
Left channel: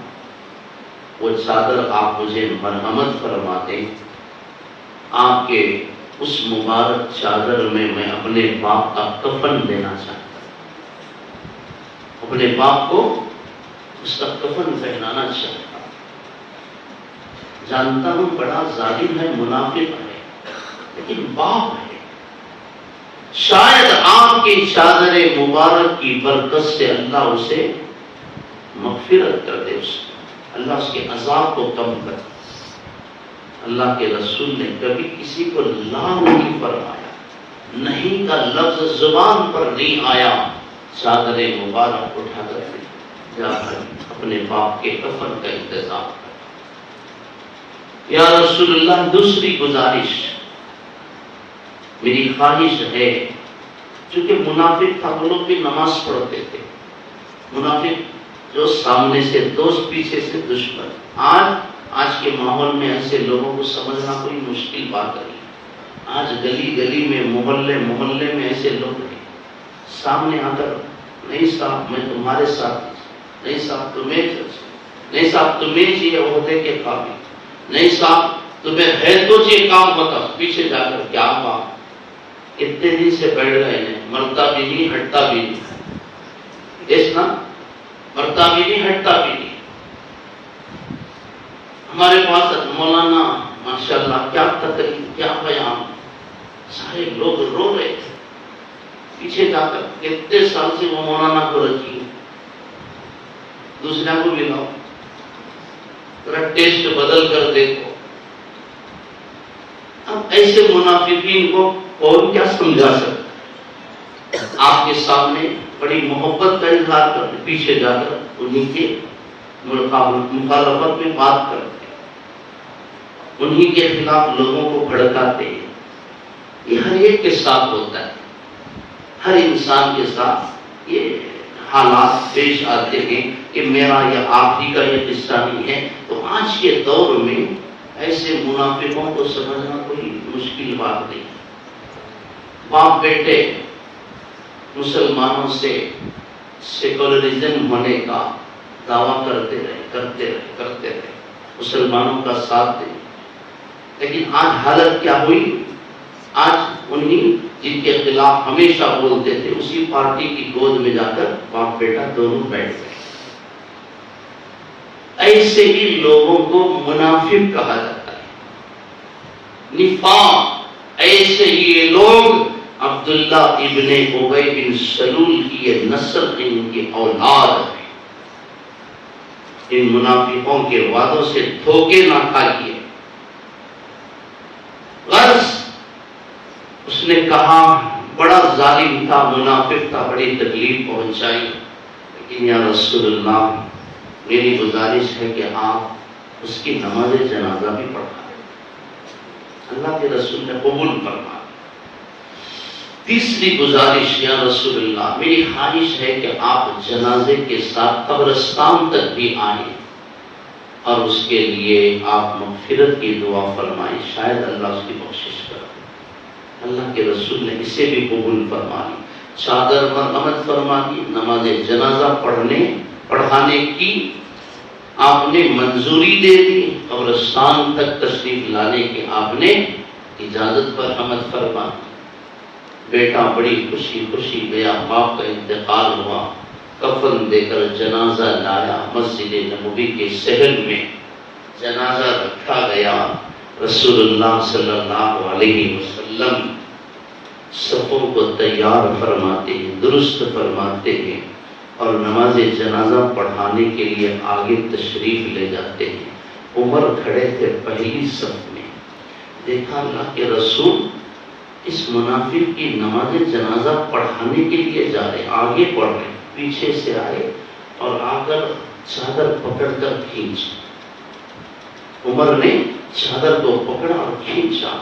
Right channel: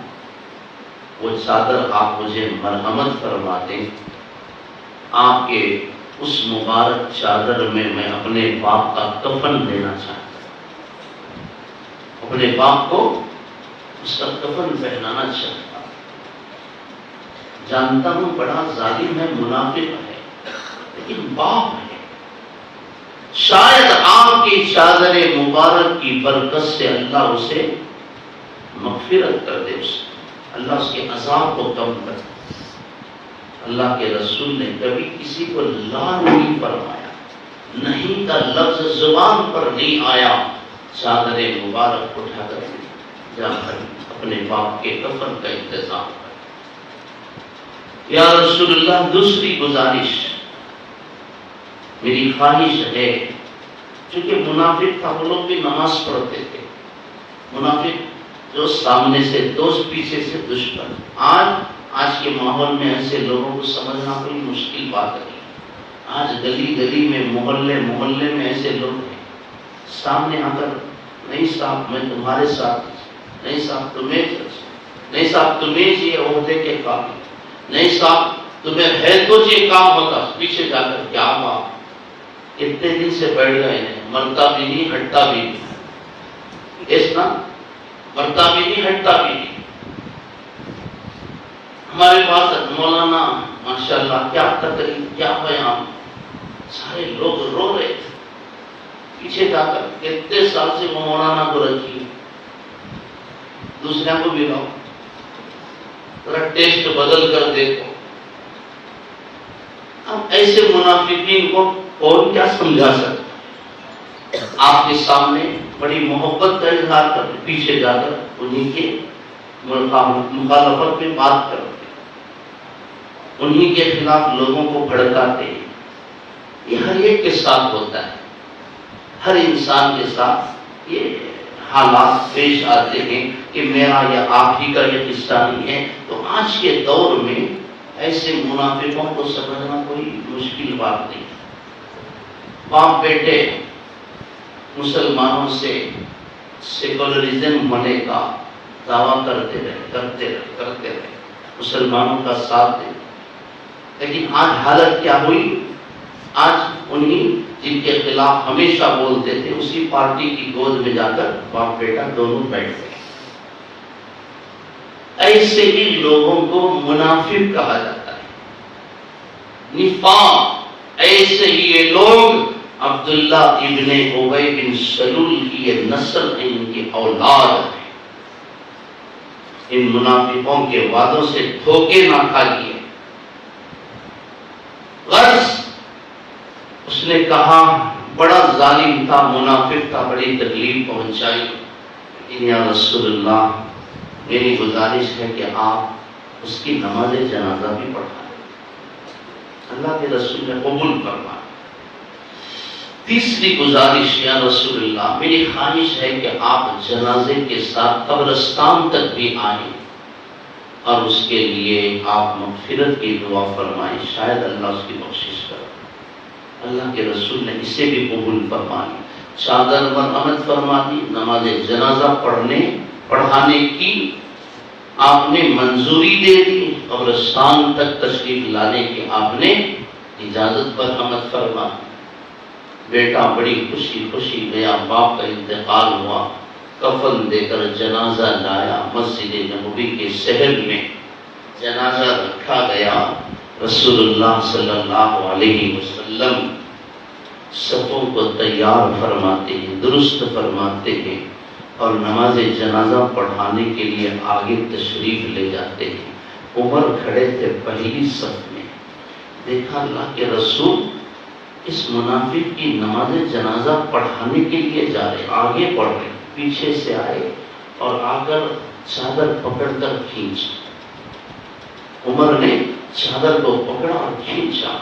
وہ چادر آپ مجھے مرحمت فرما دیں۔ آپ کے اس مبارک چادر میں میں اپنے باپ کا کفن دینا چاہتا ہوں، اپنے باپ کو اس کا کفن پہنانا چاہتا ہوں۔ جانتا ہوں بڑا ظالم ہے، منافق ہے، لیکن باپ ہے، شاید آپ کی چادر مبارک کی برکت سے اللہ اسے مغفرت کر دے، اللہ اس کے عذاب کو کم کر دے۔ اللہ کے رسول نے کبھی کسی کو لا نہیں فرمایا، نہیں کا لفظ زبان پر نہیں آیا، چادر مبارک اٹھا کر جا کر اپنے باپ کے کفن کا انتظام کر۔ یا رسول اللہ، دوسری گزارش، میری خواہش ہے، چونکہ منافق تھا، وہ لوگ بھی نماز پڑھتے تھے، منافق جو سامنے سے دوست پیچھے سے دشمن۔ آج کے ماحول میں ایسے لوگوں کو سمجھنا کوئی مشکل بات نہیں۔ آج گلی گلی میں، محلے میں ایسے لوگ ہیں، سامنے آ کر نہیں صاحب میں تمہارے ساتھ، نہیں صاحب تمہیں، نہیں صاحب تمہیں چاہیے عہدے کے قابل، نہیں صاحب تمہیں ہے تو یہ کام ہوتا، پیچھے جا کر کیا ہوا، اتنے دن سے بیٹھ گئے ہیں، مرتا بھی نہیں ہٹتا بھی نہیں، دیکھنا مرتا بھی نہیں ہٹتا بھی نہیں۔ ہمارے پاس مولانا ماشاءاللہ کیا تقریر، کیا بیان، سارے لوگ رو رہے تھے، پیچھے جا کر کتنے سال سے وہ مولانا کو رکھی، دوسرے کو بھی لاؤ، ذرا ٹیسٹ بدل کر دیکھو۔ ہم ایسے منافقین کو کون کیا سمجھا سکتے؟ آپ کے سامنے بڑی محبت کا اظہار کرتے، پیچھے جا کر انہیں کے مخالفت میں بات کرتے، انہیں کے خلاف لوگوں کو بھڑکاتے۔ یہ ہر ایک کے ساتھ ہوتا ہے، ہر انسان کے ساتھ یہ حالات پیش آتے ہیں کہ میرا یا آپ ہی کا یہ قصہ نہیں ہے۔ تو آج کے دور میں ایسے منافقوں کو سمجھنا کوئی مشکل بات نہیں۔ باپ بیٹے مسلمانوں سے سیکولرزم ہونے کا دعویٰ کرتے رہے، مسلمانوں کا ساتھ دیں، لیکن آج حالت کیا ہوئی؟ آج انہیں جن کے خلاف ہمیشہ بولتے تھے اسی پارٹی کی گود میں جا کر باپ بیٹا دونوں بیٹھ گئے۔ ایسے ہی لوگوں کو منافق کہا جاتا ہے، نفاق۔ ایسے ہی یہ لوگ عبداللہ ابن ابی بن سلول کی یہ نسل، ان کی اولاد ہے۔ ان منافقوں کے وعدوں سے دھوکے نہ کھائیے، غرض اس نے کہا بڑا ظالم تھا، منافق تھا، بڑی تکلیف پہنچائی، لیکن یا رسول اللہ میری گزارش ہے کہ آپ اس کی نماز جنازہ بھی پڑھا۔ اللہ کے رسول نے قبول کرنا۔ تیسری گزارش، یا رسول اللہ میری خواہش ہے کہ آپ جنازے کے ساتھ قبرستان تک بھی آئیں اور اس کے لیے آپ مغفرت کی دعا فرمائیں، شاید اللہ اس کی بخشش کرے۔ اللہ کے رسول نے اسے بھی قبول فرما لی، چادر مرحمت فرما دی، نماز جنازہ پڑھانے کی آپ نے منظوری دے دی، قبرستان تک تشریف لانے کی آپ نے اجازت پر مرحمت فرما۔ بیٹا بڑی خوشی خوشی گیا، باپ کا انتقال ہوا، کفن دے کر جنازہ لایا، مسجد نبوی کے صحن میں جنازہ رکھا گیا۔ رسول اللہ صلی اللہ علیہ وسلم صفوں کو تیار فرماتے ہیں، درست فرماتے ہیں اور نماز جنازہ پڑھانے کے لیے آگے تشریف لے جاتے ہیں۔ عمر کھڑے تھے پہلی صف میں، دیکھا اللہ کے رسول اس منافق کی نماز جنازہ پڑھانے کے لیے جا رہے، آگے پڑھ رہے، پیچھے سے آئے اور آ کر چادر پکڑ کر کھینچ۔ عمر نے چادر کو پکڑا اور کھینچا،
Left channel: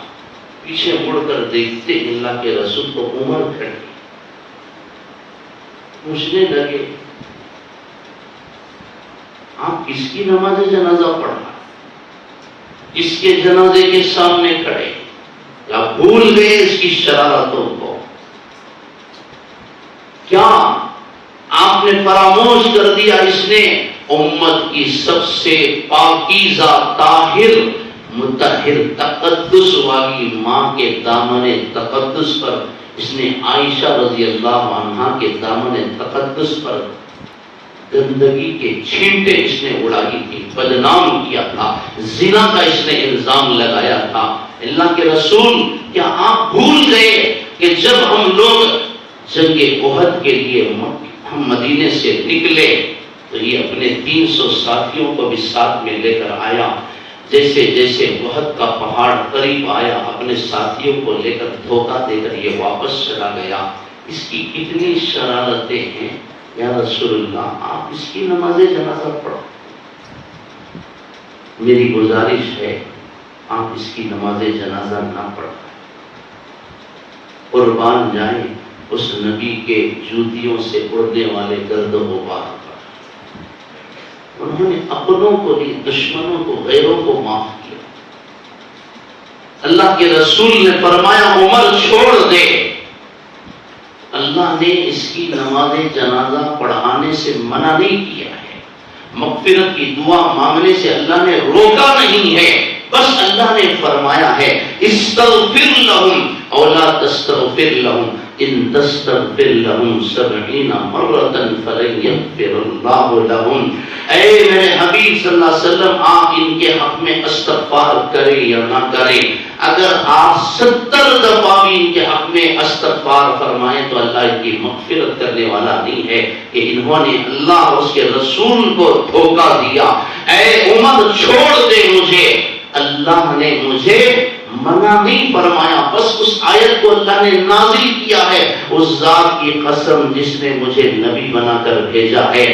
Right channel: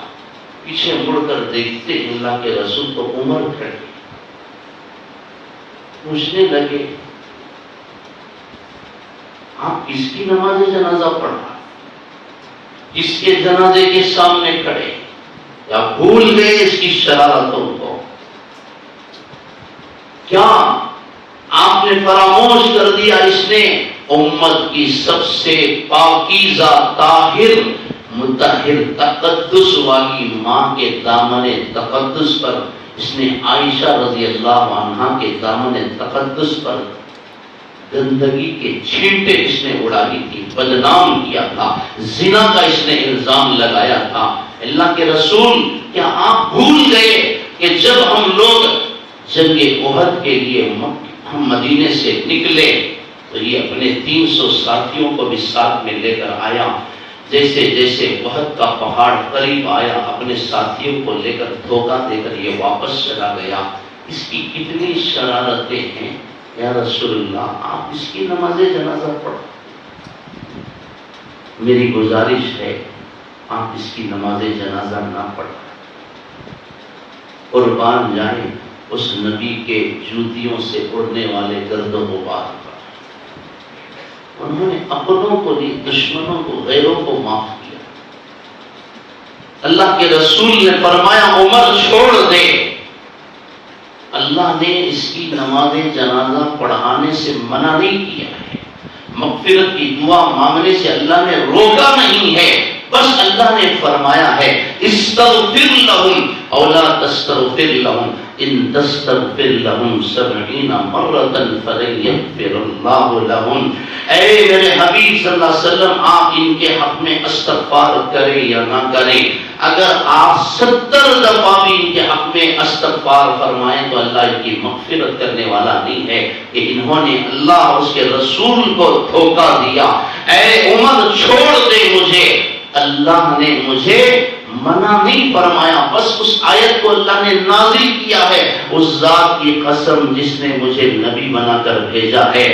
پیچھے مڑ کر دیکھتے اللہ کے رسول تو عمر کھڑے، پوچھنے لگے آپ کس کی نماز جنازہ پڑھا، کس کے جنازے کے سامنے کھڑے، کیا بھول گئے اس کی شرارتوں کو؟ کیا آپ نے فراموش کر دیا اس نے امت کی سب سے پاکیزہ طاہر مطہر تقدس والی ماں کے دامن تقدس پر، اس نے عائشہ رضی اللہ عنہا کے دامن تقدس پر گندگی کے چھینٹے اس نے اڑائی تھی، بدنام کیا تھا، زنا کا اس نے الزام لگایا تھا۔ اللہ کے رسول کیا آپ بھول گئے کہ جب ہم لوگ جنگ احد کے لیے ہم مدینے سے نکلے تو یہ اپنے 300 ساتھیوں کو بھی ساتھ میں لے کر آیا، جیسے جیسے احد کا پہاڑ قریب آیا اپنے ساتھیوں کو لے کر دھوکہ دے کر یہ واپس چلا گیا۔ اس کی کتنی شرارتیں ہیں، یا رسول اللہ آپ اس کی نماز جنازہ پڑھو۔ میری گزارش ہے آپ اس کی نماز جنازہ نہ پڑھیں، قربان جائیں اس نبی کے جوتیوں سے اڑنے والے گرد و غبار پر۔ انہوں نے اپنوں کو بھی، دشمنوں کو، غیروں کو معاف کیا۔ اللہ کے رسول نے فرمایا عمر چھوڑ دے۔ اللہ نے اس کی نماز جنازہ پڑھانے سے منع نہیں کیا ہے، مغفرت کی دعا مانگنے سے اللہ نے روکا نہیں ہے، بس اللہ نے فرمایا ہے استغفر لہم او لا تستغفر لہم ان تستغفر لہم 70 مرۃ فلن یغفر اللہ لہم۔ اے میرے حبیب صلی اللہ علیہ وسلم آپ ان کے حق میں استغفار کریں یا نہ کریں، اگر آپ 70 دفعہ بھی ان کے حق میں استغفار فرمائیں تو اللہ ان کی مغفرت کرنے والا نہیں ہے کہ انہوں نے اللہ اور اس کے رسول کو دھوکہ دیا۔ اے عمر چھوڑ دے مجھے، اللہ نے مجھے منع نہیں فرمایا، بس اس آیت کو اللہ نے نازل کیا ہے، اس ذات کی قسم جس نے مجھے نبی بنا کر بھیجا ہے،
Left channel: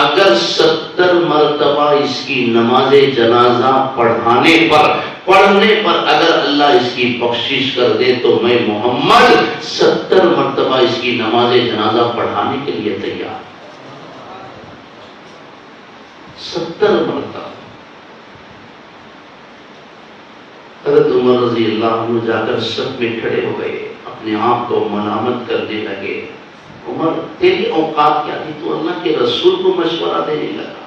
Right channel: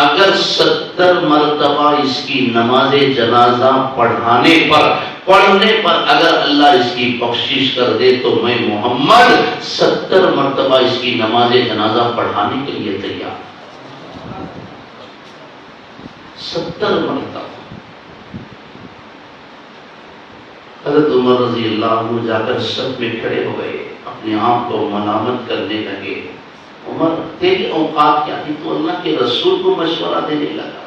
اگر 70 مرتبہ اس کی نماز جنازہ پڑھنے پر اگر اللہ اس کی بخشش کر دے تو میں محمد 70 مرتبہ اس کی نماز جنازہ پڑھانے کے لیے تیار۔ 70 مرتبہ۔ حضرت عمر رضی اللہ عنہ جا کر صف میں کھڑے ہو گئے، اپنے آپ کو ملامت کرنے لگے، عمر تیری اوقات کیا تھی، تو اللہ کے رسول کو مشورہ دینے لگا،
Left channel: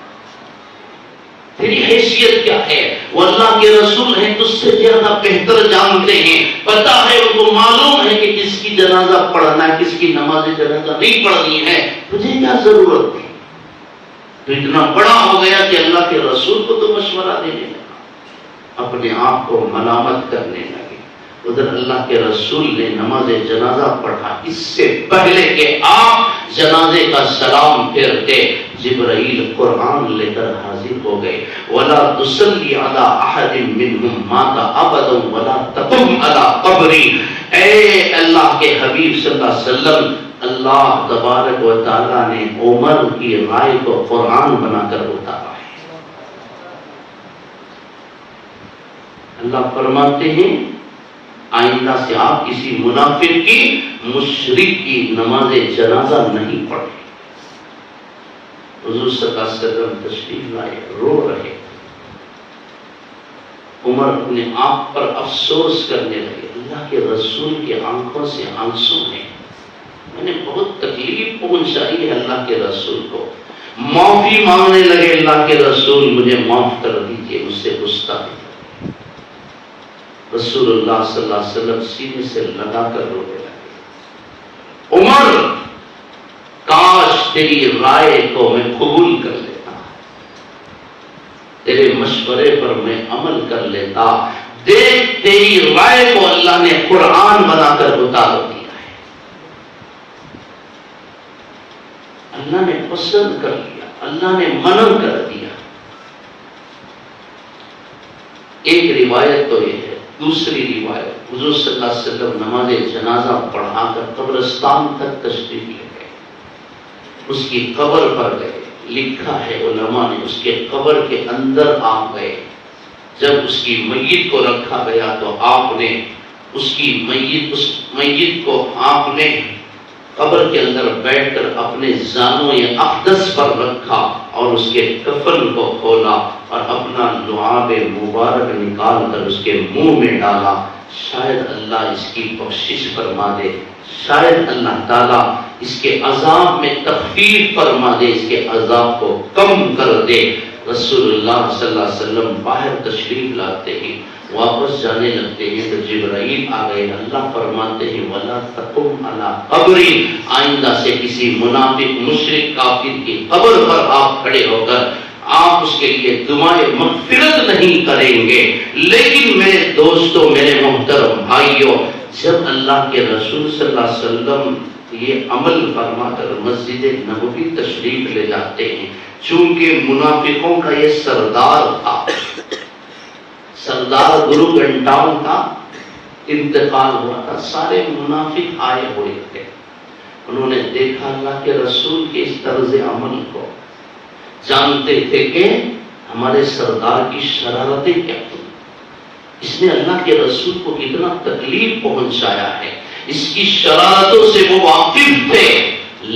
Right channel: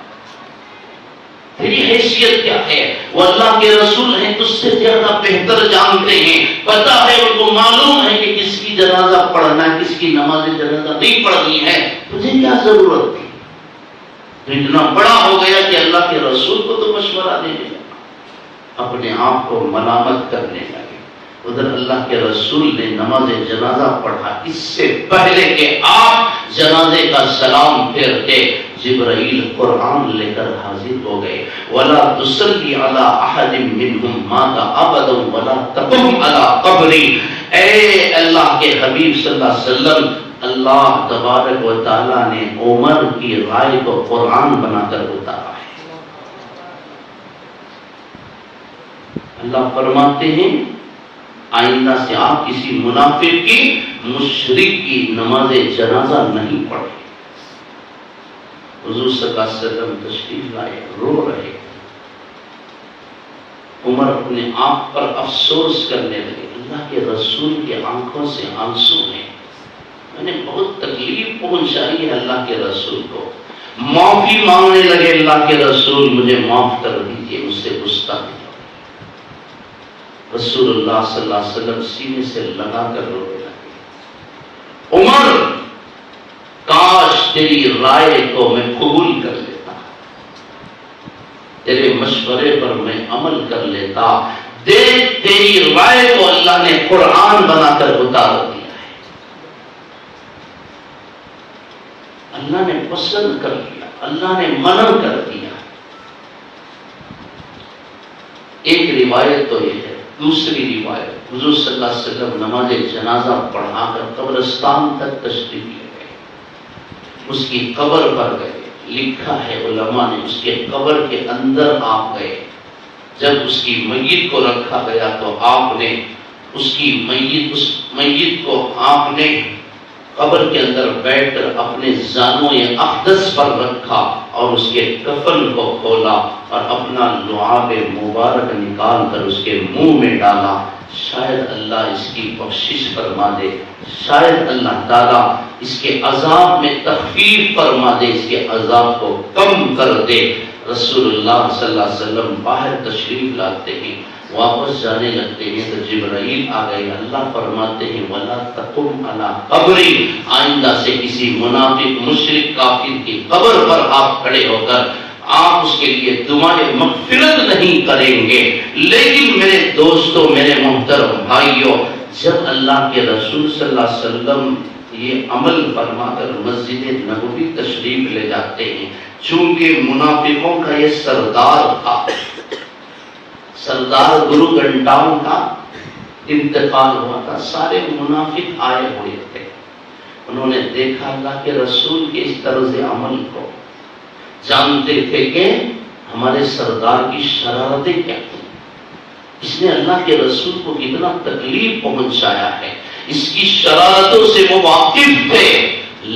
تیری حیثیت کیا ہے، وہ اللہ کے رسول ہیں، تجھ سے زیادہ بہتر جانتے ہیں، پتا ہے ان کو معلوم ہے کہ کس کی جنازہ پڑھنا ہے، کس کی نماز جنازہ نہیں پڑھنی ہے، تجھے کیا ضرورت ہے؟ تو اتنا بڑا ہو گیا کہ اللہ کے رسول کو تو مشورہ دینے لگا، اپنے آپ کو ملامت کرنے لگے۔ ادھر اللہ کے رسول نے نماز جنازہ پڑھا، اس سے پہلے کہ آپ جنازے کا سلام پھیرتے جبرائیل قرآن لے کر حاضر ہو گئے۔ وَلَا تُصَلِّ عَلَىٰ أَحَدٍ مِّنْهُمْ مَاتَ أَبَدًا وَلَا تَقُمْ عَلَىٰ قَبْرِهِ۔ اے اللہ کے حبیب صلی اللہ علیہ وسلم، اللہ تبارک و تعالیٰ نے عمر کی رائے کو قرآن بنا کر اتارا ہے۔ اللہ فرماتے ہیں آئندہ سے آپ کسی منافق کی، مشرک کی نماز جنازہ نہیں پڑھیں۔ حضور صلی اللہ علیہ وسلم تشریف لائے، رو رہے، عمر اپنے آپ پر افسوس کرنے لگے، اللہ کے رسول کے آنکھوں سے آنسو ہیں، میں نے بہت تکلیف پہنچائی ہے اللہ کے رسول کو، معافی مانگنے لگے، اللہ کے رسول مجھے معاف کر دیجئے، مجھ سے گستاخی۔ رسول اللہ صلی اللہ علیہ وسلم سینے سے لگا کر رونے لگے، عمر کاش تیری رائے کو میں قبول کر لیتا، تیرے مشورے پر میں عمل کر لیتا، دیکھ تیری رائے کو اللہ نے قرآن بنا کر اتار دیا ہے، اللہ نے پسند کر لیا، اللہ نے منع کر دیا۔ ایک روایت تو یہ ہے، دوسری روایت حضور صلی اللہ علیہ وسلم نماز جنازہ پڑھا کر قبرستان تک تشریف لے گئے، اس کی قبر پر گئے، لکھا ہے علماء نے اس کے قبر کے اندر آپ گئے، جب اس کی میت کو رکھا گیا تو آپ نے اس میت کو آپ نے قبر کے اندر بیٹھ کر اپنے زانو اقدس پر رکھا اور اس کے کفن کو کھولا اور اپنا لعاب مبارک نکال کر اس کے منہ میں ڈالا، شاید اللہ اس کی بخشش فرما دے، شاید اللہ تعالیٰ اس کے عذاب میں تخفیف فرما دے، اس کے عذاب کو کم کر دے۔ رسول اللہ صلی اللہ علیہ وسلم باہر تشریف لاتے ہیں، واپس جانے لگتے ہیں تو جبرائیل آ گئے، اللہ فرماتے ہیں وَلَا تَقُمْ عَلَىٰ قَبْرِي، آئندہ سے کسی منافق مشرک کافر کی قبر پر آپ کھڑے ہو کر آپ اس کے لیے دعائیں مغفرت نہیں کریں گے۔ لیکن میرے دوستوں، میرے محترم بھائیوں، جب اللہ کے رسول صلی اللہ علیہ وسلم یہ عمل فرما کر مسجد نبوی تشریف لے جاتے ہیں، چونکہ منافقوں کا یہ سردار تھا، سردار گرو گھنٹاؤں کا انتقال ہوا تھا، سارے منافق آئے ہوئے تھے، انہوں نے دیکھا اللہ کے رسول کے اس طرز عمل کو، جانتے تھے کہ ہمارے سردار کی شرارتیں کیا تھیں، اس نے اللہ کے رسول کو کتنا تکلیف پہنچایا ہے، اس کی شرارتوں سے وہ واقف تھے،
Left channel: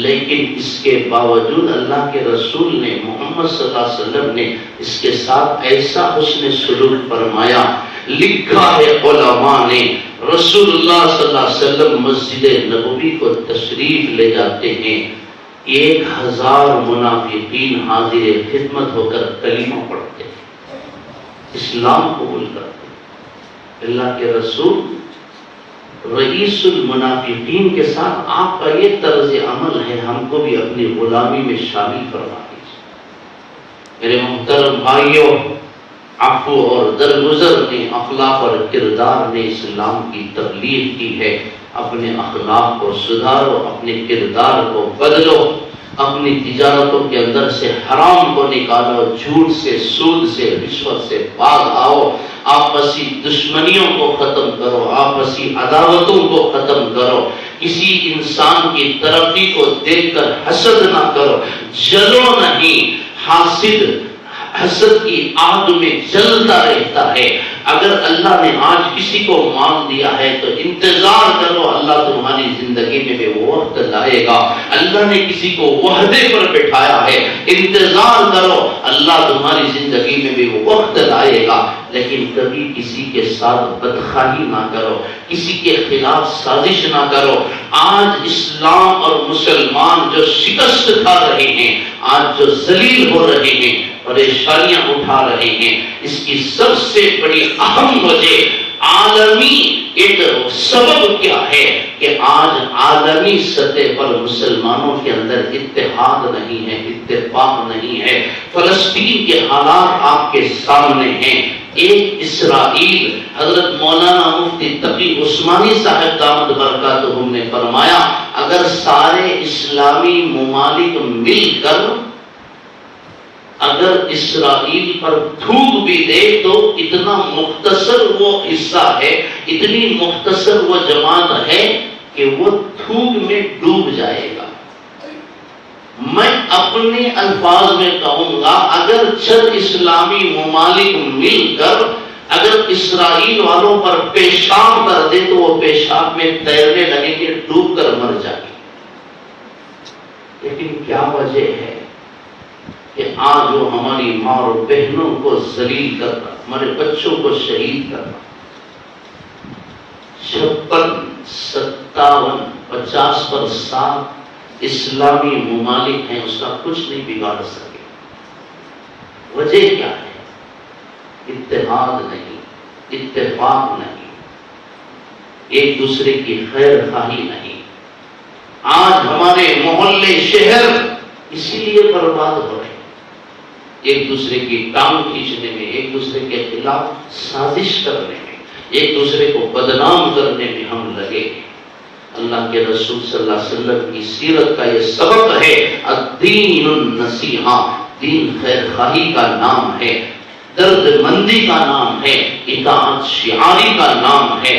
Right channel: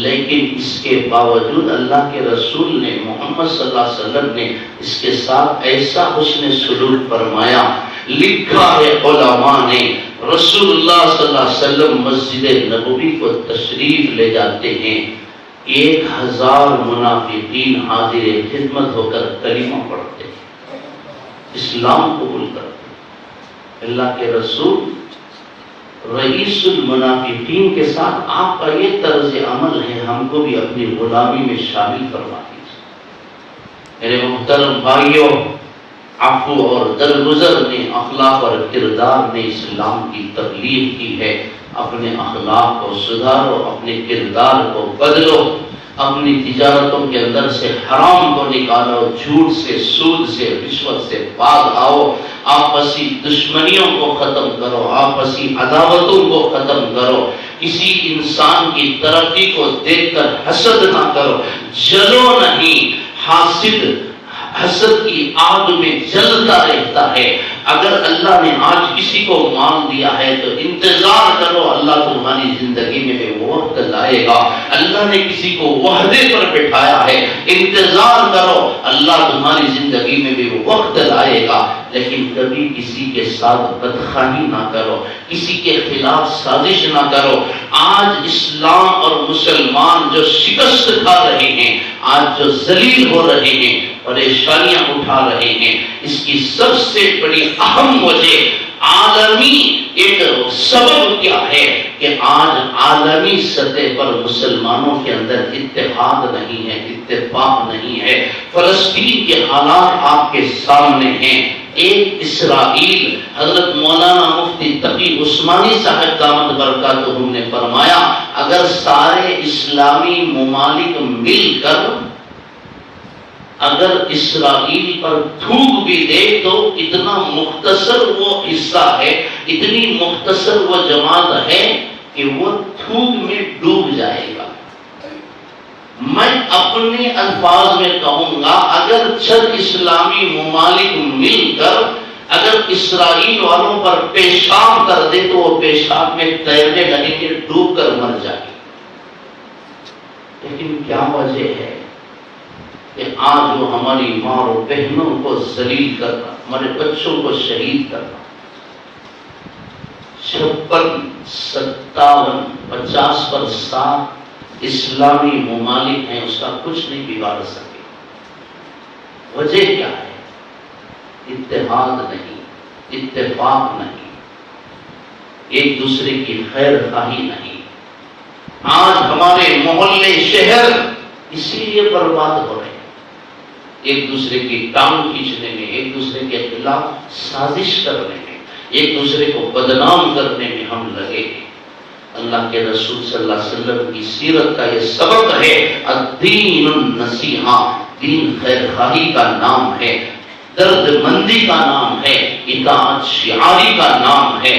لیکن اس کے باوجود اللہ کے رسول نے، محمد صلی اللہ علیہ وسلم نے اس کے ساتھ ایسا حسن سلوک فرمایا۔ لکھا ہے علماء نے، رسول اللہ صلی اللہ علیہ وسلم مسجد نبوی کو تشریف لے جاتے ہیں، 1000 منافقین حاضر خدمت ہو کر کلمہ پڑھتے ہیں، اسلام قبول کرتے ہیں۔ اللہ کے رسول رئیس المنافقین کے ساتھ آپ کا یہ طرز عمل ہے، ہم کو بھی اپنی غلامی میں شامل کروا دیجیے۔ میرے محترم بھائیوں، عفو اور درگزر نے، اخلاق اور کردار نے اسلام کی تبلیغ کی ہے۔ اپنے اخلاق کو سدھارو، اپنے کردار کو بدلو، اپنی تجارتوں کے اندر سے حرام کو نکالو، جھوٹ سے، سود سے، رشوت سے باز آؤ، آپسی دشمنیوں کو ختم کرو، آپسی عداوتوں کو ختم کرو، کسی انسان کی ترقی کو دیکھ کر حسد نہ کرو، جلو نہیں، حسد کی آگ میں جلتا رہتا ہے۔ اگر اللہ نے آج کسی کو مال دیا ہے تو انتظار کرو، اللہ تمہاری زندگی میں بھی وہ وقت لائے گا۔ اللہ نے کسی کو وعدے پر بٹھایا ہے، انتظار کرو، اللہ تمہاری زندگی میں بھی وہ وقت لائے گا۔ لیکن کبھی کسی کے ساتھ بدخواہی نہ کرو، کسی کے خلاف سازش نہ کرو۔ آج اسلام اور مسلمان جو شکست کھا رہے ہیں، آج جو ذلیل ہو رہے ہیں، پریشانیاں اٹھا رہے ہیں، اس کی سب سے بڑی اہم وجہ عالمی ایک سبب کیا ہے کہ آج عالمی سطح پر مسلمانوں کے اندر اتحاد نہیں ہے، اتفاق نہیں ہے۔ فلسطین کے حالات آپ کے سامنے ہیں۔ ایک اسرائیل، حضرت مولانا مفتی تقی عثمانی صاحب دامت برکاتہم نے فرمایا اگر سارے اسلامی ممالک مل کر اگر اسرائیل پر تھوک بھی دے تو اتنا مختصر وہ حصہ ہے، اتنی مختصر وہ جماعت ہے کہ وہ تھوک میں ڈوب جائے گا۔ میں اپنے الفاظ میں کہوں گا اگر چند اسلامی ممالک مل کر اگر اسرائیل والوں پر پیشاب کر دے تو وہ پیشاب میں تیرنے لگیں گے، ڈوب کر مر جائیں گے۔ لیکن کیا وجہ ہے کہ آج وہ ہماری ماں اور بہنوں کو ذلیل کرنا، ہمارے بچوں کو شہید کرنا، 56 57 50% اسلامی ممالک ہیں، اس کا کچھ نہیں بگاڑ سکے۔ وجہ کیا ہے؟ اتحاد نہیں، اتفاق نہیں، ایک دوسرے کی خیر خواہی نہیں۔ آج ہمارے محلے شہر اسی لیے برباد ہو رہے ہیں، ایک دوسرے کی ٹانگ کھینچنے میں، ایک دوسرے کے خلاف سازش کرنے میں، ایک دوسرے کو بدنام کرنے میں ہم لگے ہیں۔ اللہ کے رسول صلی اللہ علیہ وسلم کی سیرت کا یہ سبق ہے، الدین النصیحہ، دین خیر خواہی کا نام ہے، درد مندی کا نام ہے، اطاعت شعاری کا نام ہے،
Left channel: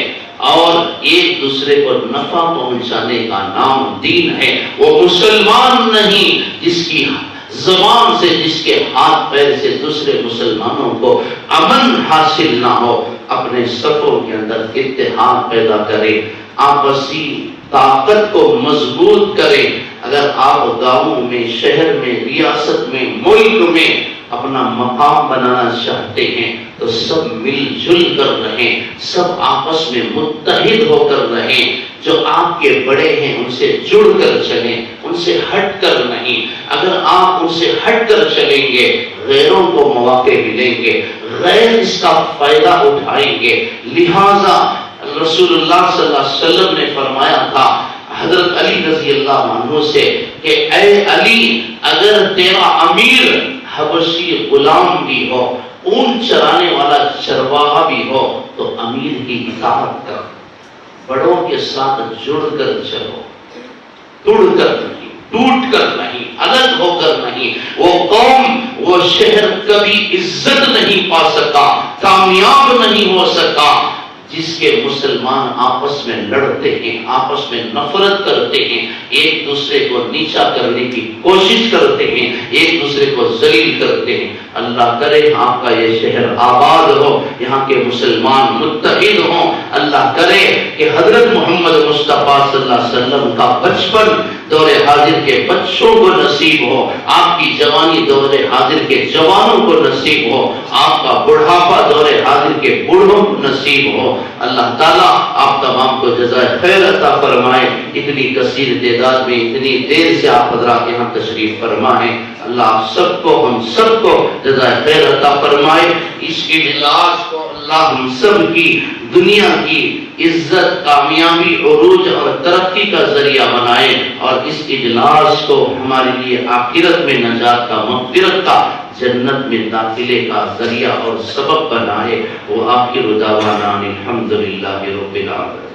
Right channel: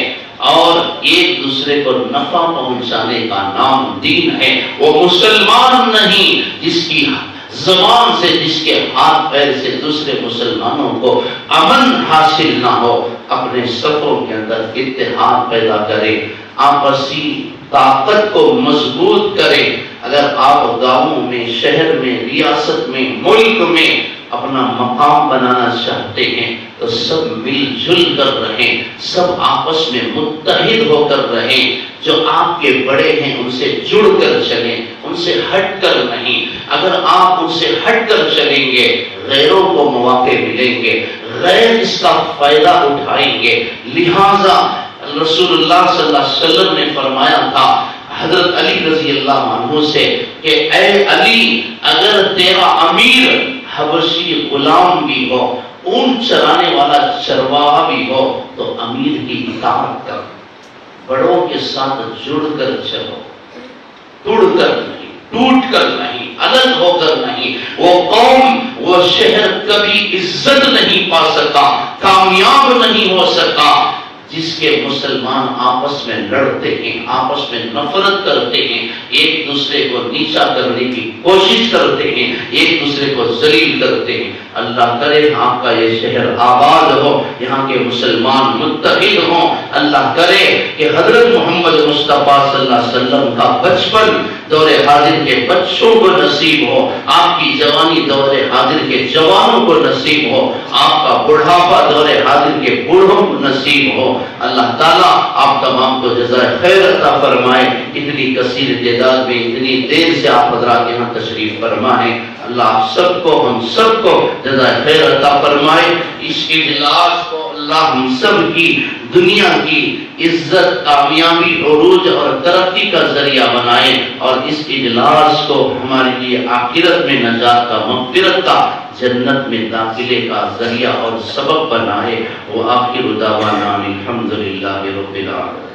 اور ایک دوسرے کو نفع پہنچانے کا نام دین ہے۔ وہ مسلمان نہیں جس کی زبان سے، جس کے ہاتھ پیر سے دوسرے مسلمانوں کو امن حاصل نہ ہو، اپنے صفوں کے اندر اتحاد پیدا کرے، آپسی طاقت کو مضبوط کرے۔ اگر آپ گاؤں میں، شہر میں، ریاست میں، ملک میں اپنا مقام بنانا چاہتے ہیں تو سب مل جل کر رہیں، سب آپس میں متحد ہو کر رہیں۔ جو آپ کے بڑے ہیں ان سے جڑ کر چلیں، ان سے ہٹ کر نہیں۔ اگر آپ ان سے ہٹ کر چلیں گے غیروں کو مواقع ملیں گے، غیر اس کا فائدہ اٹھائیں گے۔ لہذا رسول اللہ صلی اللہ علیہ وسلم نے فرمایا تھا حضرت علی رضی اللہ عنہ سے کہ اے علی، اگر تیرا امیر حبشی غلام بھی ہو، اونٹ چرانے والا چرواہا بھی ہو، تو امیر کی اطاعت کر، بڑوں کے ساتھ جڑ کر چلو، توڑ کر نہیں، ٹوٹ کر نہیں، الگ ہو کر نہیں۔ وہ قوم، وہ شہر کبھی عزت نہیں پا سکا، کامیاب نہیں ہو سکا جس کے مسلمان آپس میں لڑتے ہیں، آپس میں نفرت کرتے ہیں، ایک دوسرے کو نیچا کرنے کی کوشش کرتے ہیں، ایک دوسرے کو ذلیل کرتے ہیں۔ اللہ کرے آپ کا یہ شہر آباد ہو، یہاں کے مسلمان متحد ہوں۔ اللہ کرے کہ حضرت محمد مصطفیٰ صلی اللہ علیہ وسلم کا بچپن دور حاضر کے بچوں کو نصیب ہو، آپ کی جوانی دور حاضر کے جوانوں کو نصیب ہو، آپ کا بڑھاپا دور حاضر کے بوڑھوں کو نصیب ہو۔ اللہ تعالیٰ آپ تمام کو جزائے خیر عطا فرمائے۔ اتنی کثیر تعداد میں اتنی دیر سے آپ حضرات یہاں تشریف فرما ہے، اللہ آپ سب کو، ہم سب کو جزائے خیر عطا فرمائے۔ اس کے اجلاس کو اللہ ہم سب کی دنیا کی عزت، کامیابی، عروج اور ترقی کا ذریعہ بنائے، اور اس اجلاس کو ہمارے لیے آخرت میں نجات کا، مغفرت کا، جنت میں داخلے کا ذریعہ اور سبب بنائے۔ وہ آخر دعوانا الحمدللہ رب العالمین۔